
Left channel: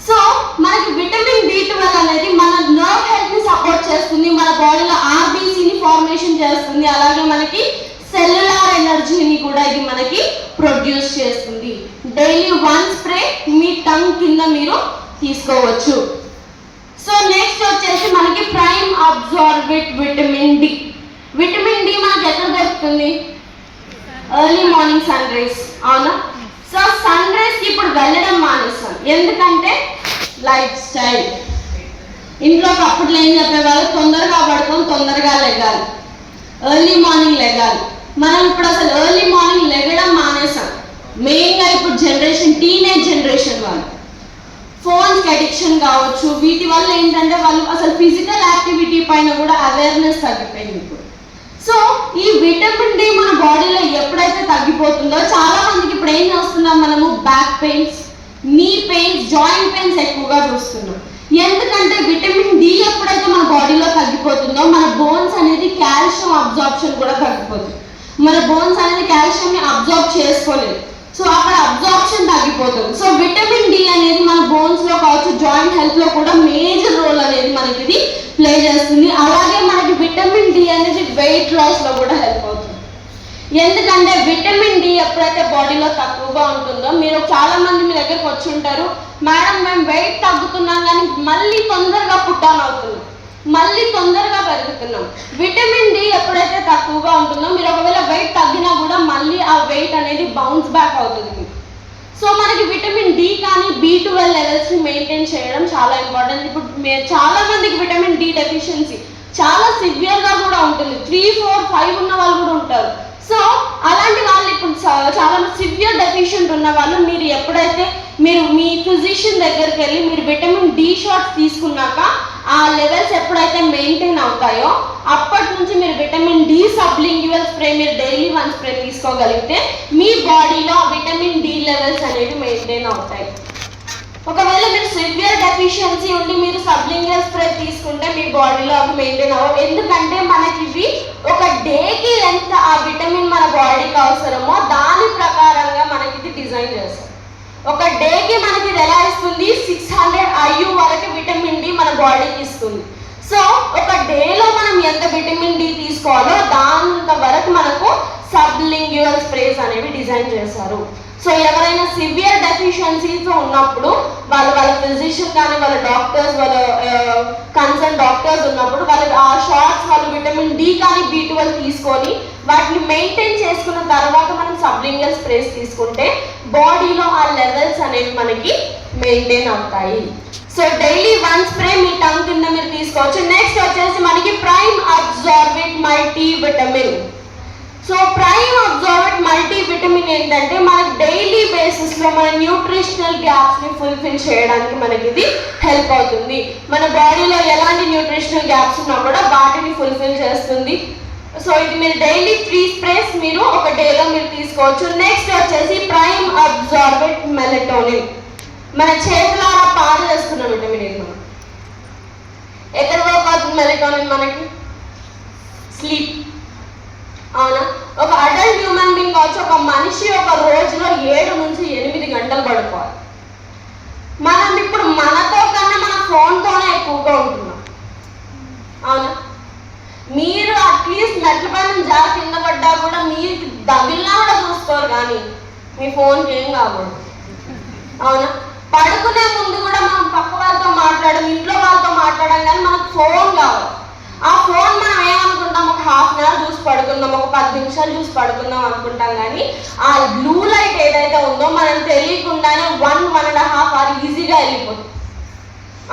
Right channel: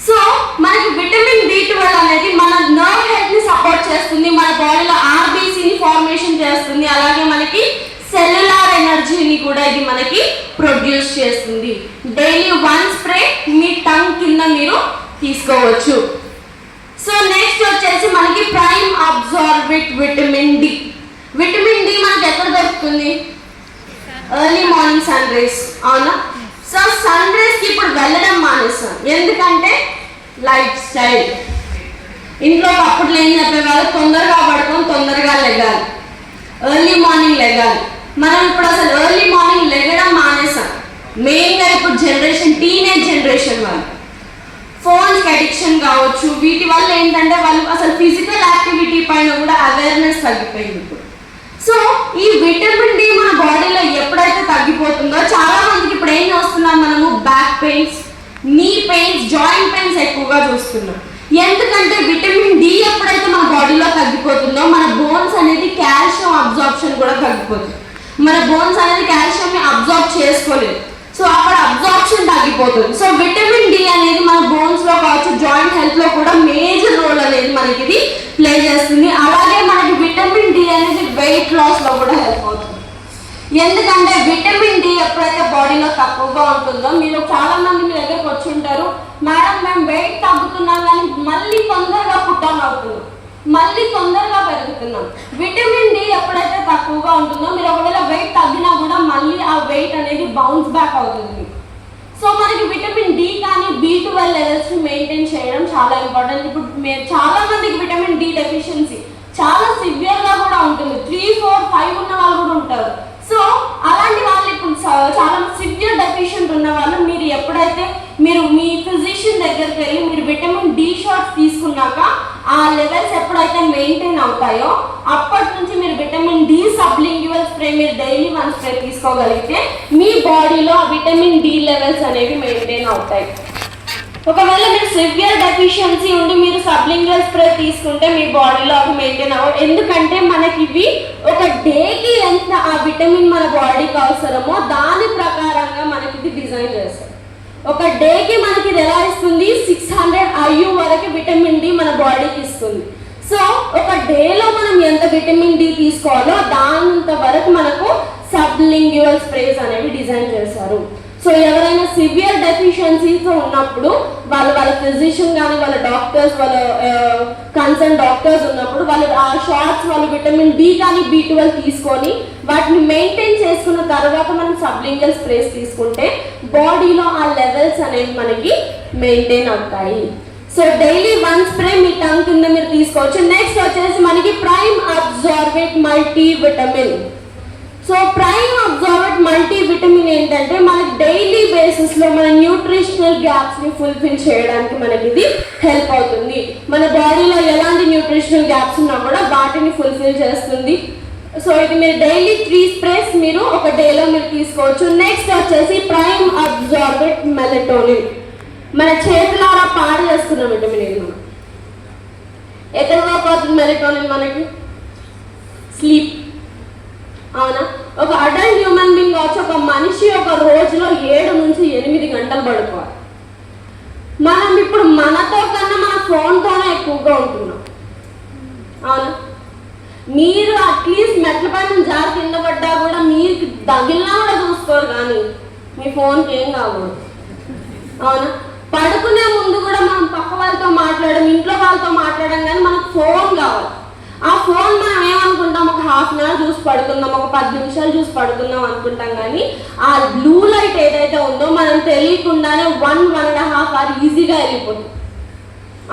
సో మనకి విటమిన్ B12 అనేది మన నర్వ్ హెల్త్ ని సపోర్ట్ చేస్తుంది, మన బాడీలో ఆర్బీసీని ఫార్మేషన్ చేస్తుంది, అలాగే మనకి సెల్యులార్ ఎనర్జీని కూడా ఇది మనకి ప్రొడ్యూస్ చేస్తుంది. డైలీ 1 స్ప్రే మీ టంగ్ కింద మీరు తీసుకోవచ్చు. సో నెక్స్ట్ వచ్చేసి మనకి prime absorbent vitamin D. Vitamin D మనకి ఎక్కడ దొరుకుతుంది? ఎర్లీ మార్నింగ్ సన్ రైజ్, అవునా? సో సన్ రైజ్ కి ఇప్పుడు వెళ్ళడం మానేస్తాం, ఎందుకంటే లైఫ్ స్టైల్. ఇంట్లో అప్పట్లో ఏం చెప్పేవాళ్ళు, తొందరగా పడుకోం, తొందరగా లెగాలి, ఎర్లీ మార్నింగ్ లెగాలి. మనం ఇప్పుడు అసలు ఎర్లీ మార్నింగ్ లెగడం మానేసాం. మెయిన్గా ఇప్పుడు జనరేషన్, టీనేజ్ జనరేషన్ వాళ్ళు ఫోన్స్కి అడిక్షన్ కావచ్చు, వీటి వల్ల ఏంటంటే వాళ్ళు అసలు ఫిజికల్ యాక్టివిటీ పైన కూడా అవేర్నెస్ తగ్గిపోయింది. సో ఈ విటమిన్ D మన బాడీలో ఎప్పుడైతే తగ్గిపోతుందో చాలా మందికి ఇప్పుడు ఏం చూస్తున్నాం మనము, బ్యాక్ పెయిన్స్, నీ పెయిన్స్, జాయింట్ పెయిన్స్ ఎక్కువగా చూస్తున్నాం. ఎందుకంటే విటమిన్ D ఎప్పుడైతే మన బాడీలో తగ్గిపోతుందో మన బోన్స్ అనేది కాల్షియం అబ్జార్ప్షన్ కూడా తగ్గిపోతుంది. మన బోన్స్ అనేది కాల్షియం ని అబ్జార్బ్ చేసుకోలేదు, సో అక్కడ అబ్జార్ప్షన్ తగ్గిపోతుంది. సో విటమిన్ D అనేది మన బోన్స్ లో కావచ్చు, జాయింట్ హెల్త్ లో కూడా మేజర్ రోల్ అనేది మనకి ఇది ప్లే చేస్తుంది. అలాగే మనకి విటమిన్ D అనేది వెయిట్ లాస్ లో కూడా హెల్ప్ అవుతుంది. ఎందుకంటే విటమిన్ D ఎప్పుడైతే బాడీలో తక్కువగా ఉంటుందో, మీరు చాలా మంది మీ దగ్గరకు వచ్చి ఉంటారు, మేడం మేము వెయిట్ తగ్గుతున్నాం కానీ మళ్ళీ తొందరగా పుట్టాన్ అవుతున్నాం, మళ్ళీ తొందరగా పెరుగుతున్నాం. విటమిన్ D ఎప్పుడైతే తక్కువగా ఉంటుందో, మీరు ఒకవేళ వెయిట్ తగ్గినా కూడా మళ్ళీ ఆ వెయిట్ అనేది బౌన్స్ బ్యాక్ అవుతుంది. సో మనకి విటమిన్ D కానీ B12 లెవెల్స్ ని మెయింటైన్ చేయడం చాలా ఇంపార్టెంట్. ఇప్పుడు చాలా మందికి విటమిన్ D డెఫిషియన్సీ చాలా సివియర్ గా కూడా ఉంటుంది, 3, 4, 5 ఉన్న వాళ్ళు కూడా ఉంటారు. సో అలాంటి వాళ్ళు ఇప్పుడు చాలా సివియర్ డెఫిషియెంట్ ఉన్న వాళ్ళు మీరు ఎప్పుడైతే మీరు మీ ఫిజిషియన్ దగ్గరికి వెళ్ళి మీరు విటమిన్ D షాట్స్ తీసుకున్నాక ఆ లెవెల్స్ ఎప్పుడైతే మెయింటైన్ అవుతాయో అప్పటి నుంచి మీరు విటమిన్ D సబ్లింగ్యువల్ స్ప్రే మీరు డైలీ 1 స్ప్రే తీసుకోగలిగితే మీ బాడీలో విటమిన్ D లెవెల్స్ అనేవి మెయింటైన్ అవుతాయి. ఒకవేళ మీకు సివియర్ డెఫిషియన్సీ ఉండి మీరు సబ్లింగ్యువల్ స్ప్రే తీసుకుంటే మీ బాడీలో అవి మెయింటైన్ అవ్వవు. ఎందుకంటే మనకి ఇవి ఒక డేకి ఎంత ఆ విటమిన్ మన బాడీకి అవసరమో దాని ప్రకారంగా మనకి ఇది డిజైన్ చేస్తారు. ఒక డేకి మనకి ఇది ఎలా ఇస్తుంది, 600 IU వరకు విటమిన్ D మన బాడీకి ఇస్తుంది. సో ఒక డేలో మనం ఎంత విటమిన్ D తీసుకోవాలో దానంత వరకు మనకు సబ్లింగ్యువల్ స్ప్రేస్ అనేవి డిజైన్ చేశారు. సో ఎవరైనా సివియర్ డెఫిషియన్సీతో ఉన్నప్పుడు వాళ్ళ ఫిజిషియన్ కానీ వాళ్ళ డాక్టర్స్, వాళ్ళ కన్సర్న్ డాక్టర్స్ ఉన్నప్పుడు వాళ్ళు ఆ షార్ట్స్ వాళ్ళు విటమిన్ D కానీ B12 తీసుకొని వాటిని మెయింటైన్ చేసుకున్న తర్వాత మనం సబ్లింగల్ స్ప్రేస్ తీసుకుంటే బాడీలో ఆ లెవెల్స్ అనేవి మనకి మెయింటైన్ అవుతాయి. సో డైలీ 1 స్ప్రే మీ టంగ్ కింద మీరు తీసుకోవచ్చు. నెక్స్ట్ వచ్చేసి మనకి prime absorbent multi vitamin. So prime absorbent multi vitamin ఏంటంటే మనకి డైలీ బేసిస్ లో మన న్యూట్రిషనల్ గ్యాప్స్ ని ఫుల్ఫిల్ చేయడానికి మనకి ఇది హెల్ప్ అవుతుంది. మన బాడీలో ఎలాంటి న్యూట్రిషనల్ గ్యాప్స్ ఉన్నా కూడా వాటిని ఫుల్ఫిల్ చేస్తుంది. సో ఇది మీరు డైలీ 3 స్ప్రేస్ మీరు ఒక డేలో మీరు తీసుకోవచ్చు. నెక్స్ట్ వచ్చేసి ప్రైమ్ అబ్జార్బెంట్ మెలటోనిన్. మన చేతులారా పాడు చేస్తున్న విటమిన్ ఇది. ఎక్కడ పోతుంది మెలటోనిన్ మనకి? స్లీప్, అవునా? ఒక అడల్ట్ హ్యూమన్ బీయింగ్ కావచ్చు, ఒక మనిషి ఒక రోజులో 7 నుంచి 8 గంటలు పడుకోవాలి. మనం ఇప్పుడు మనతో కన్నా మన ఫోన్తోనే ఎక్కువగా ఉంటున్నాం, అవునా? మీరు అట్లీస్ట్ మెట్ల పైన జారి కింద పడ్డా కూడా మీకు తగిలినా కూడా చూసుకోరు, కానీ మీ ఫోన్కి ఏం కావాలి, అవునా? పడుకునే ముందు కూడా మనం పక్క వాళ్ళతో మాట్లాడడం, ఇంట్లో వాళ్ళతో మాట్లాడడం, కానీ మనకు ఫోన్ కావాలి. ఆ ఫోన్ మనం ఏమనుకుంటాం, ఒక హాఫ్ అన్ అవర్ చూసి పడుకుందాం, ఒక 10 నిమిషాలు చూసి పడుకుందాం అనుకుంటాం. కానీ ఆ బ్లూ లైట్ ఏదైతే ఉందో మనం తెలియకుండానే 1.5 అవర్ ఈజీగా వెళ్ళిపోతుంది.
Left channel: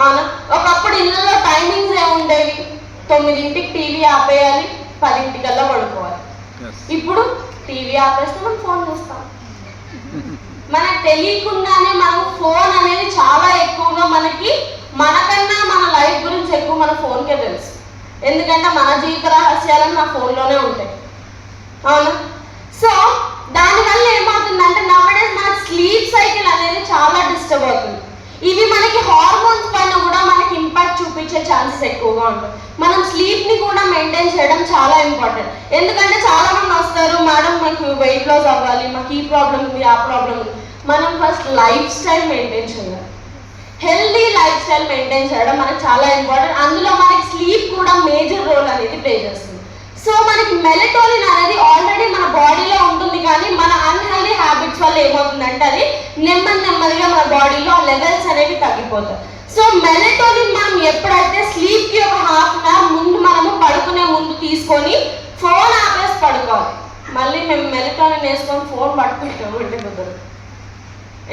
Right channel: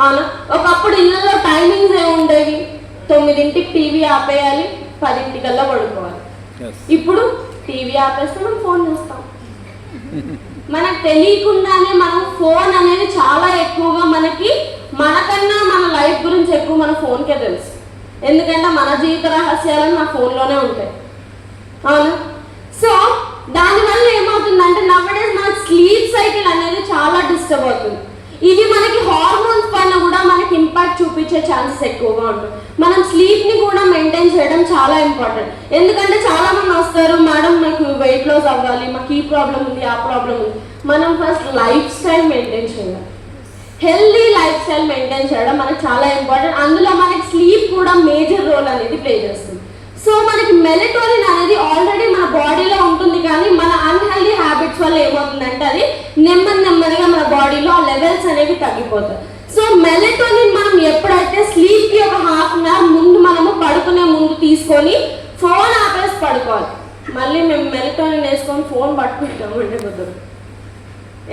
అవునా? ఒకప్పుడు ఇళ్ళలో టైమింగ్స్ ఏముండేవి, 9ంటికి టీవీ ఆపేయాలి, 10ంటికల్లా పడుకోవాలి. ఇప్పుడు టీవీ ఆపేస్తే మనం ఫోన్ చూస్తాం. మనకు తెలియకుండానే మనం ఫోన్ అనేది చాలా ఎక్కువగా మనకన్నా మన లైఫ్ గురించి ఎక్కువ మన ఫోన్కే తెలుసు. ఎందుకంటే మన జీవిత రహస్యాలు మన ఫోన్లోనే ఉంటాయి. అవునా? సో దానివల్ల ఏమవుతుందంటే నవడేస్ మన స్లీప్ సైకిల్ అనేది చాలా డిస్టర్బ్ అవుతుంది. ఇవి మనకి హార్మోన్స్ పైన కూడా మనకి ఇంపాక్ట్ చూపించే ఛాన్సెస్ ఎక్కువగా ఉంటాయి. మనం స్లీప్ని కూడా మెయింటైన్ చేయడం చాలా ఇంపార్టెంట్. ఎందుకంటే చాలా మంది వస్తారు, మేడం నాకు వెయిట్ లాస్ అవ్వాలి, మాకు ఈ ప్రాబ్లం ఉంది, ఆ ప్రాబ్లం ఉంది. మనం ఫస్ట్ లైఫ్ స్టైల్ మెయింటైన్ చేయాలి. హెల్దీ లైఫ్ స్టైల్ మెయింటైన్ చేయడం మనకు చాలా ఇంపార్టెంట్. అందులో మనకి స్లీప్ కూడా మేజర్ రోల్ అనేది ప్లే చేస్తుంది. సో మనకి మెలటోనిన్ అనేది ఆల్రెడీ మన బాడీలో ఉంటుంది, కానీ మన అన్హెల్దీ హ్యాబిట్స్ వల్ల ఏమవుతుందంటే అది నెమ్మదిగా మన బాడీలో లెవెల్స్ అనేవి తగ్గిపోతాయి. సో మెలటోనిన్ మనం ఎప్పుడైతే స్లీప్కి ఒక హాఫ్ అన్ అవర్ ముందు మనము పడుకునే ముందు తీసుకొని ఫోన్ ఆపేసి పడుకోవాలి. మళ్ళీ మేము మెలటోనిన్ వేసుకొని ఫోన్ పట్టుకుంటాం ఉండిపోతుంది.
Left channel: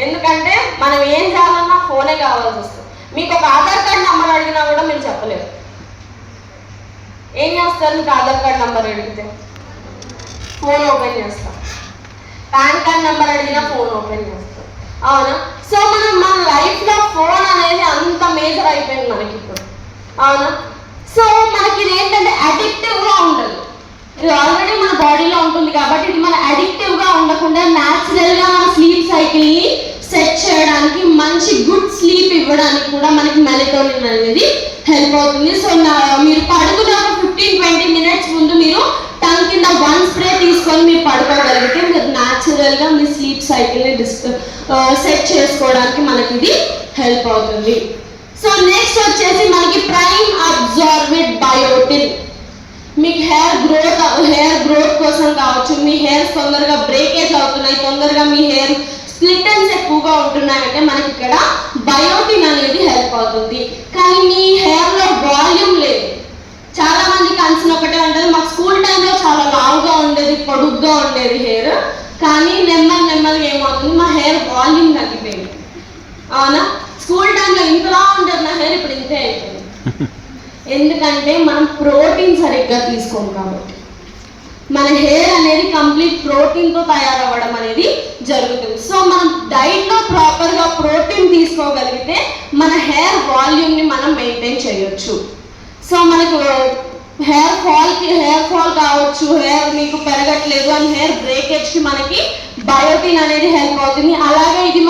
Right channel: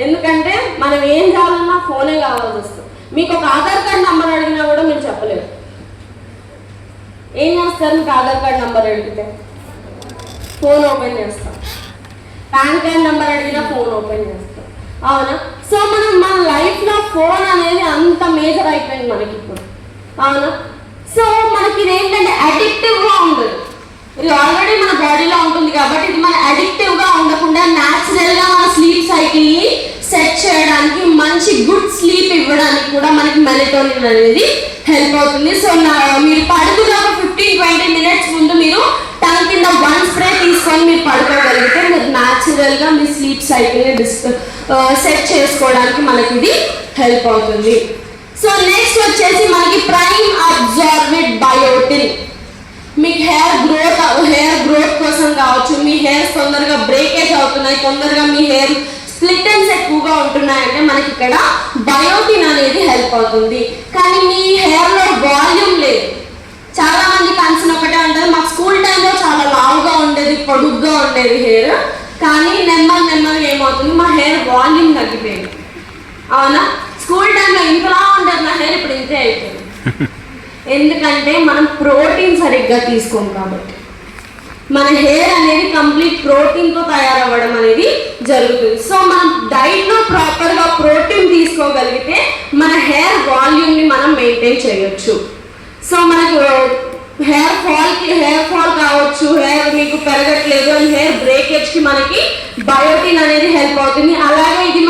ఎందుకంటే మనం ఏం చేయాలన్నా ఫోనే కావాల్సి వస్తుంది. మీకు ఒక ఆధార్ కార్డ్ నెంబర్ అడిగినా కూడా మీరు చెప్పలేరు. ఏం చేస్తారు? మీకు ఆధార్ కార్డ్ నెంబర్ అడిగితే ఫోన్ ఓపెన్ చేస్తాం, పాన్ కార్డ్ నెంబర్ అడిగినా ఫోన్ ఓపెన్ చేస్తాం. అవునా? సో మన లైఫ్లో ఫోన్ అనేది అంత మేజర్ అయిపోయింది మనకి ఇప్పుడు. అవునా? సో మనకి ఇది ఏంటంటే అడిక్టివ్గా ఉండదు. ఇది ఆల్రెడీ మన బాడీలో ఉంటుంది కాబట్టి ఇది మన అడిక్టివ్గా ఉండకుండా న్యాచురల్గా మన స్లీప్ సైకిల్ని సెట్ చేయడానికి, మంచి గుడ్ స్లీప్ ఇవ్వడానికి కూడా మనకి మెలటోనిన్ అనేది హెల్ప్ అవుతుంది. సో మీరు పడుకునే 15-20 మినిట్స్ ముందు మీరు టంగ్ కింద 1 స్ప్రే తీసుకొని మీరు పడుకోగలిగితే మీరు న్యాచురల్గా మీ స్లీప్ సైకిల్ని సెట్ చేసుకోవడానికి మనకి ఇది హెల్ప్ అవుతుంది. సో నెక్స్ట్ వచ్చేసి మనకి ప్రైమ్ అబ్జార్బెడ్ బయోటిన్. మీకు హెయిర్ గ్రోత్ కోసం కావచ్చు, మీ హెయిర్స్ తొందరగా బ్రేకేజ్ అవుతున్నాయి, తొందరగా మీ హెయిర్ స్ప్లిట్ ఎండ్స్ ఎక్కువగా ఉంటున్నాయంటే మనకి ఇక్కడ బయోటిన్ అనేది హెల్ప్ అవుతుంది. కానీ మీ హెయిర్లో వాల్యూమ్ లేదు. చాలా మంది కన్సర్న్ ఒకటే ఉంటుంది, మాకు స్కూల్ టైంలో చాలా లావుగా ఉండేది, పొడుగ్గా ఉండేది హెయిర్, కానీ నెమ్మదిగా ఏమవుతుంది, మా హెయిర్ వాల్యూమ్ తగ్గిపోయింది. అవునా? స్కూల్ టైంలో ఇంతలా ఉంటుంది నా హెయిర్, ఇప్పుడు ఇంతే అయిపోయింది. ఎందుకంటే మనం ప్రోటీన్ సరిగ్గా తీసుకోం కాబట్టి మన హెయిర్ అనేది కంప్లీట్ ప్రోటీన్తో తయారవ్వడం అనేది జరుగుతుంది. సో మనం డైట్లో ప్రాపర్గా ప్రోటీన్ తీసుకోగలిగితే మన హెయిర్ వాల్యూమ్ని మనం మెయింటైన్ చేయొచ్చు. సో మనకు హెయిర్ ఫాల్ కావచ్చు, హెయిర్ మీకు పెరగట్లేదు అని హెయిర్ బ్రేకేజ్కి మనకి బయోటిన్ అనేది హెల్ప్ అవుతుంది. అలాగే ఇది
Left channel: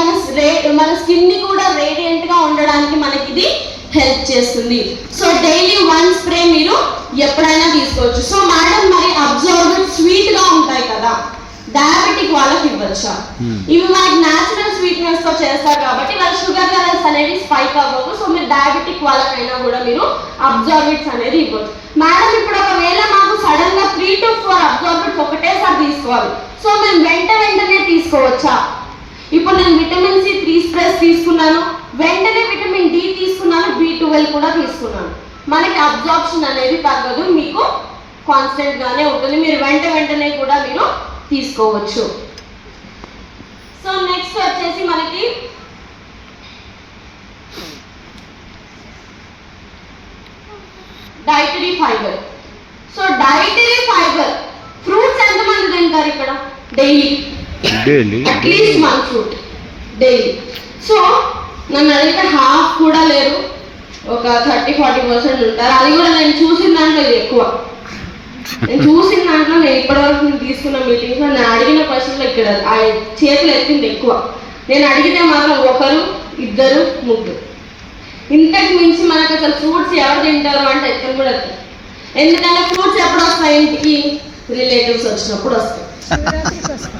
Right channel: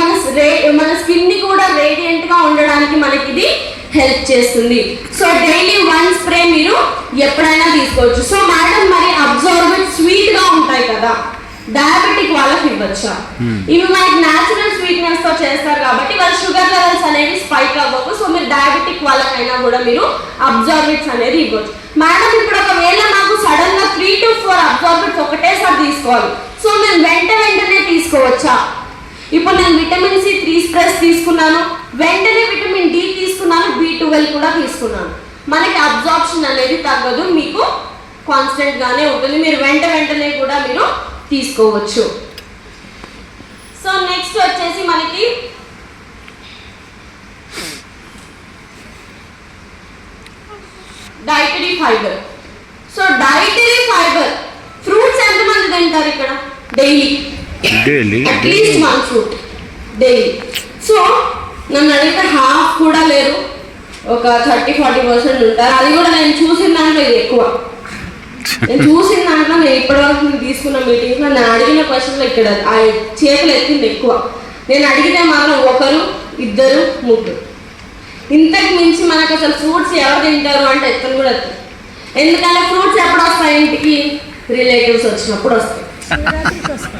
మన స్కిన్ని కూడా రేడియంట్గా ఉండడానికి మనకి ఇది హెల్ప్ చేస్తుంది. సో డైలీ 1 స్ప్రే మీరు ఎప్పుడైనా తీసుకోవచ్చు. సో మేడం మరి అబ్జర్బెడ్ స్వీట్గా ఉంటాయి కదా, డయాబెటిక్ వాళ్ళకి ఇవ్వచ్చా? ఇవి మనకి న్యాచురల్ స్వీట్నెస్ తో చేస్తారు కాబట్టి వాళ్ళ షుగర్ లెవెల్స్ అనేది స్పైక్ అవ్వకు. సో మీరు డయాబెటిక్ వాళ్ళకైనా కూడా మీరు అబ్జర్బెట్స్ అనేది ఇవ్వచ్చు. మేడం ఇప్పుడు ఒకవేళ నాకు సడన్ గా 3 to 4 అబ్జర్బెట్స్ ఒకటేసారి తీసుకోవాలి, సో మేము వెంటనే తీసుకోవచ్చా? ఇప్పుడు నేను విటమిన్ సి 3 స్ప్రేస్ తీసుకున్నాను, వెంటనే విటమిన్ డి తీసుకున్నాను, B12 కూడా తీసుకున్నాను, మనకి అబ్జార్ప్షన్ అనేది తగ్గదు, మీకు కాన్స్టెంట్ గానే ఉంటుంది. మీరు వెంటనే కూడా మీరు తీసుకోవచ్చు. సో నెక్స్ట్ వచ్చేసి మనకి dietary fibre. So dietary fibre fruits ఎంతమంది తింటారు ఇక్కడ daily? At least 1 fruit daily. So నన్ను అడిగితే హాఫ్ కూడా లేరు, ఒక 30-40% ఉంటారు. అది కూడా నేను చూసిన దాంట్లో ఇది ఎక్కువ. నేను చూసిన దాంట్లో నేను ఇప్పటివరకు నేను తీసుకున్న మీటింగ్స్లో నేను అడిగిన క్వశ్చన్లో ఇక్కడ ఆ చేతులు ఎత్తింది ఎక్కువ. నేను అడిగితే మాత్రం 1, 2, 3. ఇంతకు మించి మనకు అసలు ఫ్రూట్స్ ఎవరు తింటారు అంటే ఎత్తను కూడా ఎత్తారు. ఎందుకంటే ఫ్రూట్స్ ఎప్పుడు వస్తాయి? ఇంటికి రిలేటివ్స్ వచ్చినప్పుడు వస్తాయి,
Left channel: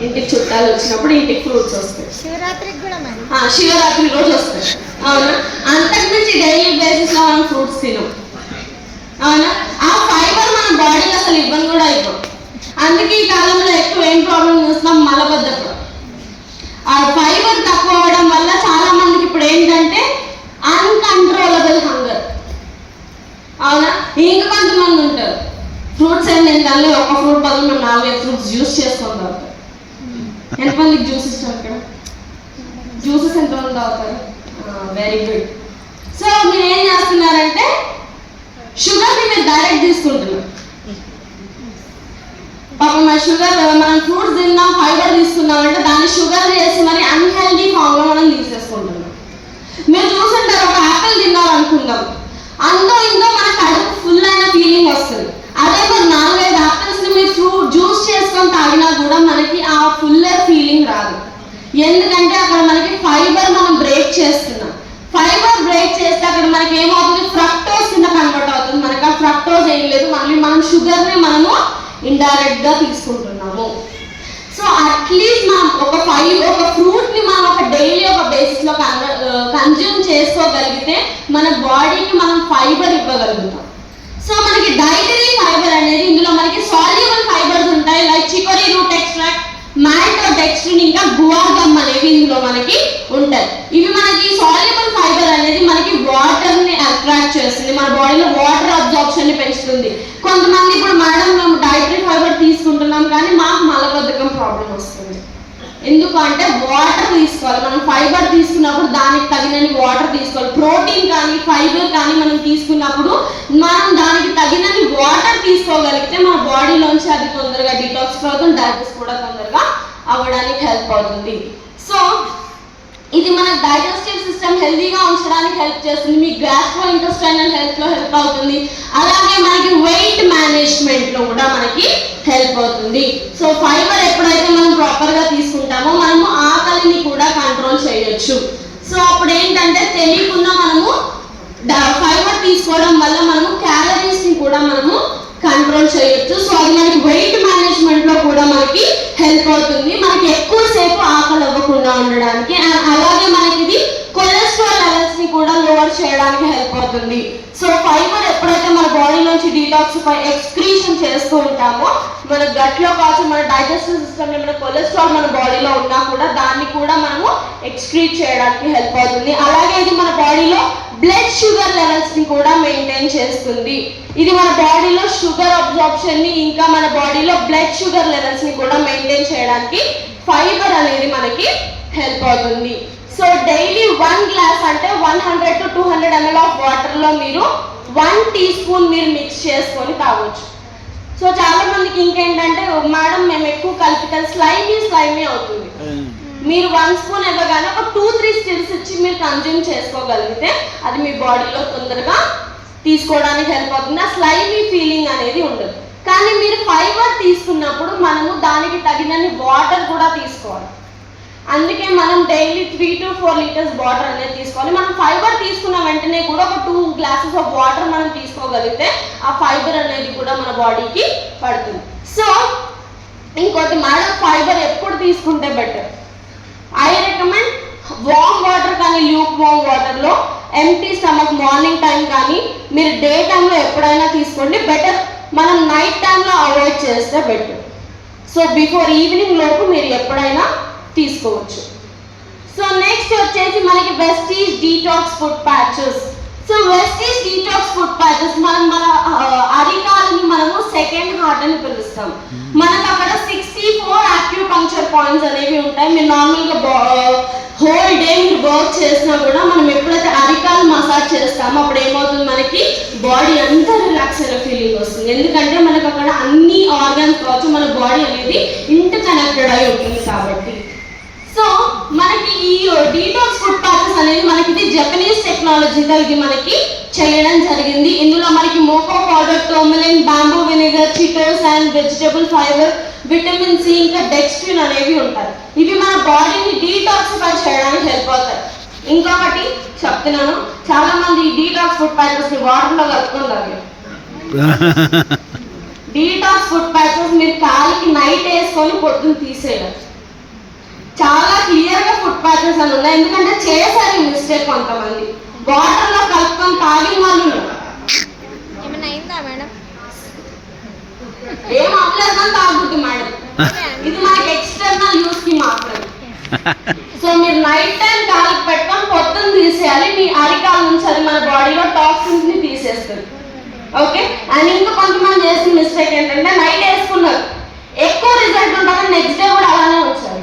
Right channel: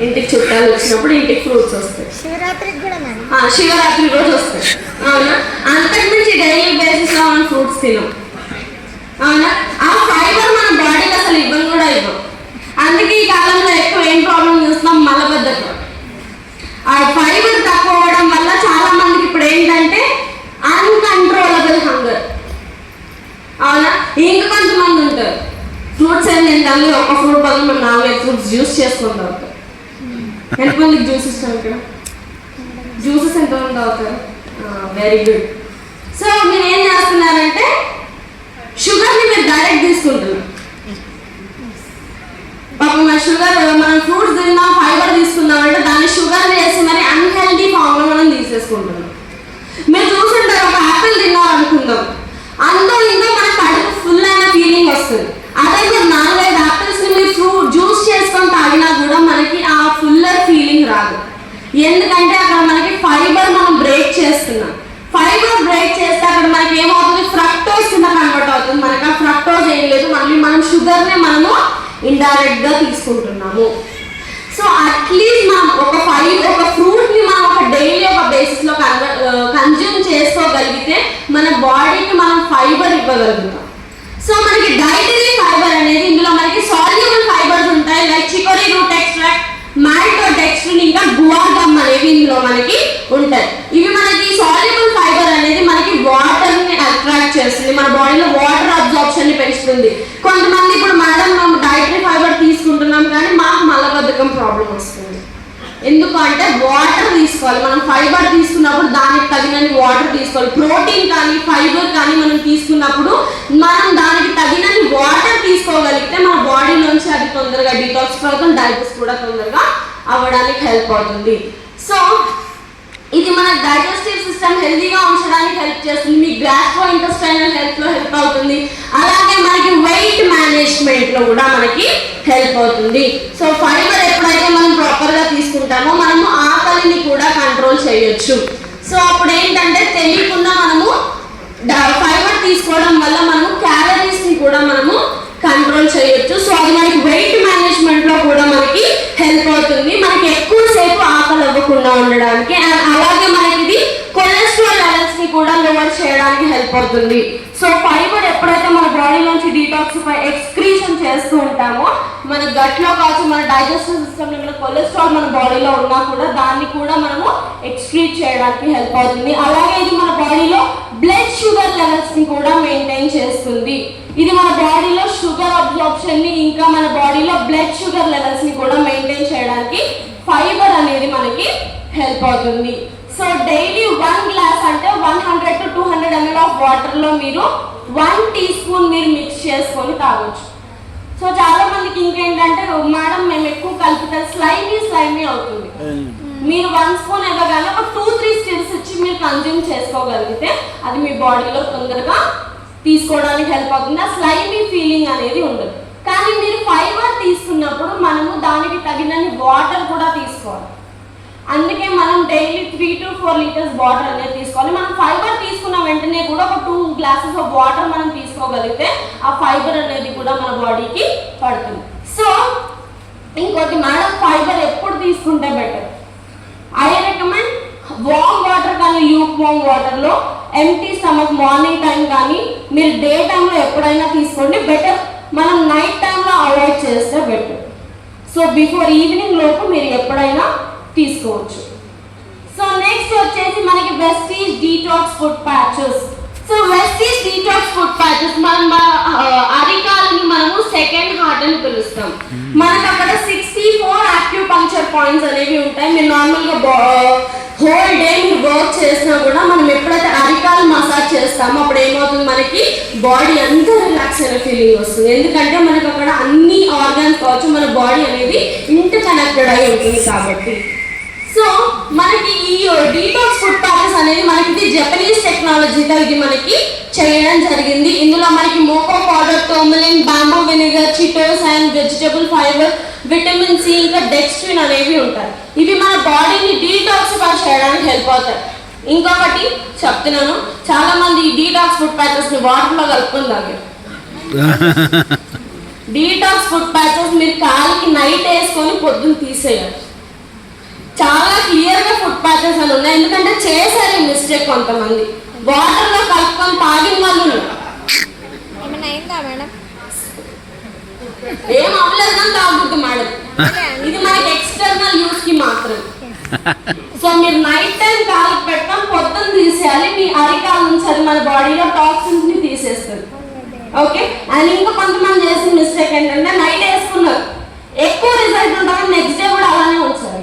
ఇంటికి చుట్టాలు వచ్చినప్పుడు ఇంటికి ఫ్రూట్స్ వస్తాయి, శివరాత్రి రోజు వస్తాయి. అవునా? అంతకు మించి డైలీ బేసిస్ లో మనం ఫ్రూట్స్ తినాం. అవునా? ఆ ఫైబర్ మన బాడీకి అసలు ఇబ్బంది కూడా ఇవ్వం. అందుకే ఈ కాలంలో ఎక్కువ ఏం ప్రాబ్లం చూస్తున్నాం, మలబద్ధకం. ఆ ఫైబర్ తక్కువ అవడం వల్ల చాలా మందికి ఇప్పుడు ఏంటంటే అన్కంట్రోలబుల్ హంగర్. అవునా? ఇంకొంతమంది ఉంటారు ఫ్రూట్స్ ఫ్రూట్స్ ఏంటంటే ఒక ఫ్రూట్ బదులు మనం 4-5 ఫ్రూట్స్ జ్యూస్ చేసుకుంటాం. ఎంతమందికి జ్యూస్ ఇష్టం ఇక్కడ? జ్యూసెస్ ఎంతమంది తాగుతారు? Very good. సో మీరు ఏం చేస్తున్నారంటే షుగర్ని మీరు డైరెక్ట్ తీసుకుంటున్నారు. పాపం మన షుగర్, మనం ఫ్రూట్స్ తిన్నాం, ఫైబర్ తీసుకున్నాం అంటే దాన్ని షుగర్ చేసి మరి అన్హెల్దీ ఫామ్లో మనం తీసేసుకుంటున్నాం. మీరు చూసుంటారు, ఒక యాపిల్ తిన్నాం అనుకుందాం, అందో ఇందో మన కడుపు ఫుల్ అయిన ఫీలింగ్ వస్తుంది. అదే మీరు 4-5 యాపిల్స్ని మీరు ఫ్రూట్ జ్యూస్ చేసుకొని తాగినా కూడా మనకి ఆ ఫుల్లర్ ఫీలింగ్ రాదు. ఎందుకంటే అక్కడ మనకి ఫైబర్ మనం బ్రేక్ చేస్తున్నాం. ఫైబర్ బ్రేక్ చేస్తే అక్కడ మనకి ఏమవుతుంది, ఫ్రక్టోజ్ కింద కన్వర్ట్ అవుతుంది. మనకి ఆ ఫ్రక్టోజ్ ఏం లేదు, మళ్ళీ మనం షుగర్ని మనము ఇండైరెక్ట్ గా తీసుకుంటున్నాము. సో అట్లీస్ట్ మనం ఒక ఫ్రూట్ ని మనం ఒక డైలీ ఒక బేసిస్ లో కన్జ్యూమ్ చేసుకోగలిగితే మన బాడీకి మనం ఫైబర్ ఇవ్వగలుగుతాం. సో మనకి డైటరీ ఫైబర్ అనేది ఇందులో మనకి సాల్యుబుల్ ఫైబర్స్ ఉంటాయి, like chicory route extract, maltodextrin, ఇంకా గువార్ గమ్ అనేవి ఇందులో మనకి ఉంటాయి. ఇవి మనకి సాల్యుబుల్ ఫైబర్ అనేది మనకి వాటర్ ని అట్రాక్ట్ చేస్తుంది, మన బాడీలో వాటర్ అబ్జార్ప్షన్ ని పెంచుతుంది. కొంతమంది ఇప్పుడు మేడం మేము డైటరీ ఫైబర్ తీసుకుంటున్నాం కానీ మాకు మలబద్ధకం ప్రాబ్లం వస్తుంది. ఎందుకంటే వాటర్ తీసుకోవాలి. మనం ఫైబర్ తీసుకున్నప్పుడు దానికి తగినన్ని వాటర్ తీసుకోవాలి. ప్రోటీన్ కానీ ఫైబర్ కానీ మనం తీసుకున్నప్పుడు మనం దానికి తగినన్ని వాటర్ తీసుకోగలిగితే మన బాడీలోంచి అది తొందరగా డిటాక్స్ అవుతుంది, డైజెస్ట్ కూడా తొందరగా అవ్వడానికి హెల్ప్ అవుతుంది. సో ఇది మన డైజెస్టివ్ సిస్టమ్ హెల్దీగా ఉంచడానికి హెల్ప్ చేస్తుంది, మీ గ్యాస్ట్రో ఇంటెస్టైనల్ హెల్త్ లో హెల్ప్ అవుతుంది, అలాగే మనకి వెయిట్ మేనేజ్మెంట్ లో కూడా మనకి హెల్ప్ అవుతుంది. సో ఫైబర్ ఎప్పుడైతే మనం ప్రాపర్ గా తీసుకుంటామో మనము ఆకలిని కూడా కంట్రోల్ చేయొచ్చు. సో అప్పుడు ఏంటంటే తెలియకుండా మనము ఫైబర్ తీసుకోవడం వల్ల మనము క్యాలరీస్ ని కూడా మనము కంట్రోల్ చేయొచ్చు. సో అది మనకి వెయిట్ మేనేజ్మెంట్ లో కూడా మనకి హెల్ప్ అవుతుంది, మనకి ఎక్కువసేపు ఆకలి అవ్వకుండా ఉండడానికి. అలాగే మనకి ఇది కొలెస్ట్రాల్ లెవెల్స్ ని కూడా లోవర్ చేయడానికి హెల్ప్ అవుతుంది. సో ఫైబర్ ఎప్పుడైతే మన బాడీలోంచి డీటాక్సిఫై ఎక్స్క్రీషన్ చేస్తూ ఉంటామో మన గట్ లో కావచ్చు, మన డైజెస్టివ్ సిస్టమ్ లో కొలెస్ట్రాల్ మన బాడీలో ఉన్నా కూడా దాన్ని కూడా మనము ఎక్స్క్రీట్ చేయడానికి హెల్ప్ అవుతుంది. అలాగే ఇది మన బాడీలో బ్లడ్ షుగర్ లెవెల్స్ ని కూడా మెయింటైన్ చేస్తుంది. ఇది మన బాడీలో షుగర్ అబ్జార్ప్షన్ ని, ఇంకా మన బాడీలో బ్లడ్ షుగర్ లెవెల్స్ ని కూడా మెయింటైన్ చేయడానికి ఫైబర్ అనేది మనకి హెల్ప్ అవుతుంది. సో డైలీ 1 గ్లాస్ అంటే 100 to 200 ml ఆఫ్ వాటర్ లో మీరు 1 టీ స్పూన్ మీరు మిక్స్ చేసుకొని తాగొచ్చు. సో చాలా మందికి ఇంకేంటంటే మేడం మేము ఎక్కువ కలిపితే స్లైమీ అవుతుంది. మీరు 1 స్పూన్ ఇవ్వగానే ఒక 2-3 స్టిల్స్ ఇచ్చి మీరు కన్జ్యూమ్ చేసుకోగలిగితే అది మీ బాడీలో తొందరగా తీసుకోవడానికి హెల్ప్ అవుతుంది. ఆ స్లైమీ ఫీలింగ్ అనేది ఉండదు. కానీ మీరు ఫైబర్ తీసుకున్నప్పుడు మనము దానికి తగినన్ని వాటర్ కూడా తీసుకోవాలి. అందుకే మనం డైలీ 3 to 4 లీటర్స్ వాటర్ అనేది తీసుకోవాలి. మనం ఫైబర్ తీసుకున్న వెంటనే కూడా ఒక 2 గ్లాసెస్ ఆఫ్ వాటర్ మనం తీసుకోగలిగితే ఆ ఫైబర్ అనేది కూడా మన బాడీకి పడుతుంది. సో ఇంకోటి మేడం ఫైబర్ ఎప్పుడు తీసుకుంటే better? I recommend warm water కానీ ల్యూక్ వామ్ వాటర్లో ఎంటీ స్టమక్ మార్నింగ్ టైం కానీ మీరు డే టైంలో ఎప్పుడైనా తీసుకోండి బెటర్. మనం నైట్ టైంలో అవాయిడ్ చేస్తే బెటర్. సో బిఫోర్ ఈవినింగ్ లోపు మీరు ఎప్పుడైనా తీసుకోవచ్చు. సో నెక్స్ట్ వచ్చేసి మనకి Vestige detox foot patches. So Vestige detox foot patches మనం అరికాలని మనము సెకండ్ హార్ట్ అని పిలుస్తాం. మనకు అక్కడ 64 యాక్యూపంక్చర్ పాయింట్స్ అనేవి ఉంటాయి. మీరు నార్మల్గా హోల్ డే మీరు వర్క్ చేసినా కూడా మనం ఎప్పుడైతే అరికాలు మసాజ్ చేస్తామో అప్పుడు ఏమవుతుంది, మనకి బాడీ అంతా రిలాక్స్ అయ్యే ఫీలింగ్ వస్తుంది. ఎందుకంటే మనకు అక్కడ అన్ని ఆర్గన్స్ కావచ్చు, మన బాడీ అనేది ఇంటర్ కనెక్టెడ్ అయి ఉంటుంది కాబట్టి. సో మనకి ఈ డీటాక్స్ ఫుడ్ ప్యాచెస్ అనేది మనకి ఇది జపనీస్ టెక్నాలజీతో ఇది మనకి చేయడం జరిగింది. ఇందులో మనకి మోకో పౌడర్, టర్మరిన్, బ్యాంబూ వెనిగర్, చిటోస్ and vegetable fibre, vitamin C, ఇంకా డెక్స్ట్రిన్ అనేవి ఉంటాయి. ఇవి మన బాడీని డీటాక్సిఫై చేయడానికి హెల్ప్ అవుతాయి. ఇంకొకటి చెప్తున్నాను, చాలా మంది ఈ డీటాక్స్ ఫుడ్ ప్యాచెస్ ని వాటర్ లో కలుపుకుంటారు. డీటాక్స్ ఫుడ్ ప్యాచెస్ మీరు కాలికి నైట్ వేసుకొని పొద్దున్న తీసేయాలి. చాలా క్లియర్ గా ఫుడ్ ప్యాచెస్ అని ఉన్నాయి, ఎందుకంటే చేశారు ఈ మిస్టేక్ కొంతమంది. వాటర్ లో కలుపుకొని తాగిన వాళ్ళు ఏం అవ్వలేదు కానీ తాగుతుంది మేడం. ఇది మనకి ఎక్స్టర్నల్ యూస్ కి మాత్రం. సో మీరు నైట్ టైం కాలికి పెట్టుకొని పొద్దున్న తీసేయాలి. మీ అరికాల నుంచి అది మన బాడీలో టాక్సిన్స్ ని తీసేస్తుంది. ఓకే. అండ్ ఇంకా కొంతమంది చేసిన మిస్టేక్ ఏంటంటే నైట్ వేసుకున్నారు, ఎక్కువ రిజల్ట్ ఉంటుంది, నెక్స్ట్ డే కూడా అలానే వచ్చారు.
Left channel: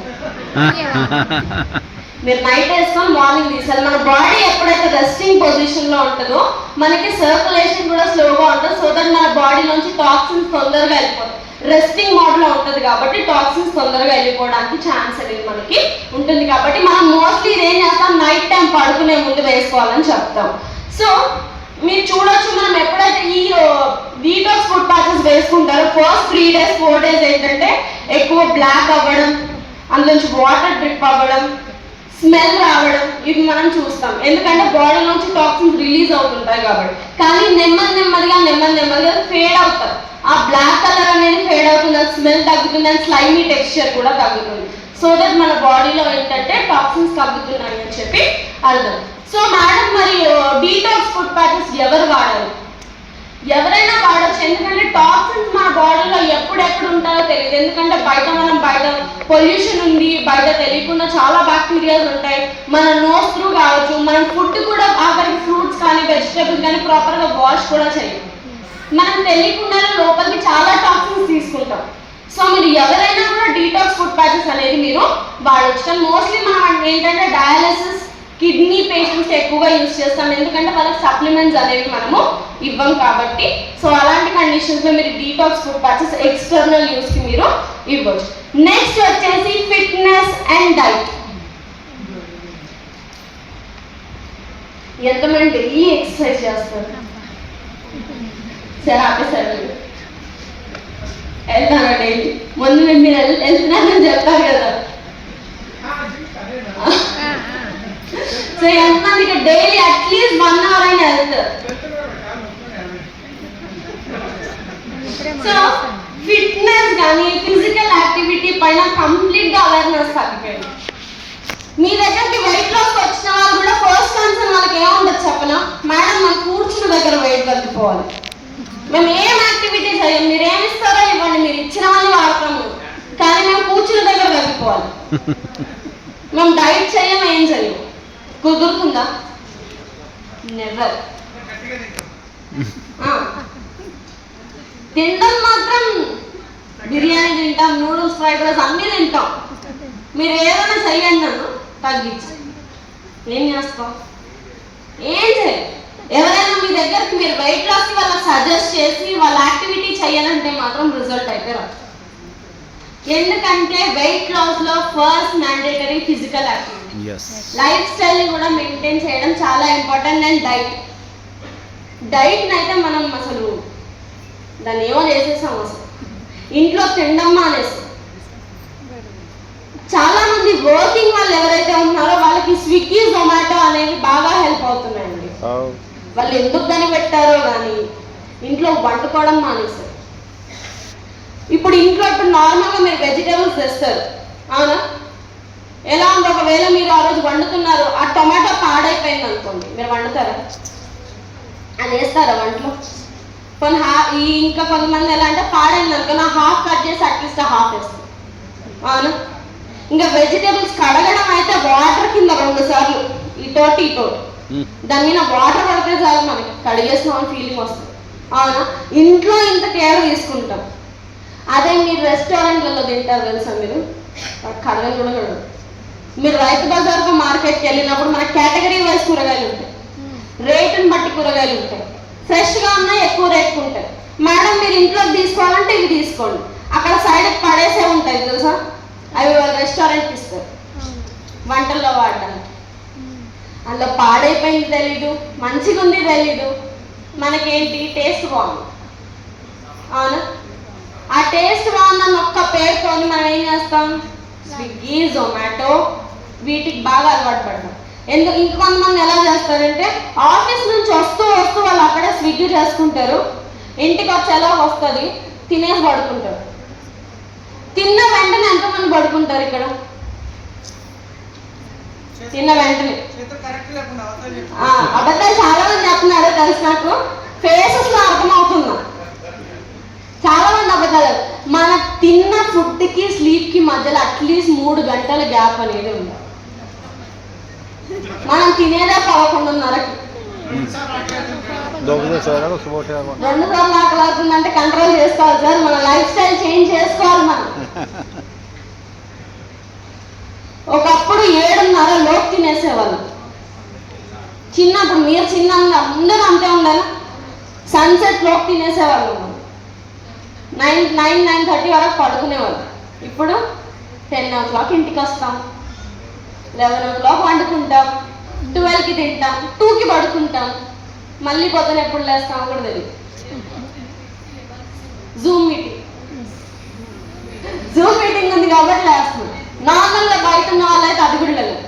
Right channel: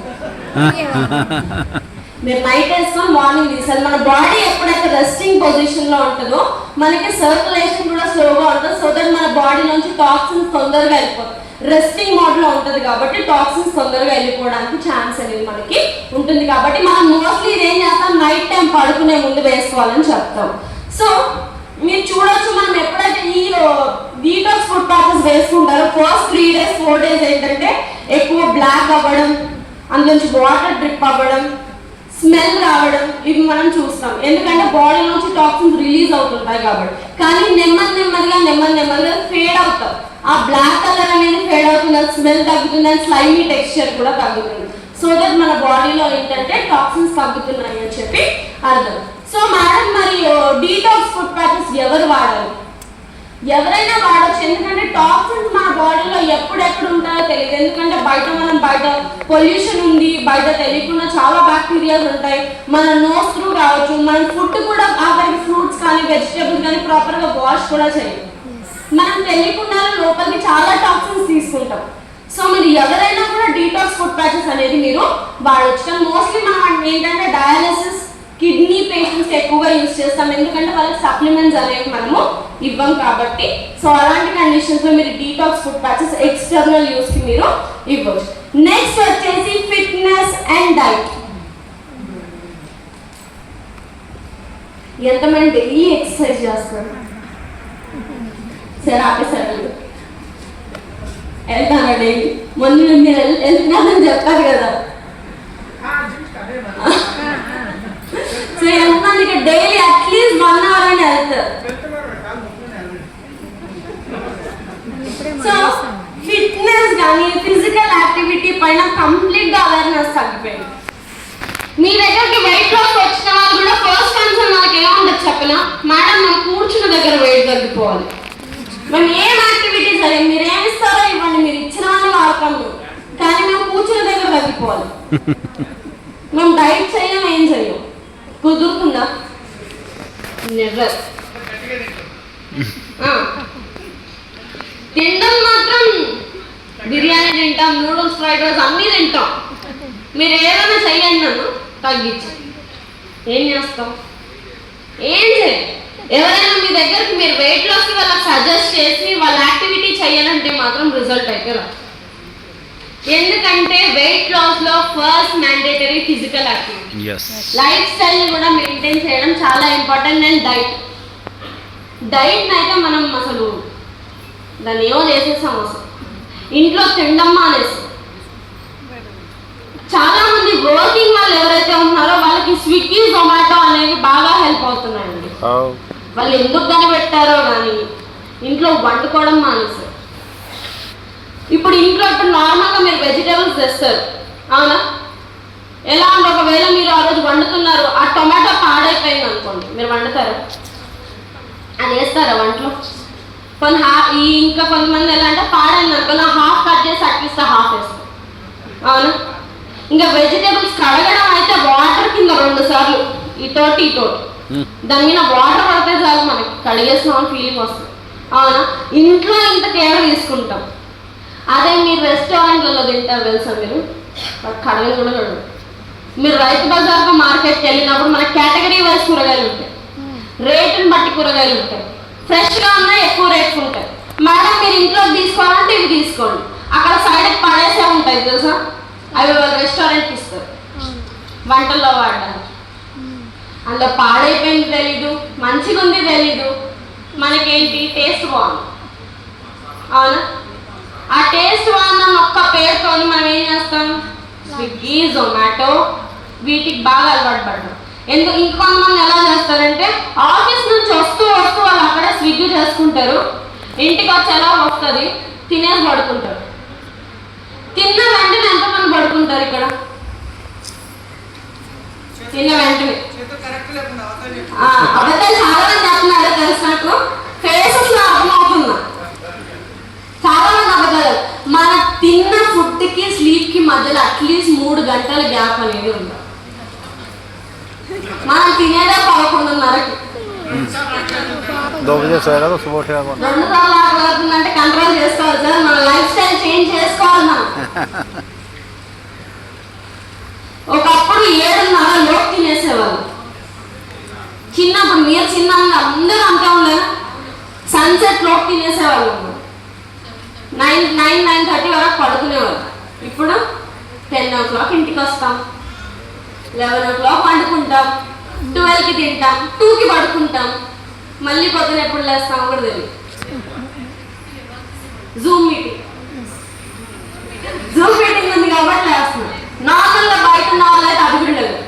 మీరు నైట్ వేసుకొని మార్నింగ్ తీసారు. మన బాడీ ఎప్పుడైతే రెస్టింగ్ పొజిషన్ లో ఉంటుందో మనకి సర్క్యులేషన్ కూడా స్లోగా ఉంటుంది. సో దట్ మన బాడీలోంచి టాక్సిన్స్ తొందరగా వెళ్ళిపోతాయి. రెస్టింగ్ మోడ్ లో ఉంటుంది కాబట్టి టాక్సిన్స్ తొందరగా వెళ్ళిపోవడానికి ఛాన్స్ అనేది మనకి ఉంటుంది. కాబట్టి మనం మోస్ట్లీ ఇదేం చేస్తాం, నైట్ టైం పడుకునే ముందు వేసుకోవాలని చెప్తాం. సో మీరు చూడొచ్చు, మనం ఎప్పుడైతే ఈ డీటాక్స్ ఫుడ్ ప్యాచెస్ వేసుకుంటారో ఫస్ట్ 3 days 4 days ఏంటంటే ఎక్కువ బ్లాక్ అవ్వడం, అందులోంచి వాటర్ డ్రిప్ అవ్వడం, స్మెల్ రావడం, ఇవి మనం చూస్తాం. ఎందుకంటే బాడీ నుంచి టాక్సిన్స్ రిలీజ్ అవుతుంటాయి కాబట్టి. కానీ నెమ్మదిగా ఫేడ్ అవుతాయి. ఆ బ్లాక్ కలర్ అనేది ఫేడ్ అవుతుంది, స్మెల్ తగ్గుతుంది, అండ్ స్లైమీ టెక్స్చర్ కూడా తగ్గుతుంది. సో దట్ మన బాడీలో ఏంటంటే టాక్సిన్స్ తగ్గుతున్నాయి అని చెప్పి అర్థం. సో మేడం, మరి డీటాక్స్ ఫుడ్ ప్యాచెస్ ఎవరు వాడాలి? ఎవరైనా వాడచ్చు. ఎందుకంటే టాక్సిన్స్ మన బాడీలో ఎప్పుడెప్పుడు ఉంటాయో తెలియదు. ఎందుకంటే మనం బయట పొల్యూషన్ ఉంది, బయట తెలియకుండా చాలా బ్యాక్టీరియాస్ ఉంటాయి. మన నోస్ త్రూ కావచ్చు, మన ఫుడ్ కూడా ఆఖరికి ఫ్రూట్స్ కానీ వెజిటేబుల్స్ కానీ ప్రాపర్గా వాష్ కూడా చేయదు. మనం తెలియకుండా లోపలికి చాలా టాక్సిన్స్ తీసుకుంటాం. సో మీరు ఎవరైనా కూడా డీటాక్స్ ఫుడ్ ప్యాచెస్ అనేది మీరు వాడచ్చు. కానీ మోస్ట్లీ మనం ఏంటంటే డయాలసిస్, కిడ్నీ పేషెంట్స్ ఎక్కువగా యూజ్ చేస్తాం. ఎందుకంటే వాళ్ళకి సప్లిమెంట్స్ అనేవి మనము ఇవ్వం కాబట్టి. సో అలాంటి కండిషన్స్ లో మీరు detox foot patches external use కి మీరు ఇవ్వచ్చు. నెక్స్ట్ వచ్చేసి ఫిట్నెస్ అండ్ డైట్. ఎంతమంది డైలీ ఎక్సర్సైజ్ చేస్తారు? సరే ఆపేసారు, వెళ్తాను డైలీ. ముందు మీరు వెళ్తున్నారని చెప్తారు కదా. సో ఎంతమందికి డైలీ అట్లీస్ట్ 1 hour అయినా వెళ్తారు? సో ఫిట్నెస్ కానీ ఫిజికల్ యాక్టివిటీ పైన కంప్లీట్ గా అవేర్నెస్ తగ్గిపోయింది. మీ దగ్గరికి వెయిట్ లాస్ వచ్చిన వాళ్ళు కూడా ఫస్ట్ కన్సర్న్ వాళ్ళకి ఏముంటుంది చెప్పనా, మేడం మేము కూర్చున్న దగ్గర వెయిట్ తగ్గిపోవాలి. మేము ఏం యాక్టివిటీస్ అయ్యి మీరు ఏమిస్తారో ఇవ్వండి, మీరు ఇచ్చినవన్నీ వాడతాము, కానీ మేము కూర్చున్న దగ్గర తగ్గిపోవాలి. మేము డైట్ చేయం, ఏం చేయం. కుదురుతుందా? నెవర్. తినడం మాత్రం బిర్యానీ తింటాం, నూడిల్స్, ఫ్రైడ్ రైస్ అన్నీ తింటాం. మీరు ఏదైనా చెయ్యండి, నన్ను తగ్గించండి. ఏం చేస్తాం? ఏం చేయాలి? ఎవరైనా మీ దగ్గరికి మీరు వెయిట్ లాస్కి వాళ్ళకి సజెస్ట్ చేసి వాళ్ళ యాక్టివిటీ చేయాలంటే మాత్రం రిజల్ట్ అయితే రాదు. ఎందుకంటే వెయిట్ లాస్ లో first mandatory physical activity, life style కూడా మెయింటైన్ చేయడం చాలా ఇంపార్టెంట్. అండ్ డైట్ అయితే మనం అసలు దాన్ని ఏమో చేసేసాం, అసలు ఇంట్లో తినడం మానేస్తాం. చాలా మంది వర్కింగ్ వాళ్ళు ఎవరైతే ఉన్నారో వాళ్ళకి స్విగ్గీ, జొమాటో అనేవి బాగా హెల్ప్ అవుతున్నాయండి. వాళ్ళు ఎందుకు కనిపెట్టారో కానీ ఇంట్లో వండుకోవడం మానేస్తారు. ఇప్పుడు ఇంట్లో ఇప్పుడు నార్మల్గా మీరు వెజిటేబుల్స్ తెస్తారు, అవునా? ఎలా అంటే ఒకవేళ మీరు ఆ రోజు వండుతున్నారు, ఆ టొమాటో పాడైపోయింది అనుకోండి, మీరు వండుతారా? అని వేస్తారా వంటలో? ఇంకా కొంతమంది ఎలా అంటే పాడైంది అనుకో, నా హాఫ్ కట్ చేసి అట్లీస్ట్ హాఫ్ వేస్తాం, అవునా? ఇంకా వెజిటేబుల్స్ కడగడం అయితే వాటర్ కింద 2 సార్లు ఇటోటి దాని మీద వాటర్ పడితే చాలు మనకి కడిగేస్తున్నాం ఫీలింగ్ వస్తుంది, అవునా? ఇంట్లో ఇంత కేర్ తీసుకుంటాం. అదే మీరు రెస్టారెంట్లలో తింటారు తెలుసా, మీరు కడగలు కూడా కడగదు. మీరు రైతు బజార్కు మార్కెట్కి వెళ్ళినప్పుడు మన కేటగిరీ వైజ్ కూరగాయలు ఉంటాయి, రేటుని బట్టి కూరగాయలు ఉంటాయి. ఫ్రెష్గా ఉన్నాయి, ఎక్కువ రేట్స్ ఉంటాయి. మేడం మీరు ఇంట్లోకి తీసుకోవాలంటే ఇవి తీసుకోండి, అక్కడ సైడ్కి పడేసే ఉంటాయి తెలుసా, అవి వాళ్ళు రెస్టారెంట్కి ఇస్తారు వంటల్లో వాడడానికి. అందులో పాడైపోయింది తెలీదు, మంచిగా ఉంది తెలీదు, మనకేంటి టేస్ట్ బాగుంది, అవునా? ఆ టేస్ట్ బాగుందని ఒక్క పేరుతో మనం ఏం చేస్తాం, స్విగ్గీ, జొమాటో వీటికి బాగా అలవాటు పడ్డాం. ఇంకొంతమంది ఎలా చేస్తారంటే ఆఫీస్ నుంచి వస్తూ వాళ్ళు అక్కడే స్విగ్గీ చేసుకుంటారు, ఇంటికి వచ్చేలా వస్తుంది, తినేసి పడుకుంటారు. తిన్న వెంటనే ఎంతమంది పడుకుంటారు ఇక్కడ? తిన్న వెంటనే అబద్ధాలు చాలా మంది చెప్తున్నారు తెలుసు, నాకు ఫేసెస్ లో అర్థమవుతున్నా చాలా మంది అబద్ధాలు. మన తిన్న ఫుడ్ కి స్లీప్ కి మధ్యలో అట్లీస్ట్ 3 గంటల గ్యాప్ అనేది ఉంది. మనం తినేదే 11:30కి. 2 बजे सोएगा तो सुबह उठेगा कौन? 2 సార్లు ఆకలి అవుతుందంటే కంట్రోల్ చేసుకోవాలి సార్. మన లైఫ్ స్టైల్ చేంజ్ చేసుకోవాలి మనం. ఒకప్పుడు 7:30 లోపు తినేసేవాళ్ళు. చిన్నప్పుడు మీరు చిన్న అందరూ అంతే ఉండేనా? సన్సెట్ లోపు తినేసేవాళ్ళు. 9:30 వరకు పడుకునేవాళ్ళు. ఇప్పుడు 10 o'clock ఇంటికి వస్తాం, 11 o'clock వండుకుంటాం, 12కి తింటాం, 2కి పడుకుంటాం, మళ్ళీ పొద్దున ఎప్పుడు లేస్తాం కూడా తెలియదు. జూమ్ మీటింగ్ ఉంది కాబట్టి లేస్తున్నాం. నార్మల్గా బయట ఉన్న వాళ్ళు అయితే అది కూడా లేదు.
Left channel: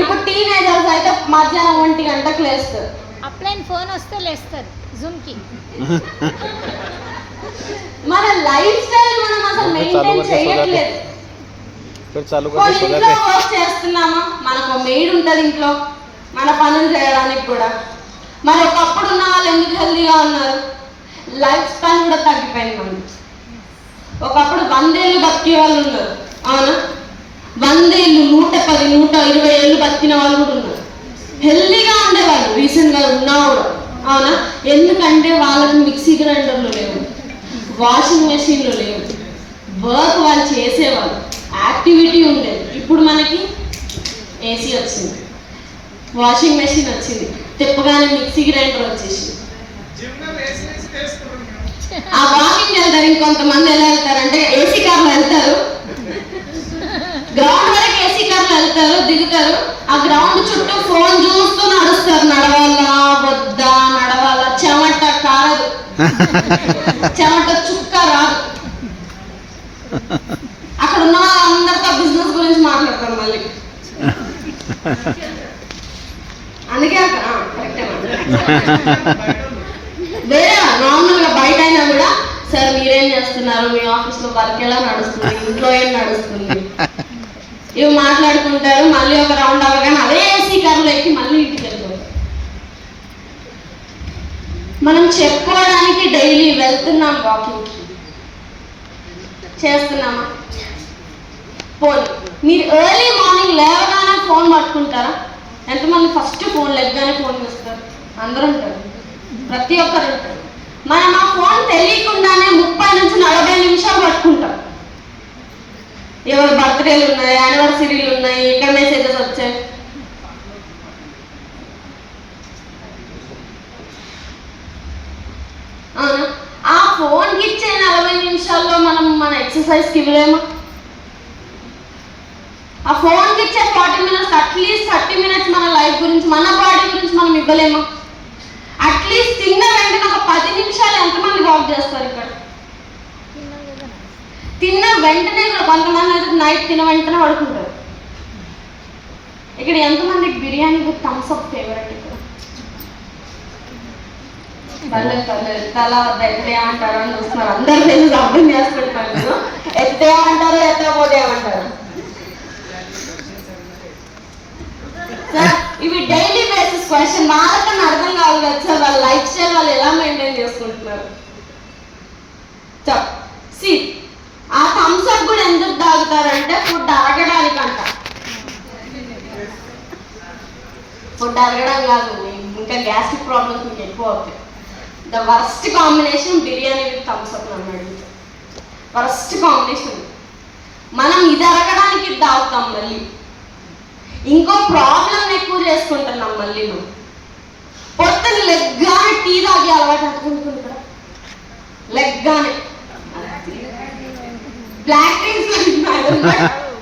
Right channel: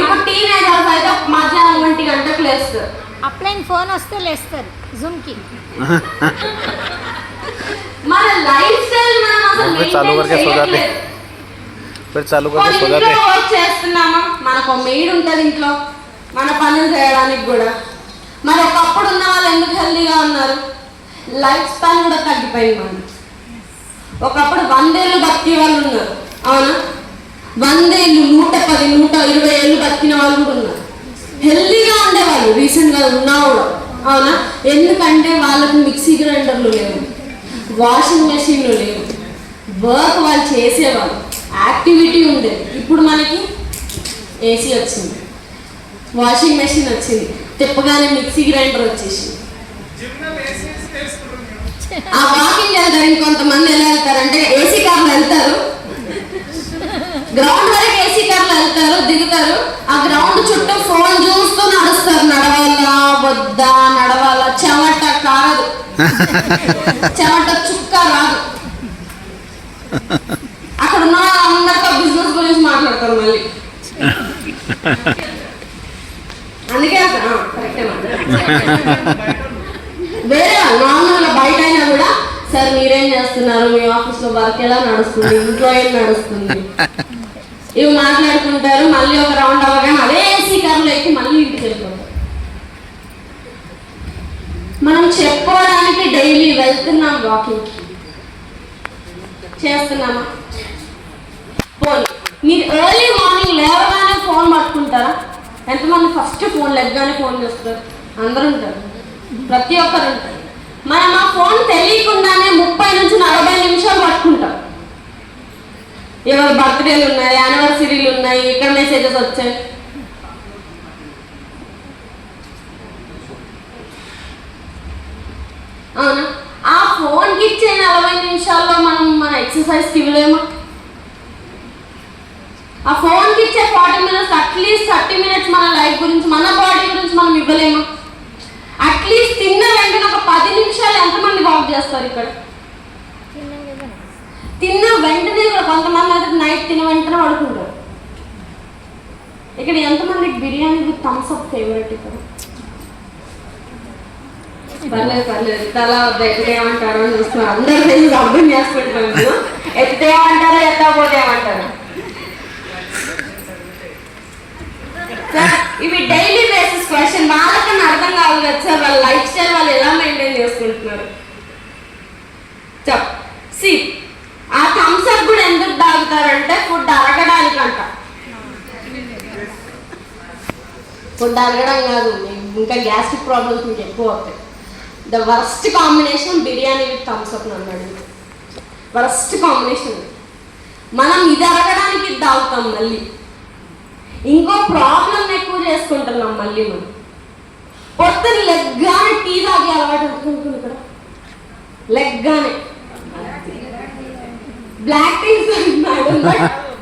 ఇప్పుడు టీనేజర్స్ అయితే మధ్యాహ్నం 1 గంటకు లేస్తారు. అప్లైన్ ఫోన్ వస్తే లేస్తారు జూమ్కి. మన లైఫ్ స్టైల్ మనం అసలు మెయింటైన్ చేయట్లేదు. ఇంట్లో వర్క్ చేస్తున్నామా, మనకు మెయిడ్ ఉంటుంది ఇంట్లో మన పనులు చేయడానికి కూడా. మరి ఒకప్పుడు ఉన్న వాళ్ళు ఎందుకు హెల్దీగా ఉన్నారు? లైఫ్ స్పాన్ కూడా తగ్గిపోయింది. మనం ఒకప్పుడు 100 ఏళ్ళు బతికే వాళ్ళు ఉన్నారు, అవునా? 100 ఏళ్ళు, 110, 120 ఏళ్ళు బతికిన వాళ్ళు కూడా ఉన్నారు. హెల్దీగా ఉండేవాళ్ళు రీసెంట్గా ఉన్నవాళ్ళు, అవునా? ఎందుకంటే వాళ్ళకు మిక్సీ గ్రైండర్లు లేవు, వాషింగ్ మెషిన్లు లేవు, వర్క్ వాళ్ళు చేసేవాళ్ళు, యాక్టివిటీ ఉండేది. ఇప్పుడు మనకి ఏసీ వచ్చింది, వాషింగ్ మెషిన్ వచ్చింది, తిప్పగానే మిక్సీ గ్రైండర్ వచ్చేసింది. ఆ వాకింగ్ వెళ్తారు. ఇంకొంతమంది ఎలా వెళ్తారంటే ఏసీ కార్లో వెళ్తారు, గ్రౌండ్ వరకు ఏసీ కార్లో వెళ్తారు, దిగుతారు, ఆ గ్రౌండ్ చుట్టూ ఫోన్ చూస్తూ నడుస్తారు. నడవాలా వద్దా, నడవాలా, చెమట కాదు, చెమట చుక్క రాదు. అక్కడ ఉన్న అందరితో బిజినెస్ గురించి మాట్లాడతారు మళ్ళీ. అందుకే వేరే నార్మల్గా బయట అయినా కూడా, సార్ మీరేం చేస్తున్నారు, మీ ఆఫీస్లో వర్క్ ఎలా నడుస్తుంది, ఇంట్లో ఏం నడుస్తుంది, ఇవి మాట్లాడుకుంటారు. మళ్ళీ ఒక రౌండ్ అవ్వగానే అదే ఏసీ కార్లో ఎక్కి మళ్ళీ ఇంటికి వెళ్తారు. మనం చెప్పుకోవడానికి డైలీ వెళ్తున్నాం, వాకింగ్ చేస్తున్నామా? ఫోన్, మీరు ఎర్లీ మార్నింగ్ లేవగానే ఫోన్ పట్టుకుంటారా? ఎంతమంది ఫస్ట్ ఫోన్ లేవగానే ఫోన్ చేస్తారు? అందరూ ఉంటారు, ప్రతి ఒక్కరు ఉంటారు. మనం ఆ ఫోన్ తెలియకుండానే 30 నుంచి 40 నిమిషాలు పట్టుకుంటాం. ఎవరు బర్త్డేలు ఉన్నాయి, యానివర్సరీలు ఉన్నాయి, ఎక్కడ మెసేజెస్ వచ్చాయి, అవునా? ఆ ఫోన్కి ఇచ్చే 40 నిమిషాల్లో మనం మన ఎక్సర్సైజ్కి ఇవ్వలేము. ఆ ఫోన్కి ఇచ్చే 40 minutes, అట్లీస్ట్ 30 minutes మన లైఫ్ గురించి, మన బాడీ గురించి మనం ఇవ్వలేము. అట్లీస్ట్ తిన్న వెంటనే ఒక 10 నిమిషాలు ఎంతమంది వాక్ చేస్తారు? ఇక్కడ తిన్న వెంటనే కూడా కొంతమంది అయితే నైట్ తిన్న వెంటనే పడుకుంటారు. ఇక్కడ ఎంతమందికి biryani with Thums Up favourite? ఇక్కడ పర్లేదు తలా ఎక్కడ ఏమంటారో అని చూస్తున్నారు. అందరూ నేను అర్థం చేసుకుంటాను. ఎత్తే ఏమంటారో, ఎత్తకపోతే ఏమంటారు? ఇవి డైలీ బేసిస్ క్వశ్చన్. వాళ్ళకన్నా అర్థం కావాలి కదా సార్, వాళ్ళ లైఫ్ స్టైల్ వాళ్ళు ఎలా మెయింటైన్ చేసుకుంటున్నారు. సి ఆ థమ్స్ అప్ కూడా ఎందుకు తాగుతారంటే ఫుడ్ అరగడానికంట. ఫుడ్ అరగడం కాదు, ఇంకా గ్యాస్ట్రిక్ ప్రాబ్లమ్స్ మీకు ఎక్కువ అవుతాయి. The worst combination biryani with Thums Up అన్నాడు. Worst combination. మనం ఇది అరగడానికి ఇది తాగుతాం, మళ్ళీ ఇంకో ప్రాబ్లం ఎక్కువ చేసుకుంటున్నాం. మళ్ళీ మనం పొద్దున లెగ్గానే టీ తాగి అలవాటు అనుకుంటున్నాం. లెగ్గానే బ్లాక్ టీస్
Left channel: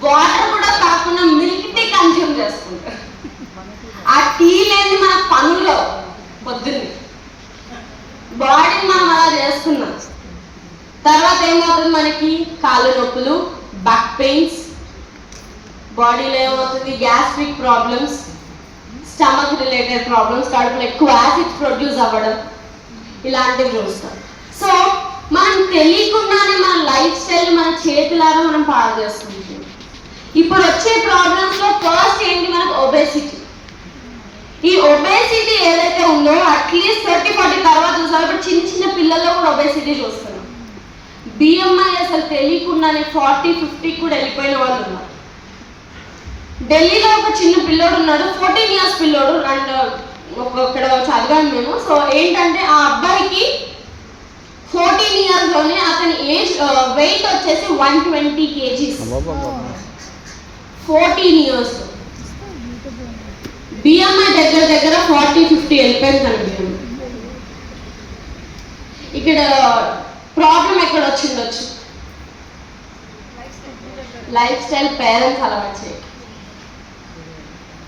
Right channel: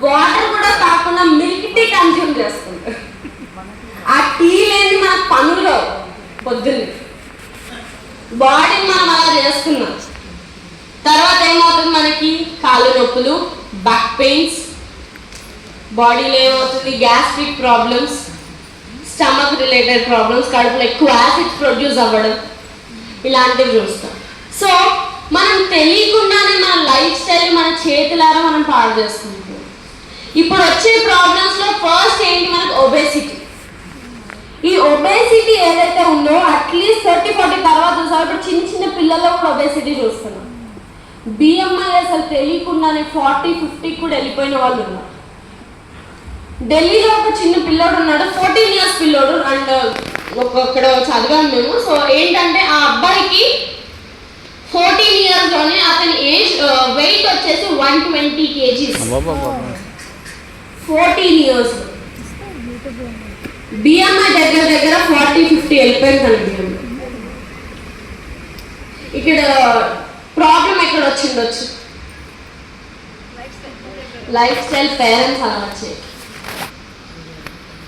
వాటర్ కూడా కాకుండా మిల్క్ టీ కన్జ్యూమ్ చేసుకుంటాం. ఆ టీ లేని మన పనులు పొద్దున్న బాడీని మనం అలా చేసుకున్నాం. తర్వాత ఏమవుతుంది? మనకి కాళ్ళు నొప్పులు, బ్యాక్ పెయిన్స్, బాడీలో ఏమవుతుంది? Gastric problems, stomach related problems, కడుపులో ఎక్కువ యాసిడ్ ప్రొడ్యూస్ అవ్వడం, ఇలాంటివి చూస్తాం. సో మనం తెలియకుండానే మన లైఫ్ స్టైల్ మన చేతులారా మనం పాడు చేసుకుంటాం. ఇప్పుడు వచ్చే ప్రాబ్లమ్స్లో ఫస్ట్ ఏంటి? మనకు ఒబేసిటీ. ఈ ఒబేసిటీ ఏదైతే ఉందో అట్లీస్ట్ 30-40 తర్వాత చూసాం. ఇప్పుడు చిన్న చిన్న పిల్లల్లో కూడా ఒబేసిటీ చూస్తున్నాం. బిఎంఐ అసలు తెలియకుండానే 40-50 కూడా వెళ్ళిపోయిన వాళ్ళు ఉన్నారు. ఢిల్లీలో ఒక చిన్న పిల్లోడు ఉన్నాడు, 14 years పిల్లోడు, అండ్ ఇక్కడ చదివాము మేము. సో ఏంటంటే ఆ అబ్బాయికి 14 years లోనే అతని ఏజ్ వెయిట్ వచ్చేసి 120 kgs. 14 years. BMI దగ్గర 40-50 వెళ్ళిపోయిందండి. ఇక్కడ ప్రాబ్లం ఎక్కడ వచ్చిండొచ్చు? లైఫ్ స్టైల్, పేరెంట్స్ అలా వచ్చాయి,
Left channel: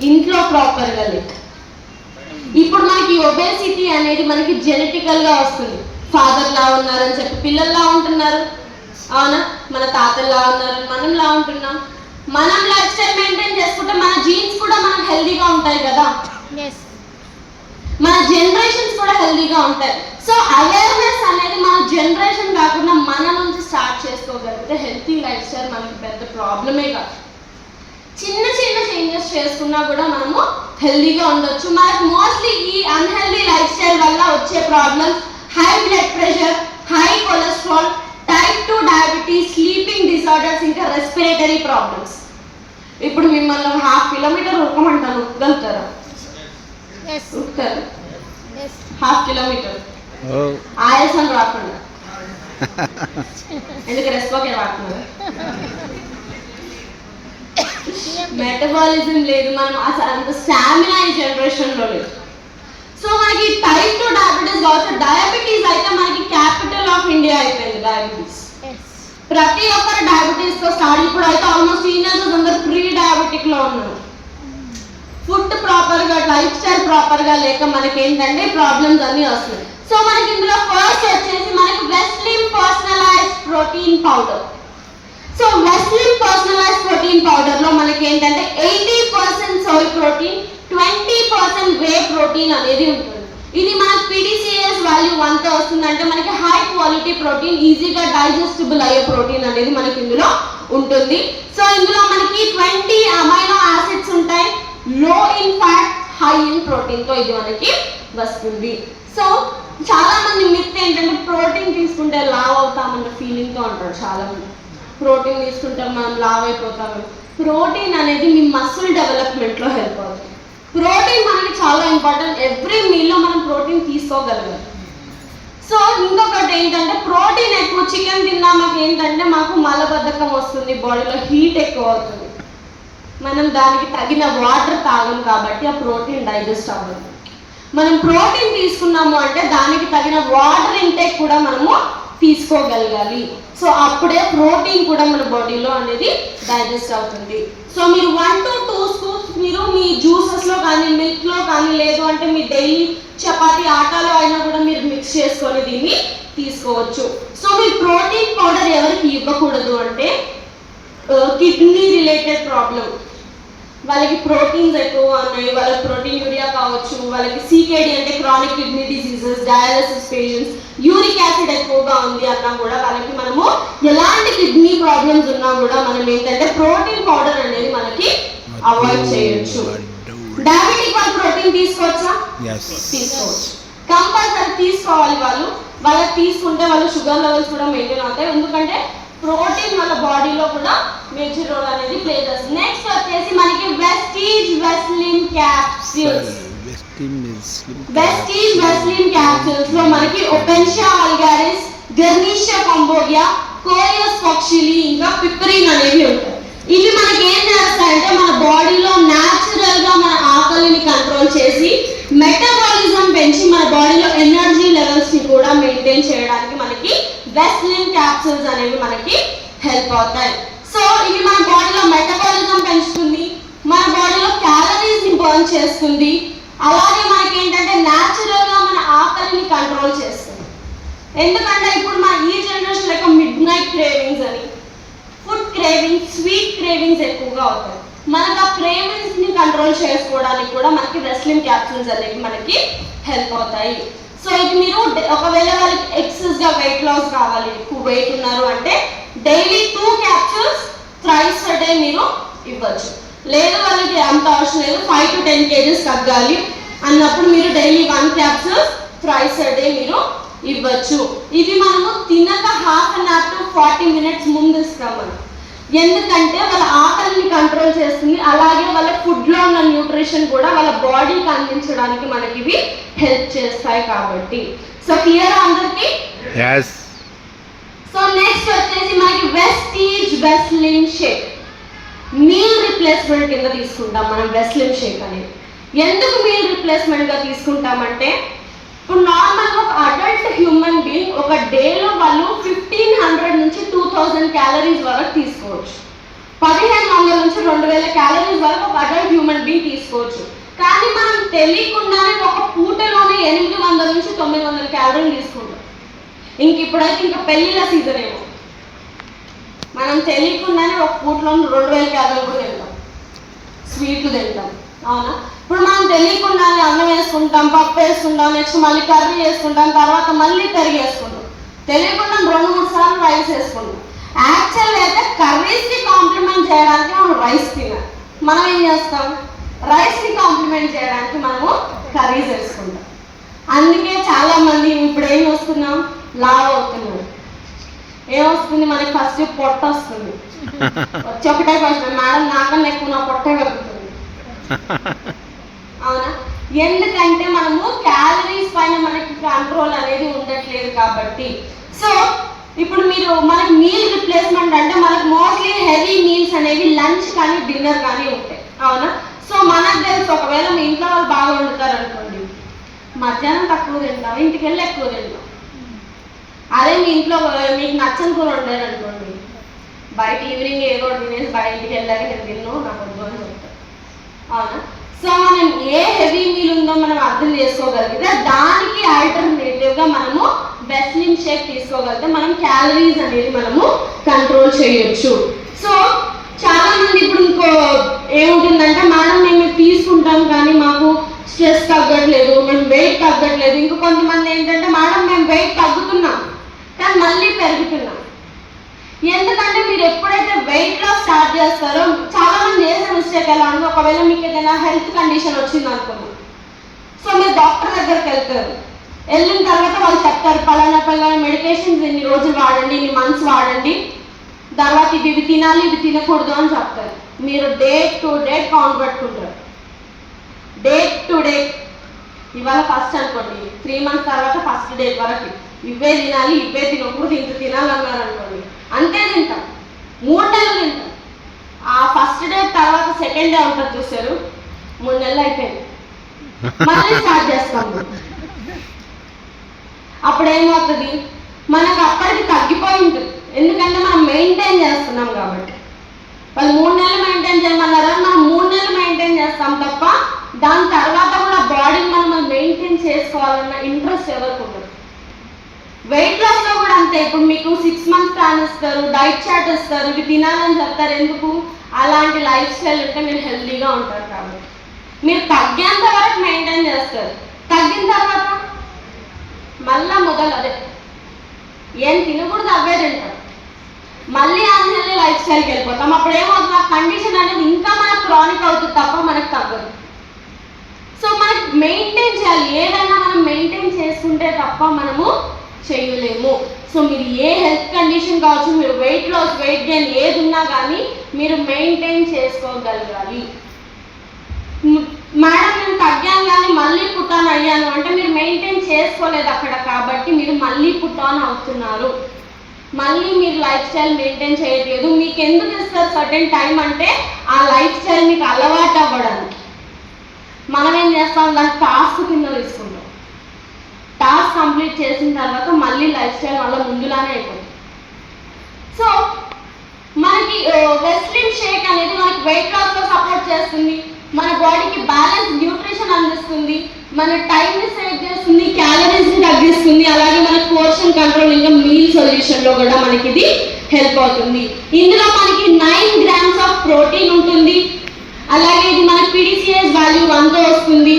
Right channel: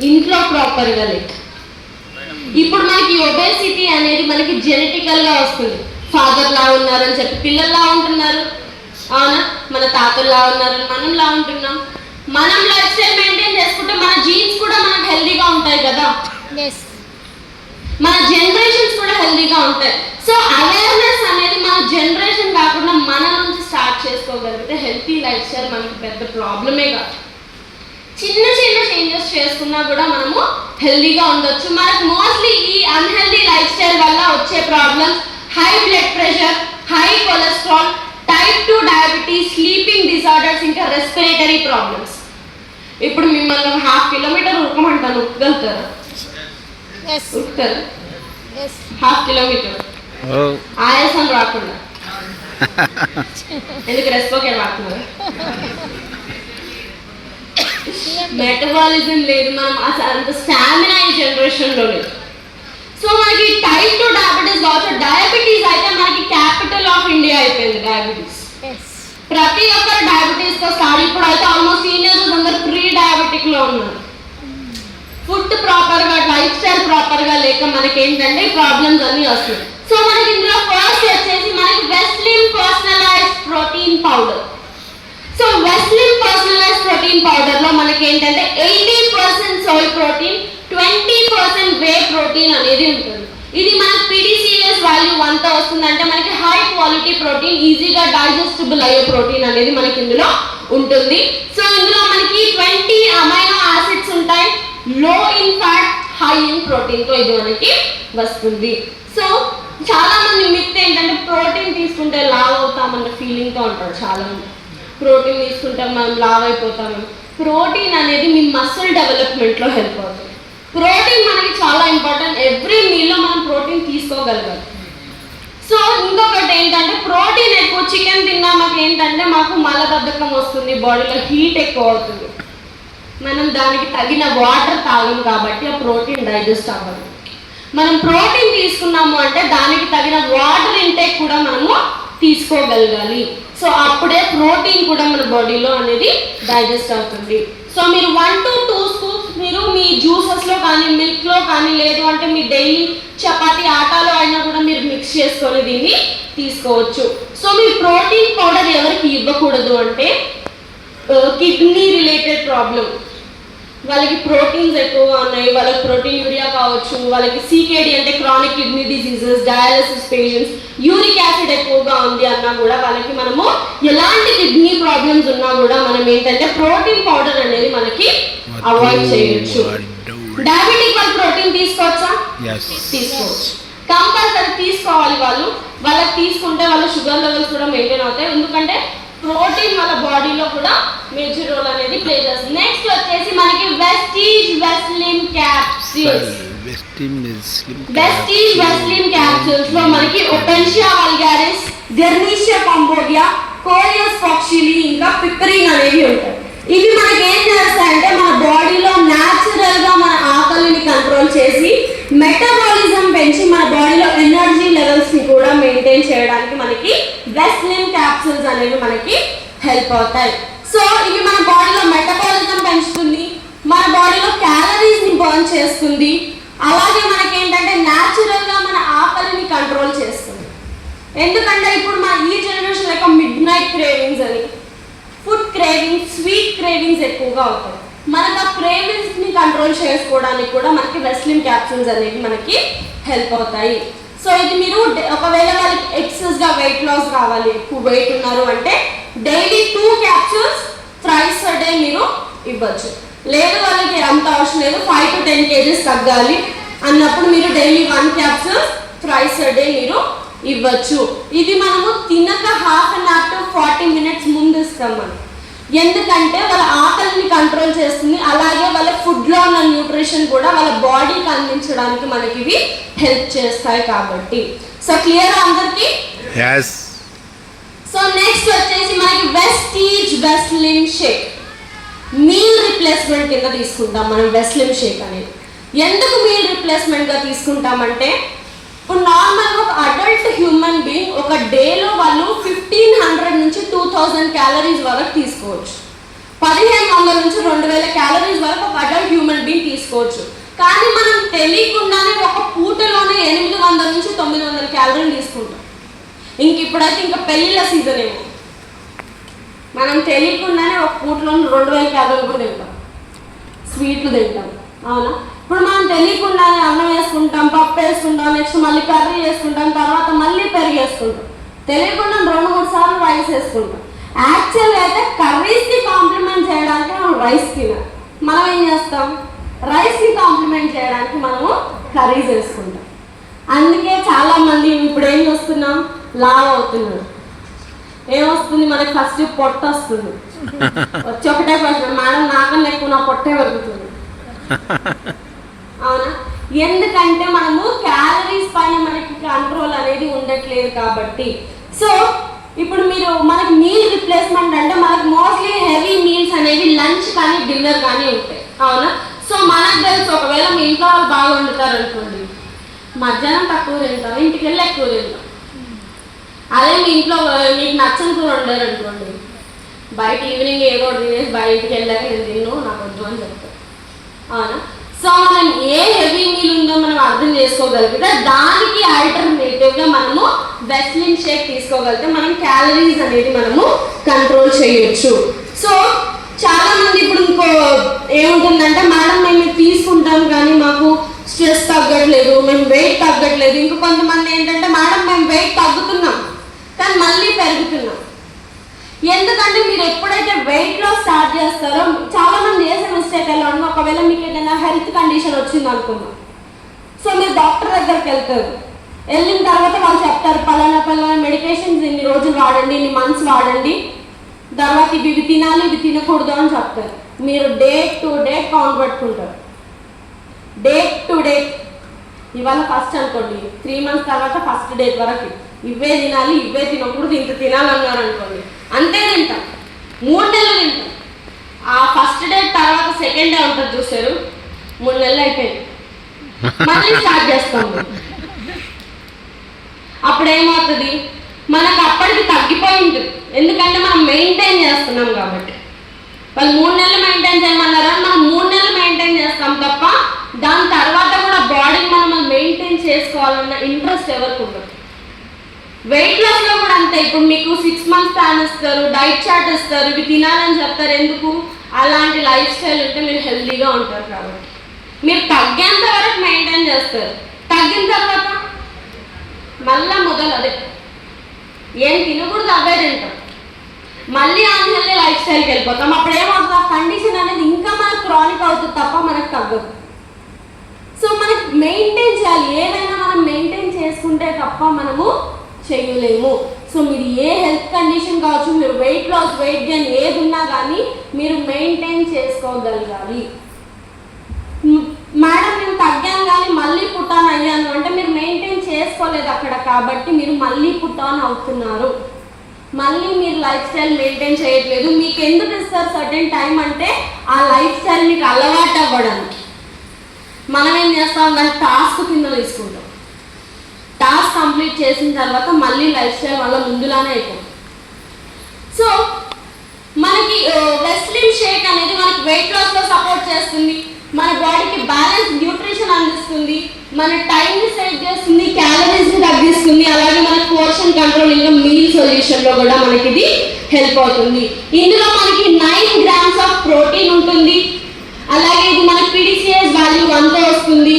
ఇంట్లో ప్రాపర్గా లేక. ఇప్పుడు మనకి ఒబేసిటీ అనేది మనకి జెనెటికల్గా వస్తుంది. ఫాదర్ లా ఉన్నారని చెప్పి పిల్లల్లా ఉంటున్నారు, అవునా? మన తాతల్లా ఉన్నారు, మనంలా ఉంటున్నాం. మనం లైఫ్ స్టైల్ మెయింటైన్ చేసుకుంటే మన జీన్స్ కూడా మనకు హెల్దీగా ఉంటాయి కదా, మన జనరేషన్స్ కూడా హెల్దీగా ఉంటాయి. సో అవేర్నెస్ అనేది మన జనరేషన్ కాకుండా మన నుంచి స్టార్ట్ చేసుకోగలిగితే హెల్తీ లైఫ్ స్టైల్ మనకి పెద్ద ప్రాబ్లమే కాదు. చిన్న చిన్న చేంజెస్ చేసుకున్నా కూడా మనము హెల్దీగా ఉండొచ్చు. మనకు మోస్ట్లీ ఈ అన్హెల్దీ లైఫ్ స్టైల్ వల్ల వచ్చే problems high blood pressure, high cholesterol, type 2 diabetes, sleeping disorders, ఇంకా రెస్పిరేటరీ ప్రాబ్లమ్స్. ఇప్పుడు మిమ్మల్ని 1/2 kilometer ఉక్కమంటాను, ఉక్కగలుగుతారా? ఉక్కరు 1/2 kilometer ఆయాసం రాకుండా. ఎందుకు రెస్పోకే రాకుండా? మెటబాలిజం లేదు, మనం అసలు అంత స్టామినా ఈ జనరేషన్లో లేదు. సో మనకి టైప్ 2 డయాబెటీస్ కావచ్చు. డయాబెటీస్ అయితే మనకి క్యాపిటల్ ఆఫ్ ఇండియా అయిపోయింది డయాబెటీస్. ప్రతి ఒక్కరు డయాబెటీస్ తో స్టార్ట్. ఇప్పుడు అయితే ఆల్మోస్ట్ టీనేజర్స్ అందరూ ప్రీ డయాబెటిక్ లో ఉన్నారు. ఫుడ్ ప్రాపర్ గా, లైఫ్ స్టైల్ ప్రాపర్ గా లేక మనకి ఏంటంటే ప్రాబ్లమ్స్ అన్ని వస్తాయి. సో మనకి ఇందులో ఫస్ట్ వచ్చేసి మనకి Veslim personalised protein powder. So Veslim personalised protein powder లో మనకి ఏంటంటే 80% సోయ్ ప్రోటీన్, 20% వే ప్రోటీన్ అనేది ఉంటుంది. ఇది మన PDCS వాల్యూ 1 వస్తుందంటే మనకి హై క్వాలిటీ ప్రోటీన్, ఈజీగా డైజెస్టబుల్ అయ్యే ప్రోటీన్ అనేది మనకి ఇందులో ఉంటుంది. సో ఇందులో మనకి 20 అమైనో యాసిడ్స్ ఉంటాయి, లో in fat, high in protein తో ఇది మనకి వస్తుంది. సో చాలా మంది మిత్ ఏంటంటే ప్రోటీన్ తీసుకుంటే లావ్ అవుతామన్న ఫీలింగ్ తో ఉంటారు చాలా మంది. ప్రోటీన్ తీసుకుంటే మనం లావ్ అయిపోతాము. ప్రోటీన్ అనేది మీ మసిల్ డెవలప్మెంట్ లో హెల్ప్ అవుతుంది. ప్రోటీన్ మనకి చాలా ఇంపార్టెంట్. ఎవ్రీ మీల్లో మనం ప్రోటీన్ తీసుకోగలగాలి. సో ఇంకొకటి ఏంటంటే ప్రోటీన్ ఎక్కువ చికెన్ తిన్నా మాకు ఏంటంటే మాకు మలబద్ధకం వస్తుంది, బాడీలో హీట్ ఎక్కువ అవుతుంది. మనం దానికి తగిన వాటర్ తాగము కాబట్టి ఆ ప్రోటీన్ డైజెస్ట్ అవ్వదు. మనం ప్రోటీన్ తీసుకున్నాము అంటే దానికి తగిన వాటర్ ఇంటేక్ కూడా మనము తీసుకోగలగాలి. సో అప్పుడే ప్రోటీన్ కూడా మన బాడీలో అనేది డైజెస్ట్ అవుతుంది. సో మీరు 1 to 2 scoops మీరు మీ జ్యూసెస్లో కానీ, మిల్క్లో కానీ, లేదు అంటే మీ డైలీ చపాతీ ఆటాలో అయినా కూడా మీరు మిక్స్ చేసుకొని దీన్ని తీసుకోవచ్చు. సో మీ ప్రోటీన్ పౌడర్ ఎవరికి ఇవ్వకూడదు అంటే కిడ్నీ రిలేటెడ్ ప్రాబ్లం, వాళ్ళకి ప్రోటీన్స్ ఎక్కువ ఉన్నాయి, వాళ్ళకి ప్రోటీన్ యూరియా కావచ్చు, వాళ్ళకి CKD అంటే chronic kidney diseases, dialysis patients, uric acid ఎక్కువగా ఉంది అన్నా కూడా వాళ్ళకి మనము ఎలాంటి కిడ్నీ ప్రాబ్లమ్స్ ఉన్నా కూడా మనం ఏంటంటే ప్రోటీన్ పౌడర్ అనేది మనకి అవాయిడ్ చేయొచ్చు. డయాబెటిక్ వాళ్ళు ప్రోటీన్ తీసుకోవచ్చా? తీసుకోవచ్చు, కంపల్సరీ తీసుకోవాలి. వాళ్ళకి తీసుకుంటే వాళ్ళ షుగర్ లెవెల్స్ కూడా మెయింటైన్ అవుతాయి. ఎందుకంటే ప్రోటీన్ మన బాడీలో కూడా మేజర్ రోల్ అనేది ప్లే చేస్తుంది. నెక్స్ట్ వచ్చేసి మనకి వెస్టీజ్ వెస్లిన్ క్యాప్సూల్స్. వెస్టీజ్ వెస్లిన్ క్యాప్సూల్స్ లో మనకి ఓపెన్షియా వల్గారిస్, గెర్నీషియా కంబోడియా, కోలియస్ ఫాక్సిలి, ఇంకా పిపరిన్ అనేవి ఉంటాయి. ఇవి మనకి ఏం చేస్తాయంటే మన బాడీలో న్యాచురల్ గా మన ఆకలిని కంట్రోల్ చేసి మెటబాలిజం పెంచి మన బాడీలో ఎనర్జీ లెవెల్స్ ని కూడా మెయింటైన్ చేయడానికి మనకి వెస్లిన్ క్యాప్సూల్స్ అనేవి మనకి హెల్ప్ అవుతాయి. సో ఇవి మన బాడీలో మెటబాలిజం పెంచుతుంది, మన బాడీలో క్యాలరీస్ ని బర్న్ చేస్తుంది, అలాగే మనకి ఏంటంటే న్యాచురల్ గా మన ఆకలిని కంట్రోల్ చేస్తుంది. ఎందుకంటే ఇప్పుడు మన ఈ జనరేషన్ యొక్క మిడ్ నైట్ క్రేవింగ్స్ అని, ఫుడ్ క్రేవింగ్స్, స్వీట్ క్రేవింగ్స్ ఎక్కువగా అవుతాయి. మనకు ఆ క్రేవింగ్స్ ని కంట్రోల్ చేసుకోవడానికి కూడా మనకి వెస్లిన్ క్యాప్సూల్స్ అనేవి మనకి హెల్ప్ అవుతాయి. సో ఇది మీరు ఒకవేళ వాళ్ళకి ఎక్సెస్ గా వెయిట్ లాస్ కావాలి, ఎక్కువ వెయిట్ ఉన్నారు అంటే daily 2 capsules thrice a day మీరు ఇవ్వచ్చు. లేదు వాళ్ళకి అంత అవసరం లేదు, 5 to 10 kgs తగ్గాలి అన్నప్పుడు మీరు daily 1 capsule thrice a day మీరు ఇవ్వచ్చు. ఇది మనము తినక 1/2 an hour to 40 minutes ముందు ఇస్తాము. ఎందుకంటే వాళ్ళ ఆకలిని కంట్రోల్ చేస్తుంది, అలాగే వాళ్ళ ఫుడ్లో ఉన్న న్యూట్రిషన్ కూడా వాళ్ళ బాడీకి అందించడానికి మనకి ఇవి హెల్ప్ చేస్తాయి కాబట్టి. సో క్లియర్ అందరికి? సో నెక్స్ట్ వచ్చేసి మనకి వెస్టీజ్ వెస్లిన్ షేక్, మీల్ రిప్లేస్మెంట్ కింద తీసుకుంటాం మనం వెస్లిన్ షేక్ అనేది. ఎందుకు మీల్ రిప్లేస్మెంట్గా తీసుకుంటామంటే, ఇప్పుడు నార్మల్గా ఒక అడల్ట్ హ్యూమన్ బీయింగ్ ఒక డేలో వాళ్ళు 1500 నుంచి 2000 క్యాలరీస్ వరకు తీసుకోవచ్చు. 1500 నుంచి 2000 క్యాలరీస్ వరకు ఒక అడల్ట్ హ్యూమన్ బీయింగ్ తీసుకోవచ్చు. కానీ మనం తెలియకుండానే ఒక పూటలోనే 800 నుంచి 900 క్యాలరీలు తీసుకుంటాం. ఇప్పుడైతే ఇంకా పెళ్ళిళ్ళ సీజన్ ఏమో, మనం తెలియకుండానే ఒక పూటలో 2000 క్యాలరీలు కూడా తింటాం, స్వీట్లు తింటాం, అవునా? ఇప్పుడు మనం తెలియకుండానే అన్నం వేసుకుంటాం, పప్పు వేసుకుంటాం, నెక్స్ట్ మళ్ళీ కర్రీ వేసుకుంటాం, తర్వాత మళ్ళీ పెరుగు వేసుకుంటాం, తెలియకుండా 2-3 సార్లు రైస్ వేసుకుంటాం. యాక్చువల్గా అయితే కర్రీస్కి కాంప్లిమెంట్ చేయడానికి మనం రైస్ తినాలి. మనం ఏం చేస్తాం? రైస్కి కాంప్లిమెంట్ చేయడానికి మనము కర్రీస్ వేసుకుంటాం. అందుకే చాలా మంది ఇప్పుడు ఏం వస్తున్నాం, లావ్ అవుతున్నారు. ఏమొస్తుంది మనకి? ఫస్ట్ పొట్ట వస్తుంది. వచ్చి ఒకటే క్వశ్చన్, మేడం నాకన్నా ఎక్కువ నా పొట్టే పెరుగుతుంది, అవునా? ఎందుకంటే మనము క్యాలరీస్ పైన మనకి కంట్రోల్ అనేది ఉండట్లేదు కాబట్టి. సో ఇప్పుడు మీరు మనకి మీల్ రిప్లేస్మెంట్ అంటే మనకు మోస్ట్లీ హెవీ మీల్స్ అనేవి లంచ్ కానీ డిన్నర్ కానీ ఉంటాయి, అవునా? సో మనకు తెలుసు, ఒకవేళ మీ ఇంట్లో వాళ్ళు బాగా వండుతారు అనుకోండి, మధ్యాహ్నం తక్కువ తింటారు, ఇంటికి వెళ్ళి ఎక్కువ తింటారు. అదే మీ ఇంట్లో మీకు నచ్చని కూర వండారు అనుకోండి, బయట ఈవినింగ్ ఏదో తినేసి బయటికి వెళ్ళాక నేను తిన్ను, నాకు వద్దు అని చెప్తాను, అవునా? సో మనం ఏ హెవీ మీల్ ఉందో మనం అర్థం చేసుకోగలిగితే దానికి ఆల్టర్నేటివ్గా మనము వెస్లిన్ షేక్ తీసుకోగలిగితే మనం క్యాలరీస్ అనేది మనము కంట్రోల్ చేయొచ్చు. సో చాలా మంది ఇప్పుడు ఇంకో ఏముంటుందంటే, మేడం మేము తీసుకుంటాం కానీ మాకు స్ట్రెస్ తగ్గట్లేదు, మేము వెయిట్ తగ్గట్లేదు. ఇంకో కొంతమంది ఏంటంటే, మేడం మేము వెయిట్ తగ్గుతున్నాం కానీ మళ్ళీ పెరుగుతున్నాం. ఎందుకంటే మీరు ఎప్పుడైతే వెయిట్ లాస్ స్టార్ట్ చేస్తారో, చాలా మంది చేసే మిస్టేక్ ఎలా ఉంది, ఒకవేళ మీకు ఏదైనా హెల్త్ కండిషన్ వచ్చింది అనుకోండి, సో మీరు డాక్టర్ దగ్గరికి వెళ్తారు. వెళ్ళిన తర్వాత వాళ్ళు చెప్తారు, పలానా మెడికేషన్స్ ఇన్ని రోజులు వాడండి, ఇన్ని మంత్స్ వాడండి, తర్వాత ఇవి తినాలి, ఇవి తినకూడదు అని చెప్తారు. మీరు డేట్ టు డేట్ కౌంట్ పెట్టుకుంటారు. డేట్ టు డేట్, ఇవాళ ఫస్ట్ అనుకోండి, 3 months తర్వాత ఫస్ట్ డేట్ వరకు ఇవే తినాలి, ఇవే తినకూడదు, ఇంత తినాలన్నారు అనుకోండి, అంతే తింటాం. 3 నెలలు తింటాం. ఆ ఫస్ట్ డే తర్వాత సెకండ్ డే ఉంటుంది చూసారు, 3 నెలలు అయిపోయింది, మళ్ళీ స్టార్ట్ చేస్తాం. అప్పుడు ఏమవుతుంది, మనకు అప్పటికి తగ్గిపోయి ఉంటుంది, ఎందుకంటే మనం మెయింటైన్ చేస్తున్నాం కాబట్టి. వాళ్ళు 3 నెలలు మెయింటైన్ చేయమన్నారా, మనం 3 నెలలు మెయింటైన్ చేస్తాం తప్ప దాని తర్వాత కూడా బాడీని మనం మెయింటైన్ చేసుకోవాలన్న ఇంట్రెస్ట్ ఎవరికి ఉండదు. వెయిట్ లాస్లో కూడా అంతే. ఇప్పుడు మీకు 6 months ప్లాన్ ఇస్తారు, డైట్ చార్ట్ ఇస్తారు, ఇవి తినాలని చెప్తారు. ఎందుకు? అలాంటి లైఫ్ స్టైల్ ఉంటే మీరు హెల్తీగా ఉంటారు కాబట్టి. మీరు తగ్గేంత వరకు మెయింటైన్ చేస్తారు, తగ్గిన తర్వాత మళ్ళా మొదలు అదే ఏం తినకూడదు అవే తింటారు, మళ్ళీ అన్హెల్తీ లైఫ్ స్టైల్కి వెళ్ళిపోతాం. అప్పుడు ఏమవుతుంది, ఆ కండిషన్ అనేది ఇంకా మనకు క్రానిక్ అవుతుంది తప్ప మనకు తగ్గదు. సో మనకు మెయింటైన్ చేయాలి, ఏదైనా మనం మెయింటైన్ చేసుకుంటే తప్ప మనము చేయలేము. సో మీరు ఏ హెల్త్ కండిషన్ కావచ్చు, మీరు వెయిట్ లాస్, వెయిట్ గెయిన్ ఏది ఉన్నా కానీ మీరు మెయింటైన్ చేసుకోగలగాలి. మేడం నేను తగ్గాను కానీ మళ్ళీ పుట్టాన్ అయ్యాను అంటే మీరు మెయింటైన్ చేసుకోలేదు అక్కడ, కాబట్టి మీరు మళ్ళీ పుట్టాన్ అవుతున్నారు. మళ్ళీ మీరు లైఫ్ స్టైల్ మెయింటైన్ చేయట్లేదు. మీకు ఎందుకు ఇస్తారు సర్టెన్ టైం అంటే, ఆ లైఫ్ స్టైల్ మీకు అలవాటు అవ్వడానికి. మనం ఏం చేస్తాం, దాన్ని టాస్క్ కింద తీసుకుంటాం. టాస్క్ కంప్లీట్ చేసిన తర్వాత మళ్ళీ లైఫ్ స్టైల్ వల్ల ముందులానే అయిపోతుంది. సో మనకి వెస్లిన్ షేక్ అనేది మనకి వెయిట్ లాస్లో సపోర్ట్ చేస్తుంది, మన బాడీకి బ్యాలెన్స్ న్యూట్రిషన్ అందిస్తుంది, మన టైంని సేవ్ చేస్తుంది, క్యాలరీస్ని తగ్గిస్తుంది, అలాగే మన పోర్షన్ కంట్రోలింగ్, మీల్ సొల్యూషన్లో కూడా మనకి ఇది హెల్ప్ అవుతుంది. ఇందులో మనకి 9 grams ఆఫ్ ప్రోటీన్ ఉంటుంది, అలాగే ఇది మన పిడిసిఎస్ వాల్యూ 1తో వస్తుంది.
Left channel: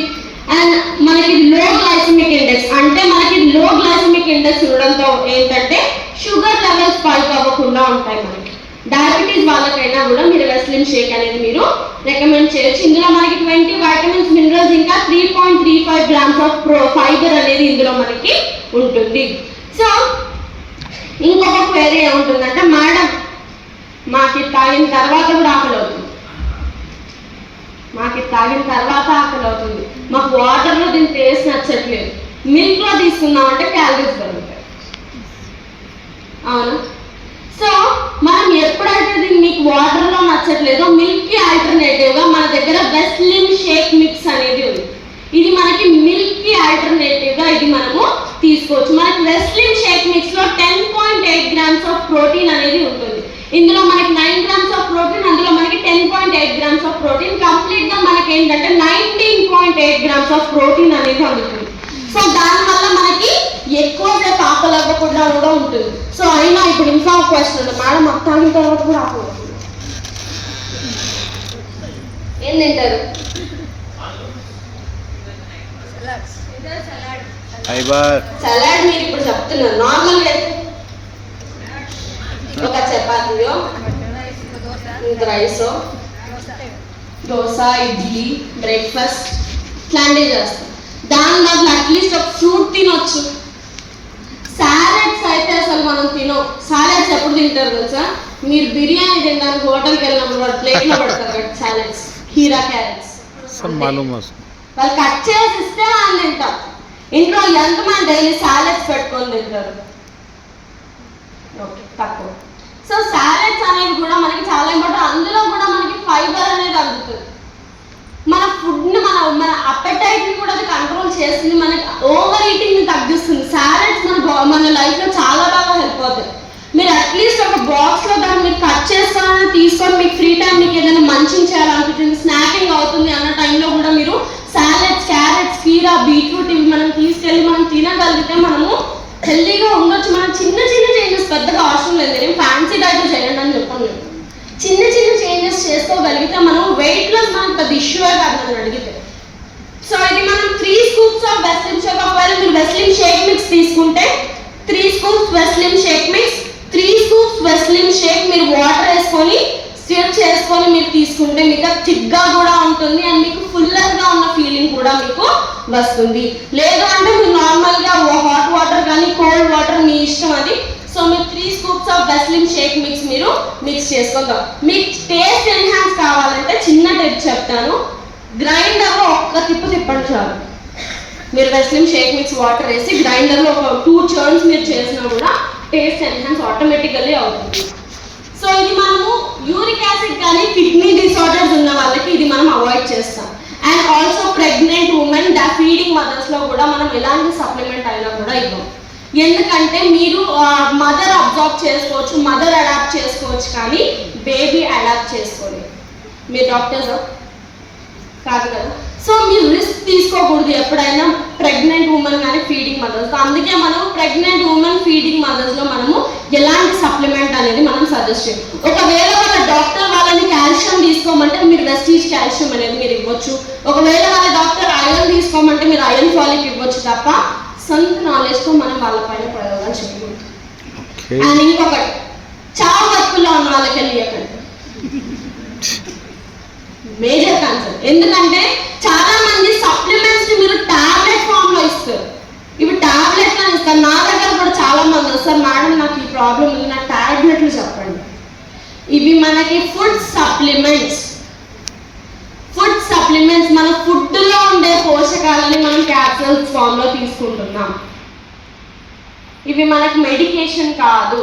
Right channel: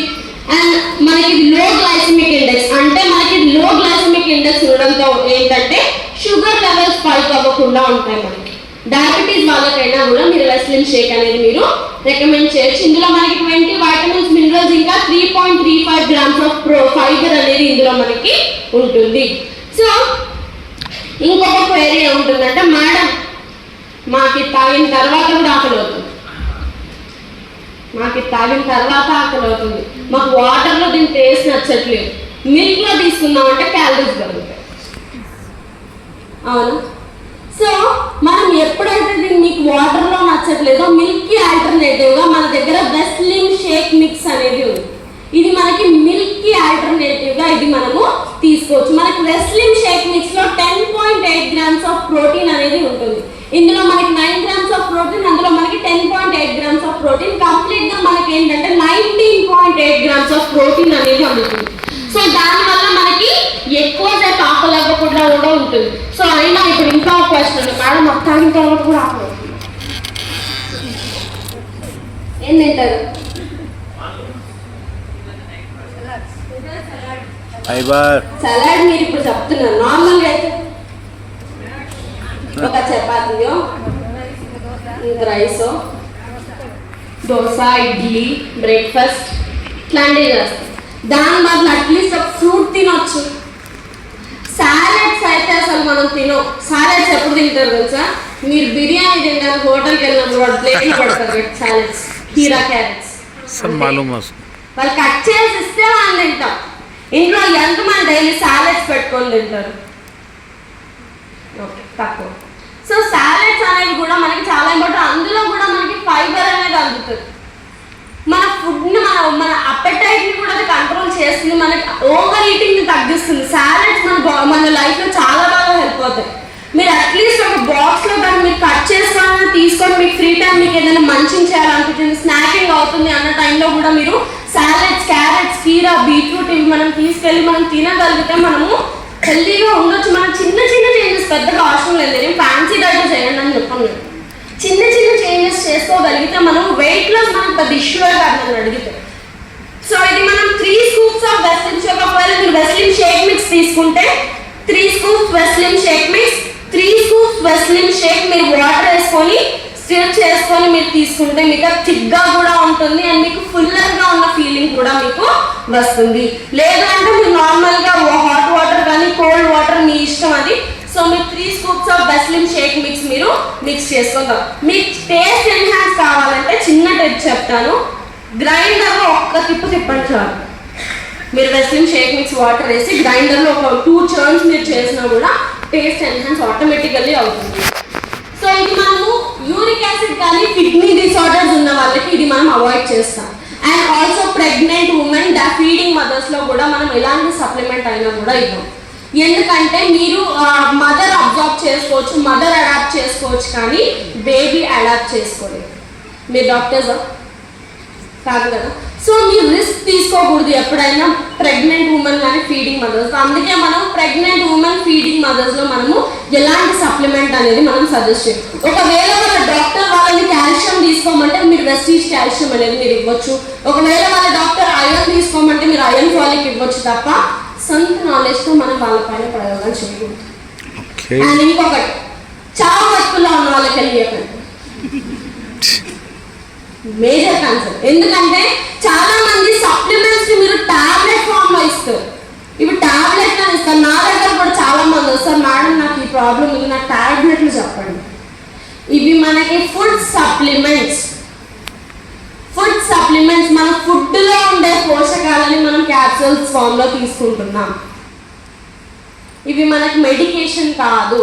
అండ్ మనకి లో గ్లైసెమిక్ ఇండెక్స్, అంటే మనకి లో గ్లైసెమిక్ ఇండెక్స్ ఉండడంతో ఏంటంటే షుగర్ లెవెల్స్ స్పైక్ అవ్వకుండా ఉంటాయి. మనకి డయాబెటీస్ వాళ్ళకైనా కూడా మీరు వెస్లిన్ షేక్ అనేది మీరు రికమెండ్ చేయొచ్చు. ఇందులో మనకి 20 వైటమిన్స్, మినరల్స్, ఇంకా 3.35 grams ఆఫ్ ఫైబర్ అనేది ఇందులో మనకి ఉంటుంది. సో ఇంకొక క్వెరీ ఏముంటుందంటే, మేడం మాకు తాగిన తర్వాత కూడా ఆకలి అవుతుంది, మాకు తాగిన తర్వాత ఆకలి అవుతుంది, మాకు వాటర్లో దీని టేస్ట్ నచ్చట్లేదు, మిల్క్లో తీసుకున్నామంటే క్యాలరీస్ పెరుగుతాయి. అవును. సో మనం ఎప్పుడైతే మీకు వాటర్లో నచ్చట్లేదో మిల్క్కి ఆల్టర్నేటివ్గా మన దగ్గర వెస్లిన్ షేక్ మిక్స్ అనేది ఉంది. ఇది మనకి మిల్క్కి ఆల్టర్నేటివ్గా ఇది మనము తీసుకోవచ్చు. మనకి వెస్లిన్ షేక్ మిక్స్లో 10.8 grams ఆఫ్ ప్రోటీన్ అనేది ఉంటుంది. ఇందులో మనకి 9 grams ఆఫ్ ప్రోటీన్, అందులో మనకి 10.8 grams ఆఫ్ ప్రోటీన్. కంప్లీట్గా మనకి ఏంటంటే 19.8 grams ఆఫ్ ప్రోటీన్ అనేది అందుతుంది. సో దానివల్ల మనకి ఎక్కువ సేపు ఆకలి అవ్వకుండా కూడా ఉంటుంది. సో అయినా ఇప్పుడు ఇంకా ఒక క్వశ్చన్, మేడం తాగిన తర్వాత కూడా ఆకలి అవుతుంది, ఏం తింటారు? సలాడ్ మీరు ఇప్పుడు చెప్తున్నారు. నార్మల్గా అయితే ఒక చపాతీయో, రైసో, దోశ, ఇడ్లీ, బ్రేక్ఫాస్ట్ ఇట్లాంటివి చేస్తాం. దాని బదులు అట్లీస్ట్ ఒక ఫ్రూట్ తినొచ్చు. సాలెడ్స్ అయితే అసలు మనం తినం. సాలెడ్స్ ఎప్పుడు తింటారు తెలుసా? మీరు బిర్యానీ తింటారు, హోటల్కి వెళ్ళినప్పుడు ప్లేట్లో పడతారు సాలెడ్స్, కీరా, క్యారెట్స్ వాళ్ళు కట్ చేసి ఇస్తే మనం తింటాం. ఇంట్లో ఎంతమంది డైలీ సాలెడ్స్ పెట్టుకొని తింటారు? ఓకే, తక్కువ. సో సాలెడ్స్ అనేవి కూడా మనకి చాలా ఇంపార్టెంట్. అందులో కూడా మనకి ఫైబర్ అనేది అందుతుంది. మన ఫుడ్ని మన అపెటైట్ని కూడా అది కంట్రోల్ చేస్తుంది, మనకి ఓవర్ ఈటింగ్ని తగ్గిస్తుంది. సాలెడ్స్ మన లైఫ్లో చాలా బాగా హెల్ప్ అవుతాయి. మీరు అట్లీస్ట్ ఒక బాక్స్లో దాన్ని మీరు కట్ చేసుకొని తీసుకొని మీకు ఫ్రీ టైం మీకు ఏదైనా మంచిగా చేయాలనిపించింది, స్నాకింగ్ అవుతుంది అన్న టైంలో కూడా మీరు సాలెడ్స్, క్యారెట్స్, కీరా, బీట్రూట్ ఇవి మనం తీసుకెళ్ళి మనం తినగలిగితే మనము హెల్తీగా ఉండొచ్చు. మనం చిన్న చిన్న చేంజెస్ పెద్దగా అవసరం లేదు. నేను ఫ్యాన్సీ డైట్ చేయండి అని చెప్పాను. చిన్న చిన్న చేంజెస్ చేసుకోగలిగితే మనం వెయిట్ లాస్ మనకు పెద్ద ఇష్యూగా కాదు అడిగితే. సో ఇది మనం 3 scoops ఆఫ్ వెస్లిన్ షేక్, ఒకవేళ మీరు వెస్లిన్ షేక్ మిక్స్ తీసుకుంటే 3 scoops Veslim shake mix, 3 scoops Veslim shake మీరు వాటర్ వేసుకొని స్టిర్ చేసుకొని మీరు తీసుకుంటే మీకు థిక్గా కూడా ఉంటుంది అండ్ మీకు ఫుల్లర్గా ఉన్న ఫీలింగ్ కూడా మీకు వస్తుంది. లేదు అంటే మీరు నార్మల్గా హాట్ వాటర్ కానీ కోల్డ్ వాటర్ మీ ఇష్టం అది. సో మీరు 3 scoops ఆఫ్ వెస్లిన్ షేక్ మిక్స్ మీరు మిక్స్ చేసుకుంటారు. మీకు టేస్ట్ ఎన్హాన్స్ కావాలంటే చిన్న టిప్ చెప్తాను. గ్రైండర్లో ఒక్క తిప్పండి చాలు. మీరు వెస్లిన్ షేక్ మిక్స్ వాటర్ వేసి గ్రైండర్లో ఒక 2 churns మీరు చేసినా కూడా టేస్ట్ ఎన్హాన్స్ ఆటోమేటికల్లీ అవుతుంది. సో ఇది మనము యూరిక్ యాసిడ్ కానీ కిడ్నీ డిసార్డర్స్ ఉన్న వాళ్ళకి ఇది మనం అవాయిడ్ చేస్తాం. And also pregnant women, feeding మదర్స్లో కూడా మనం ఎలాంటి సప్లిమెంట్ అయినా కూడా ఇవ్వం. ఎందుకంటే మీరు మదర్ అబ్జర్వ్ చేసుకోవచ్చు, మదర్ అడాప్ట్ చేసుకోవచ్చు, కానీ బేబీ అడాప్ట్ చేసుకోలేదు. మీరు డాక్టర్స్ కాదు కదా. సో మీరు రిస్క్ తీసుకోకూడదు ఎప్పుడైనా ప్రెగ్నెంట్ ఉమెన్ కానీ ఫీడింగ్ మదర్స్. అందుకే మనం ప్రెగ్నెంట్ ఉమెన్ ఫీడింగ్ మదర్స్లో మనము ఎలాంటి సప్లిమెంట్ అనేది మనం సజెస్ట్ చేయం. ఒకవేళ వాళ్ళ డాక్టర్ వాళ్ళని కాల్షియం తీసుకోమంటే మీరు వెస్టీజ్ కాల్షియం అనేది మీరు ఇవ్వచ్చు. ఒకవేళ వాళ్ళ డాక్టర్ ఐరన్ తీసుకోమంటే మీరు ఐరన్ ఫాలిక్ ఇవ్వచ్చు తప్ప సొంత నాలెడ్జ్తో మనం వాళ్ళ పైన పడగలని చెప్పకూడదు. అండ్ ఇంకొకటి, చాలా బతుకుల్లో ఉన్న వాళ్ళకి వెళ్ళి మేజర్ కన్సర్న్. ఎందుకంటే చాలా మంది సప్లిమెంట్స్ మీరు టాబ్లెట్ ఫామ్ లో ఇస్తారు. ఇవి టాబ్లెట్ అని ఇస్తారు. నా దగ్గర కూడా చాలా మంది వస్తారు, మేడం నాకు ఈ ప్రాబ్లం ఉంది, నాకు టాబ్లెట్లు చెప్పండి. ఇవి మనకి ఫుడ్ సప్లిమెంట్స్. మన ఫుడ్ లో ఉండే పోషకాలని మనం క్యాప్సూల్స్ ఫామ్ లో తీసుకుంటున్నాం. ఇవి మనకి మెడికేషన్ కాదు.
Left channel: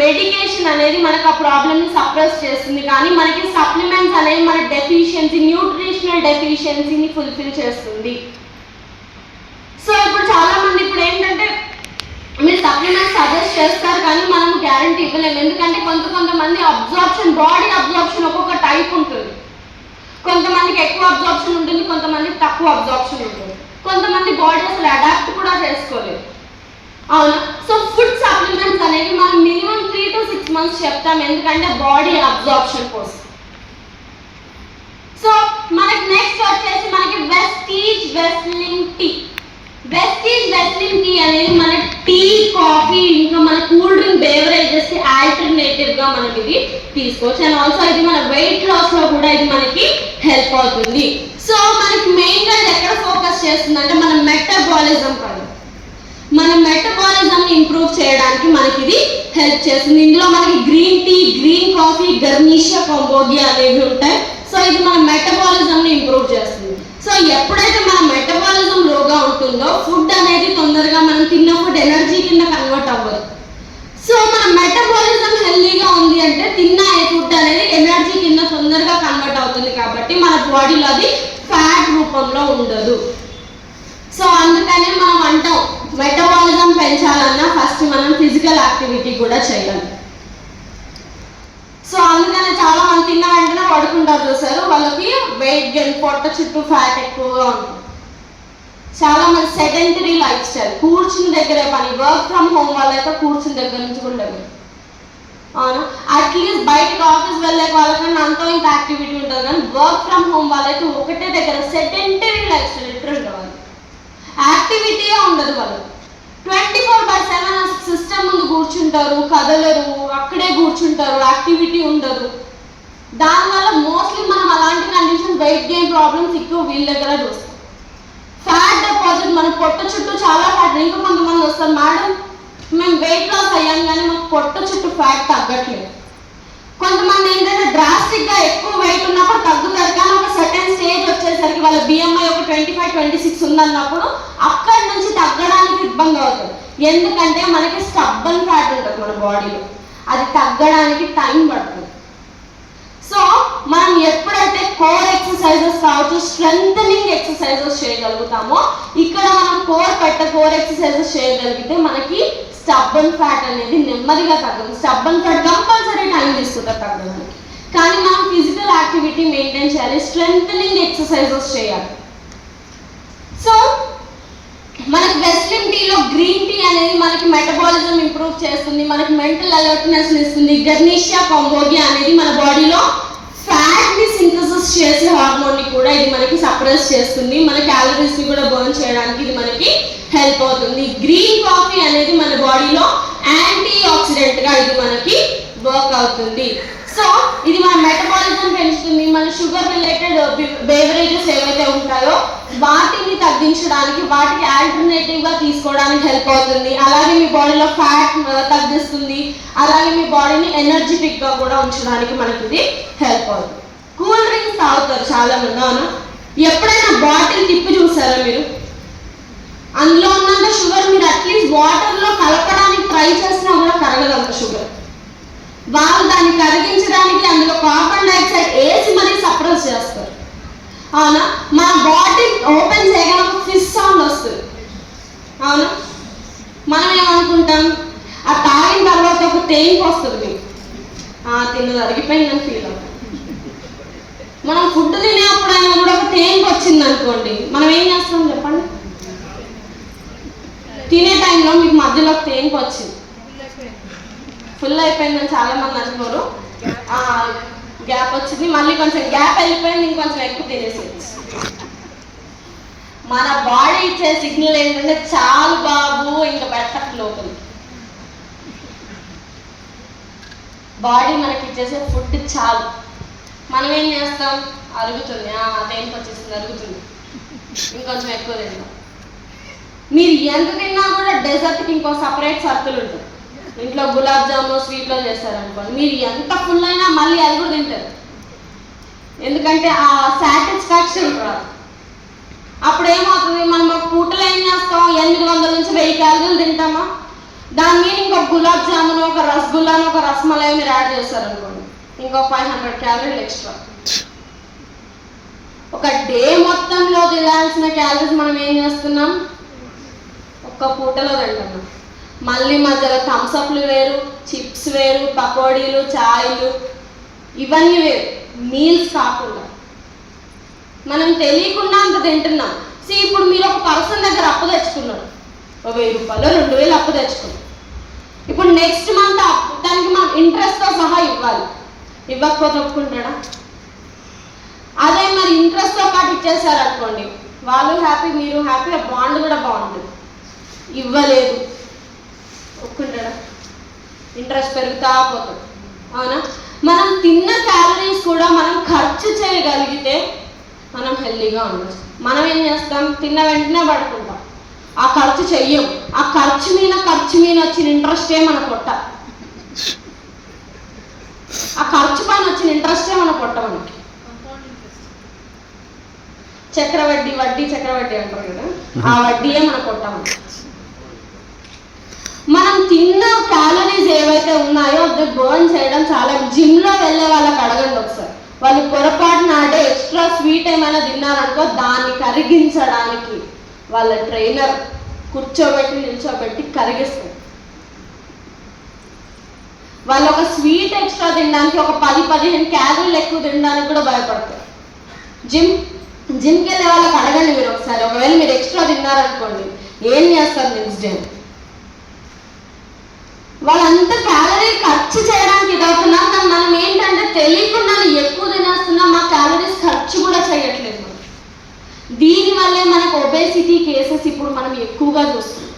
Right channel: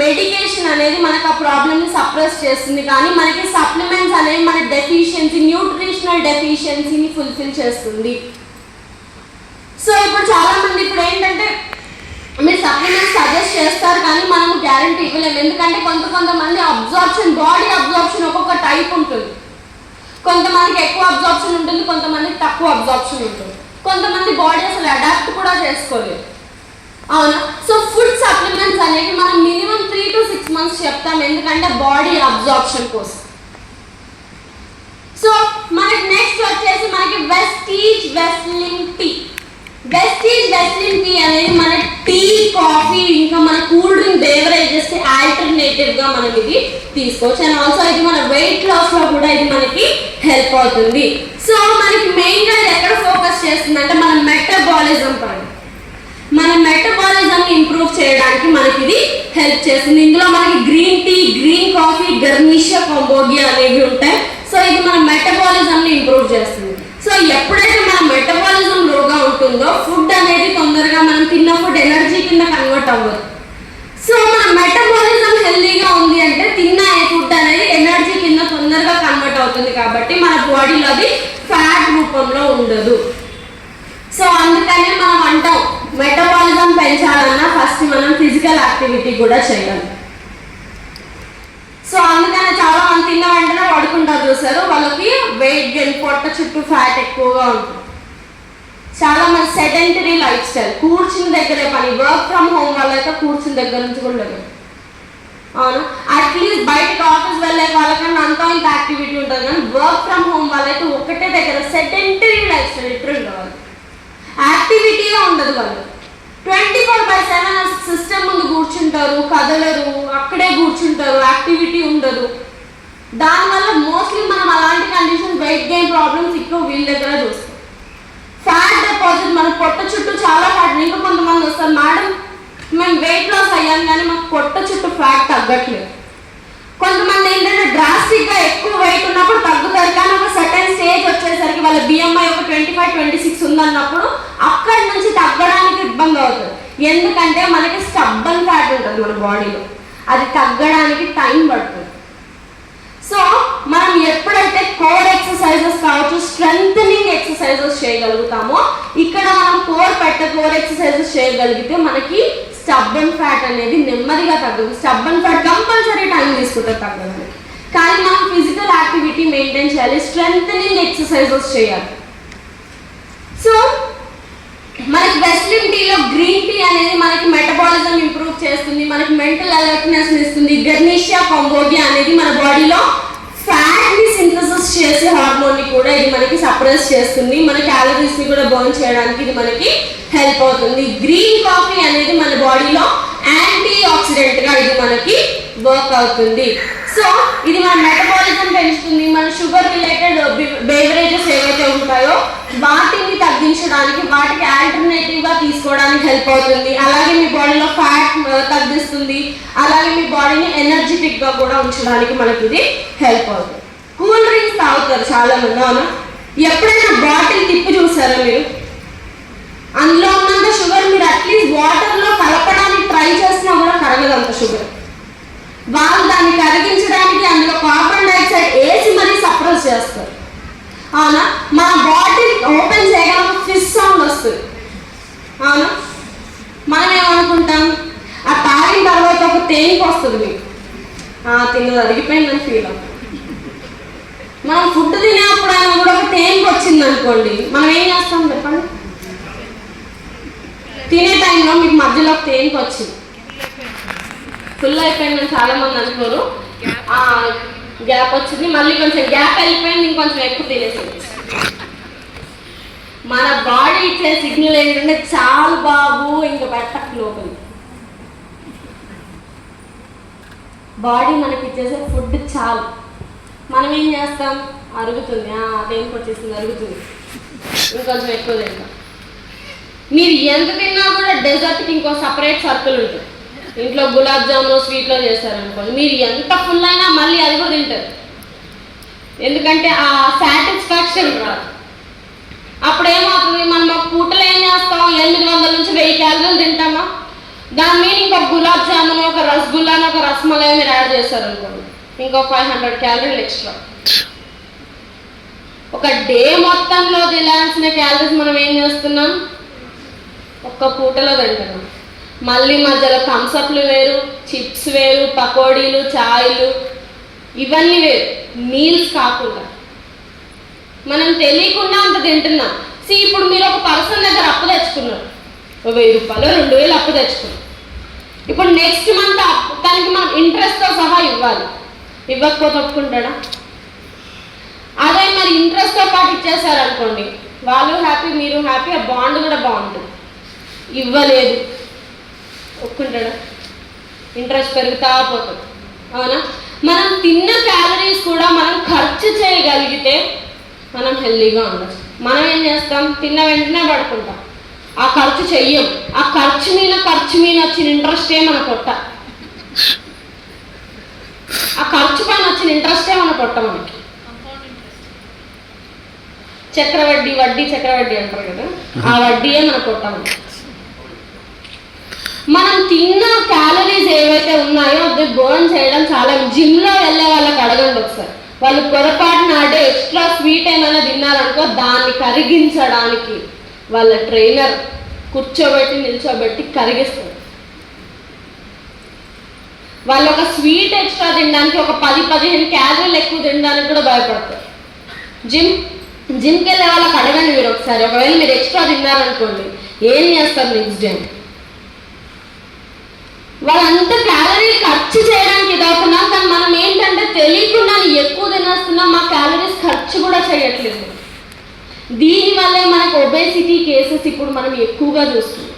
మెడికేషన్ అనేది మనకు ఆ ప్రాబ్లమ్ని సప్రెస్ చేస్తుంది, కానీ మనకి సప్లిమెంట్స్ అనేవి మన డెఫిషియన్సీ, న్యూట్రిషనల్ డెఫిషియన్సీని ఫుల్ఫిల్ చేస్తుంది. సో ఇప్పుడు చాలా మంది ఇప్పుడు ఏంటంటే మీరు సప్లిమెంట్స్ సజెస్ట్ చేస్తారు కానీ మనం గ్యారంటీ ఇవ్వలేము. ఎందుకంటే కొంతమంది అబ్జార్ప్షన్, బాడీ అబ్జార్ప్షన్ ఒక్కొక్క టైప్ ఉంటుంది. కొంతమందికి ఎక్కువ అబ్జార్ప్షన్ ఉంటుంది, కొంతమందికి తక్కువ అబ్జార్ప్షన్ ఉంటుంది, కొంతమంది బాడీ అసలు అడాప్ట్ కూడా చేసుకోలేదు. అవునా? సో ఫుడ్ సప్లిమెంట్స్ అనేవి మనం మినిమం 3 to 6 months చెప్తాం, ఎందుకంటే బాడీ అబ్జార్ప్షన్ కోసం. సో మనకి నెక్స్ట్ వచ్చేసి మనకి వెస్టీజ్ వెస్లిన్ టీ. వెస్టీజ్ వెస్లిన్ టీ అనేది మన టీ, కాఫీ ఇంకా మన కూల్ డ్రింక్ బేవరేజెస్ కి ఆల్టర్నేటివ్ గా మనం ఇది తీసుకోవచ్చు. అండ్ ఆల్సో ఇది మన వెయిట్ లాస్ లో కూడా ఇది మనకి హెల్ప్ అవుతుంది. సో మనకి మెయిన్ గా ఎక్కడ ఫోకస్ చేస్తుంది అంటే మన మెటబాలిజం పైన. మన మెటబాలిజం ఇంప్రూవ్ ఇంప్రూవ్ చేయడానికి మనకి ఇది హెల్ప్ చేస్తుంది. ఇందులో మనకి green tea, green coffee, garcinia, Cambodia అనేవి ఉంటాయి. సో ఇది మన మెటబాలిజం ని ఇంప్రూవ్ చేస్తుంది. సో ఎప్పుడైతే మన మెటబాలిజం లోగా ఉంటుందో ఫుడ్ అనేది తొందరగా మనం తిన్న ఫుడ్ ఎనర్జీ కింద కన్వర్ట్ అవ్వదు. సో మన మెటబాలిజం హెల్దీగా ఉంది అంటే తిన్న ఫుడ్ అనేది ఎనర్జీ కింద తొందరగా కన్వర్ట్ అవుతుంది కాబట్టి మన బాడీలో అది ఫ్యాట్ రూపంలో ఉండదు. సో అందుకనే మనం అంటాం మెటబాలిజం పెంచాలన్నా ఫస్ట్ మనం ఫిజికల్ యాక్టివిటీ కూడా చేయాలి. సో అందుకనే చాలా మంది తిన్న వెంటనే పడుకుంటారు చూసారు, వాళ్ళకి వెయిట్ గెయిన్, పొట్ట చుట్టూ ఫ్యాట్ ఎక్కువగా ఉంటుంది. చాలా మంది సెడెంటరీ లైఫ్ స్టైల్, కూర్చుని దగ్గరే పని, వర్క్ ఫ్రమ్ హోమ్ వాళ్ళైతే కూర్చుని దగ్గర నుంచి కూడా లేదు. అవును, అట్లీస్ట్ బయటకు ఆఫీస్ వెళ్ళే వాళ్ళకన్నా అంతా ఇంత యాక్టివిటీ ఉంటుంది, కానీ వర్క్ ఫ్రమ్ హోమ్ వాళ్ళైతే ఒకటే దగ్గర సెడెంటరీ లైఫ్ స్టైల్ లిటరల్ వాళ్ళు యాక్టివిటీయే ఉండదు. వాళ్ళు 24/7 సిస్టమ్ ముందు కూర్చుంటారు, కదలరు, అక్కడే కూర్చుంటారు, యాక్టివిటీ ఉండదు. దానివల్ల మోస్ట్లీ మనం అలాంటి కండిషన్ వెయిట్ గెయిన్ ప్రాబ్లమ్స్ ఎక్కువ వీళ్ళ దగ్గర చూస్తాం. ఫ్యాట్ డిపాజిట్, మన పొట్ట చుట్టూ చాలా ఫ్యాట్. ఇంకా కొంతమంది వస్తారు, మేడం మేము వెయిట్ లాస్ అయ్యాం కానీ మాకు పొట్ట చుట్టూ ఫ్యాట్ తగ్గట్లేదు. కొంతమంది ఏంటంటే డ్రాస్టిక్గా ఎక్కువ వెయిట్ ఉన్నప్పుడు తగ్గుతారు, కానీ ఒక సర్టెన్ స్టేజ్ వచ్చేసరికి వాళ్ళ బిఎంఐ ఒక 25-26 ఉందన్నప్పుడు అక్కడి నుంచి తగ్గడానికి ఇబ్బంది అవుతుంది. ఎందుకంటే మనకి స్టబ్బన్ ఫ్యాట్ ఉంటుంది మన బాడీలో, అది తగ్గడానికి టైం పడుతుంది. సో మనం ఎప్పుడైతే కోర్ ఎక్సర్సైజెస్ కావచ్చు, స్ట్రెంథనింగ్ ఎక్సర్సైజెస్ చేయగలుగుతామో, ఇక్కడ మనం కోర్ ఎక్సర్సైజెస్ చేయగలిగితే మనకి స్టబ్బన్ ఫ్యాట్ అనేది నెమ్మదిగా తగ్గదు. స్టబ్బన్ ఫ్యాట్ కంపల్సరీ టైం తీసుకుంటుంది తగ్గడానికి, కానీ మనం ఫిజికల్ యాక్టివిటీ మెయింటైన్ చేయాలి, స్ట్రెంథనింగ్ ఎక్సర్సైజెస్ చేయాలి. సో మనకి వెస్లిన్ టీలో గ్రీన్ టీ అనేది మనకి మెటబాలిజం ఇంప్రూవ్ చేస్తుంది, మనకి మెంటల్ అలర్ట్నెస్ ఇస్తుంది. గర్నిషియా, కంబోడియా అనేది మన బాడీలో ఫ్యాట్ ని సింథసిస్ చేసే హార్మోన్ ని కూడా ఇది మనకి సప్రెస్ చేస్తుంది. మన క్యాలరీస్ ని కూడా బర్న్ చేయడానికి ఇది మనకి హెల్ప్ అవుతుంది. గ్రీన్ కాఫీ అనేది మన బాడీలో యాంటీ ఆక్సిడెంట్ గా ఇది మనకి వర్క్ అవుతుంది. సో ఇది మన మెటబాలిజం పెంచుతుంది. మన షుగర్ రిలేటెడ్ బేవరేజెస్ ఏవైతే ఉంటాయో వాటిని తగ్గించడానికి, వాటికి ఆల్టర్నేటివ్ గా తీసుకోవడానికి హెల్ప్ అవుతుంది. అలాగే మీ బాడీలో ఫ్యాట్ తగ్గిస్తుంది, అలాగే మీ బాడీని ఎనర్జెటిక్ గా కూడా ఉంచడానికి మనకి ఇది హెల్ప్ అవుతుంది. కూల్ డ్రింక్స్ తాగుతారు చాలా మంది, అవునా? ఎప్పుడైనా బాటిల్ తిప్పి చూసారా మీరు? అందులో ఉన్నంత షుగర్ మీరు అట్లీస్ట్ వాటర్ లో కలపడానికి ట్రై చేసినా కూడా కరగదంత షుగర్. వాళ్ళు దాన్ని కరిగించడానికి అందులో కార్బన్ డైఆక్సైడ్ వేసి మరీ సప్రెస్ చేస్తారు, అవునా? మన బాటిల్ ఓపెన్ చేయగానే ఫిష్ సౌండ్ వస్తుంది, అవునా? మనం ఏమనుకుంటాం, ఆ తాగిన తర్వాత ఒక తేలిక వస్తుంది, మీకు తిన్నది అరిగిపోయిందని ఫీల్ అవుతుంది. మనం ఫుడ్ తినేప్పుడైనా కూడా ఒక తేలిక వచ్చింది అనుకోండి, మనం ఏం చేస్తాం చెప్పండి? తినే టైంలో మీకు మధ్యలో ఒక తేలిక వచ్చింది, ఫుల్ అయిపోయిందని చాలా మంది అనుకోరు, గ్యాప్ వచ్చింది, మళ్ళీ కొంచెం గ్యాప్ వెళ్ళిపోయింది, ఇంకొంచెం ఎక్కువ తినేసింది. మన బాడీ ఇచ్చే సిగ్నల్ ఏంటంటే చాలు బాబు ఇంకా పెట్టట్లు అవుతుంది. బాడీ మనకి ఇచ్చేసే ఫుడ్ చాలు, మనం ఏం చేస్తాం? అరుగుతుంది, దేనికి వచ్చేసింది, అరుగుతుంది, ఇంకొంచెం ఎక్కువ తింటాం. మీరు ఎంత తిన్నా కూడా డెజర్ట్కి ఇంకో సపరేట్ సర్కిల్ ఉంటుంది. ఇంట్లో గులాబ్ జాములు స్వీట్లో చేస్తారనుకోండి, మీరు ఎంత ఫుల్ అయినా మళ్ళీ అది కూడా తింటారు, ఎందుకంటే ఆ సాటిస్ఫాక్షన్ రాదు. అప్పుడు ఏమవుతుంది, మనం ఒక పూటలో ఏం చేస్తాం? 800 నుంచి 1000 క్యాలరీలు తింటామా? దాని మీద ఇంకొక గులాబ్ జామున్, ఒక రసగుల్లాను, ఒక రసమలై మీరు యాడ్ చేస్తారనుకోండి, ఇంకొక 500 క్యాలరీలు ఎక్స్ట్రా. ఒక డే మొత్తంలో తినాల్సిన క్యాలరీస్ మనం ఏం చేస్తున్నాం? ఒక్క పూటలో తింటున్నాం. మళ్ళీ మధ్యలో థమ్స్అప్లు వేరు, చిప్స్ వేరు, పకోడీలు, చాయ్లు, ఇవన్నీ వేరు, మీల్స్ కాకుండా మనం తెలియకుండా అంత తింటున్నాం. ఇప్పుడు మీరు ఒక పర్సన్ దగ్గర అప్పు తెచ్చుకున్నారు, 1000 రూపాయలు 2000 అప్పు తెచ్చుకున్నారు. ఇప్పుడు నెక్స్ట్ మంత్ దానికి మనం ఇంట్రెస్ట్తో సహా ఇవ్వాలి, ఇవ్వకపోతే ఒప్పుకుంటాడా? అదే మరి ఇంట్రెస్ట్తో పాటు ఇచ్చేసారు అనుకోండి, వాళ్ళు హ్యాపీ, మీరు హ్యాపీ, ఆ బాండ్ కూడా బాగుంటుంది. ఇవ్వలేదు ఒప్పుకుంటాడా? ఇంట్రెస్ట్ పెరుగుతా పోతుంది, అవునా? మనం తిన్న క్యాలరీస్ కూడా మనం ఖర్చు చేయగలిగితే మనం హెల్దీగా ఉండొచ్చు. మనం ఏం చేస్తాం? తిన్న వెంటనే పడుకుంటాం, ఆ ఖర్చు చెయ్యం. ఆ ఖర్చు మీద వచ్చిన ఇంట్రెస్టే మన పొట్ట. ఆ ఖర్చు పైన వచ్చిన ఇంట్రెస్టే మన పొట్ట మనకి. వడ్డీ చక్రవడ్డీ అంటారు కదా, ఆ వడ్డీయే మన పొట్ట మనకి. మనం తిన్న క్యాలరీస్ ఏవైతే ఉన్నాయో అది బర్న్ చేయడం చాలా. జిమ్లో వెళ్ళే వాళ్ళకి అడగండి ఒకసారి, వాళ్ళు పొరపాటున అంటే ఎక్స్ట్రా స్వీట్ ఏమైనా తిన్నారనుకో దాన్ని కరిగించడానికి వాళ్ళ ట్రైనర్ కూర్చోబెట్టి నిల్చోబెట్టి కరిగిస్తారు. వాళ్ళు ఒక స్వీట్ ఎక్స్ట్రా తినడానికి ఒక 10-15 క్యాలరీలు ఎక్కువ తినడానికి కూడా భయపడతారు. జిమ్కి వెళ్ళే వాళ్ళకి అడగండి మీరు ఒకసారి, ఒకవేళ మీరు ఎక్స్ట్రా తిన్నారనుకోండి ఏం చేస్తారు నెక్స్ట్ డే. వాళ్ళంతా క్యాలరీ ఖర్చు చేయడానికి ఇదవుతున్నాం, కానీ మనం ఏంటంటే తెలియకుండా ఎక్కువ తినేస్తున్నాం, మా క్యాలరీస్ ఖర్చు కూడా చేయట్లేదు. దీనివల్లే మనకు ఒబేసిటీ కేసెస్ ఇప్పుడు మనం ఎక్కువగా చూస్తున్నాం.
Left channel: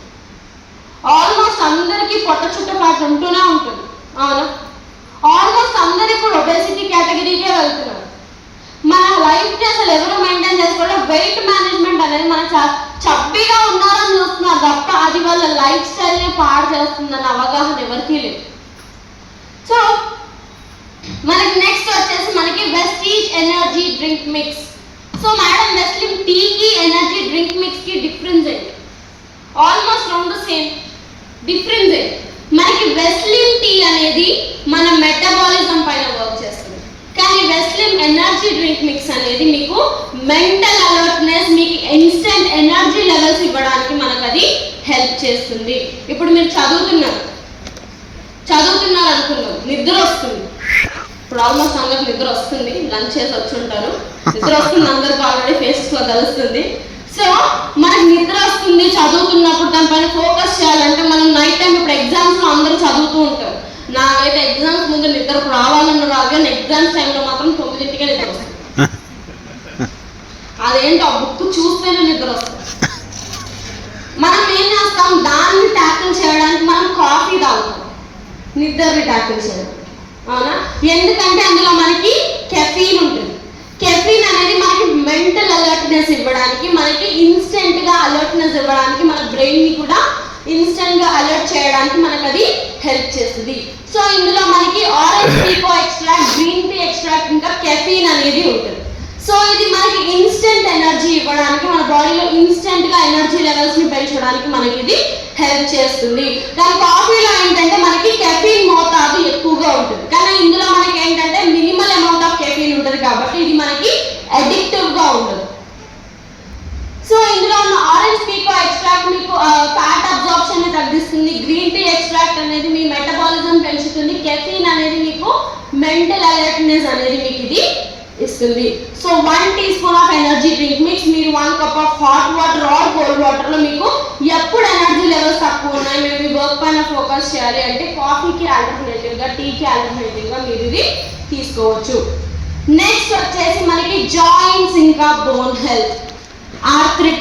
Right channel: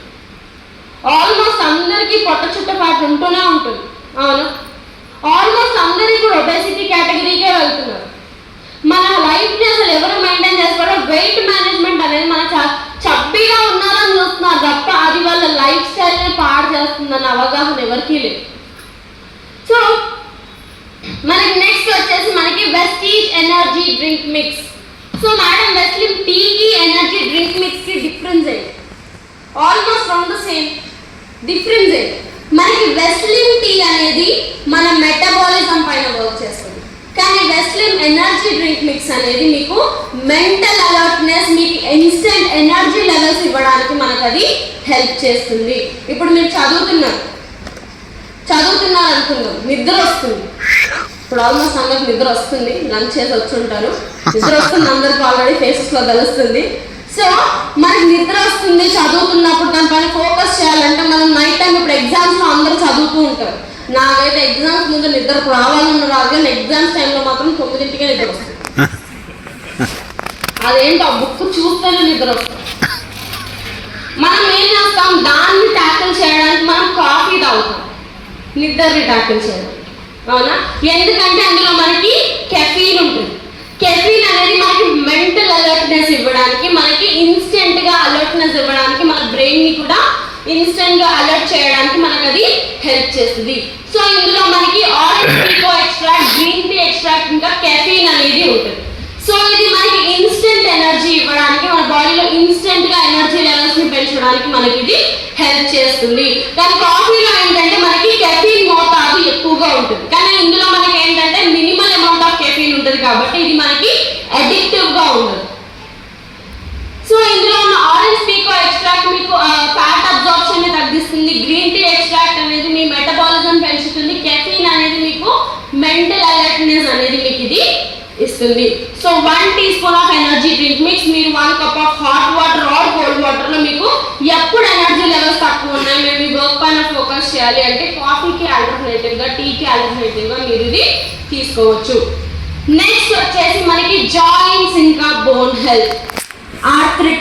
ఆల్మోస్ట్ అందరికీ పొట్ట చుట్టపాటు ఉంటూనే ఉంటుంది. అవును, ఆల్మోస్ట్ అందరూ ఇప్పుడు ఒబేసిటీ కేటగిరీకే వెళ్తున్నారు. మన లైఫ్ అసలు ఎవరు మెయింటైన్ చేస్తారో వెయిట్ మేనేజ్మెంట్ అనేది మన చబ్బీగా ఉన్నారని చూస్తున్నారు తప్ప అది వాళ్ళ లైఫ్ స్టైల్ని పాడు చేస్తుందన్న అవగాహన ఎవరికీ లేదు. సో మనకి నెక్స్ట్ వచ్చేసి మనకి Vestige energy drink mix. So madam Veslim టీకి ఎనర్జీ డ్రింక్ మిక్స్కి డిఫరెన్స్ ఏంటి? Almost round the same. Difference ఏంటి? మనకి వెస్లిమ్ టీ అనేది మన మెటబాలిజం పైన వర్క్ చేస్తుంది, కానీ వెస్లిమ్ ఎనర్జీ డ్రింక్ మిక్స్ అనేది మీకు మెంటల్ అలర్ట్నెస్, మీకు ఇన్స్టెంట్ ఎనర్జీ లెవెల్స్ ఇవ్వడానికి మనకు అది హెల్ప్ చేస్తుంది. ఇప్పుడు మీరు చదువుతున్నారు అనుకుందాం, నిద్ర వస్తుంది. ఇప్పుడు ఆల్మోస్ట్ అందరికి నిద్ర వస్తుంది, లంచ్ చేసి వచ్చి ఉంటారు, నిద్ర వస్తుంది అందరికి ఆల్రెడీ ఫేసెస్ లో తెలుస్తుంది. సో మనకి నిద్ర వస్తుంది, చదువుతున్నప్పుడు దానిపైన ఫోకస్ చేయాలంటే మనం నైట్ టైం ఇప్పుడు ఎగ్జామ్స్ లో అందరూ చదువుతూ ఉంటారు. నాకైతే ఎగ్జామ్స్ ముందు నిద్ర రావాలన్న రాదు, కానీ ఎగ్జామ్స్ టైంలో మాత్రం 9ంటికే నిద్ర వస్తుంది. అదేంటో ఆ బుక్ చూస్తేనే నిద్ర వస్తుంది. మనం ఏం చేస్తాం, దాన్ని ట్యాకిల్ చేయడానికి మనం కాఫీ తాగుతాం, నిద్రని ట్యాకిల్ చేయడం. అవునా? ఎందుకంటే అందులో మనకి కెఫీన్ ఉంటుంది. కెఫీన్ అనేది మనకి మెంటల్ అలర్ట్నెస్ ఇవ్వడానికి, మనకి ఇన్స్టెంట్గా అలర్ట్నెస్ ఇవ్వడానికి, మన బ్రెయిన్ని కూడా ఇన్స్టెంట్గా అలర్ట్ చేయడానికి మనకు అది హెల్ప్ చేస్తుంది. సో ఇందులో మనకి orange pekoe extract, green tea extract, ఇంకా కెఫీన్ అనేది ఉంటుంది. సో ఇది మనకి ఇన్స్టెంట్ ఎనర్జీ ఇవ్వడానికి, మన బాడీలో ఇన్స్టెంట్గా ఎనర్జీ లెవెల్స్ని పెంచడానికి మనకి ఇది హెల్ప్ చేస్తుంది. కానీ కాఫీలో ఏంటంటే మనకి కెఫీన్ మోతాదు ఎక్కువగా ఉంటుంది, కానీ ఇందులో మనకి ఏంటంటే మినిమల్ అమౌంట్ ఆఫ్ కెఫీన్ ఉంటుంది కాబట్టి ఇది మనకి అడిక్టివ్గా ఉండదు. సో ఇందులో ఉన్న ఆరెంజ్ పీకో ఎక్స్ట్రాక్ట్ మీకు ఫ్యాట్ అబ్జార్ప్షన్ ని తగ్గిస్తుంది, గ్రీన్ టీ ఎక్స్ట్రాక్ట్ అనేది మీ మెటబాలిజం పెంచుతుంది, కెఫీన్ అనేది మీకు మెంటల్ అలర్ట్నెస్ అనేది మీకు ఇది ఇస్తుంది. So 1 teaspoon of energy drink mix మీరు 1 cup of hot water or cold water లో మీకు ఎప్పుడు ఎనర్జీ లెవెల్స్ తక్కువ ఉన్నాయి, మేము వర్క్ పైన ఫోకస్ చేయాలి అంటే కాఫీకి ఆల్టర్నేటివ్ గా, టీకి ఆల్టర్నేటివ్ గా మీరు ఇది తీసుకోవచ్చు. నెక్స్ట్ వచ్చేసి మనకి జాయింట్స్ ఇంకా బోన్ హెల్త్, ఆర్థరైటిస్.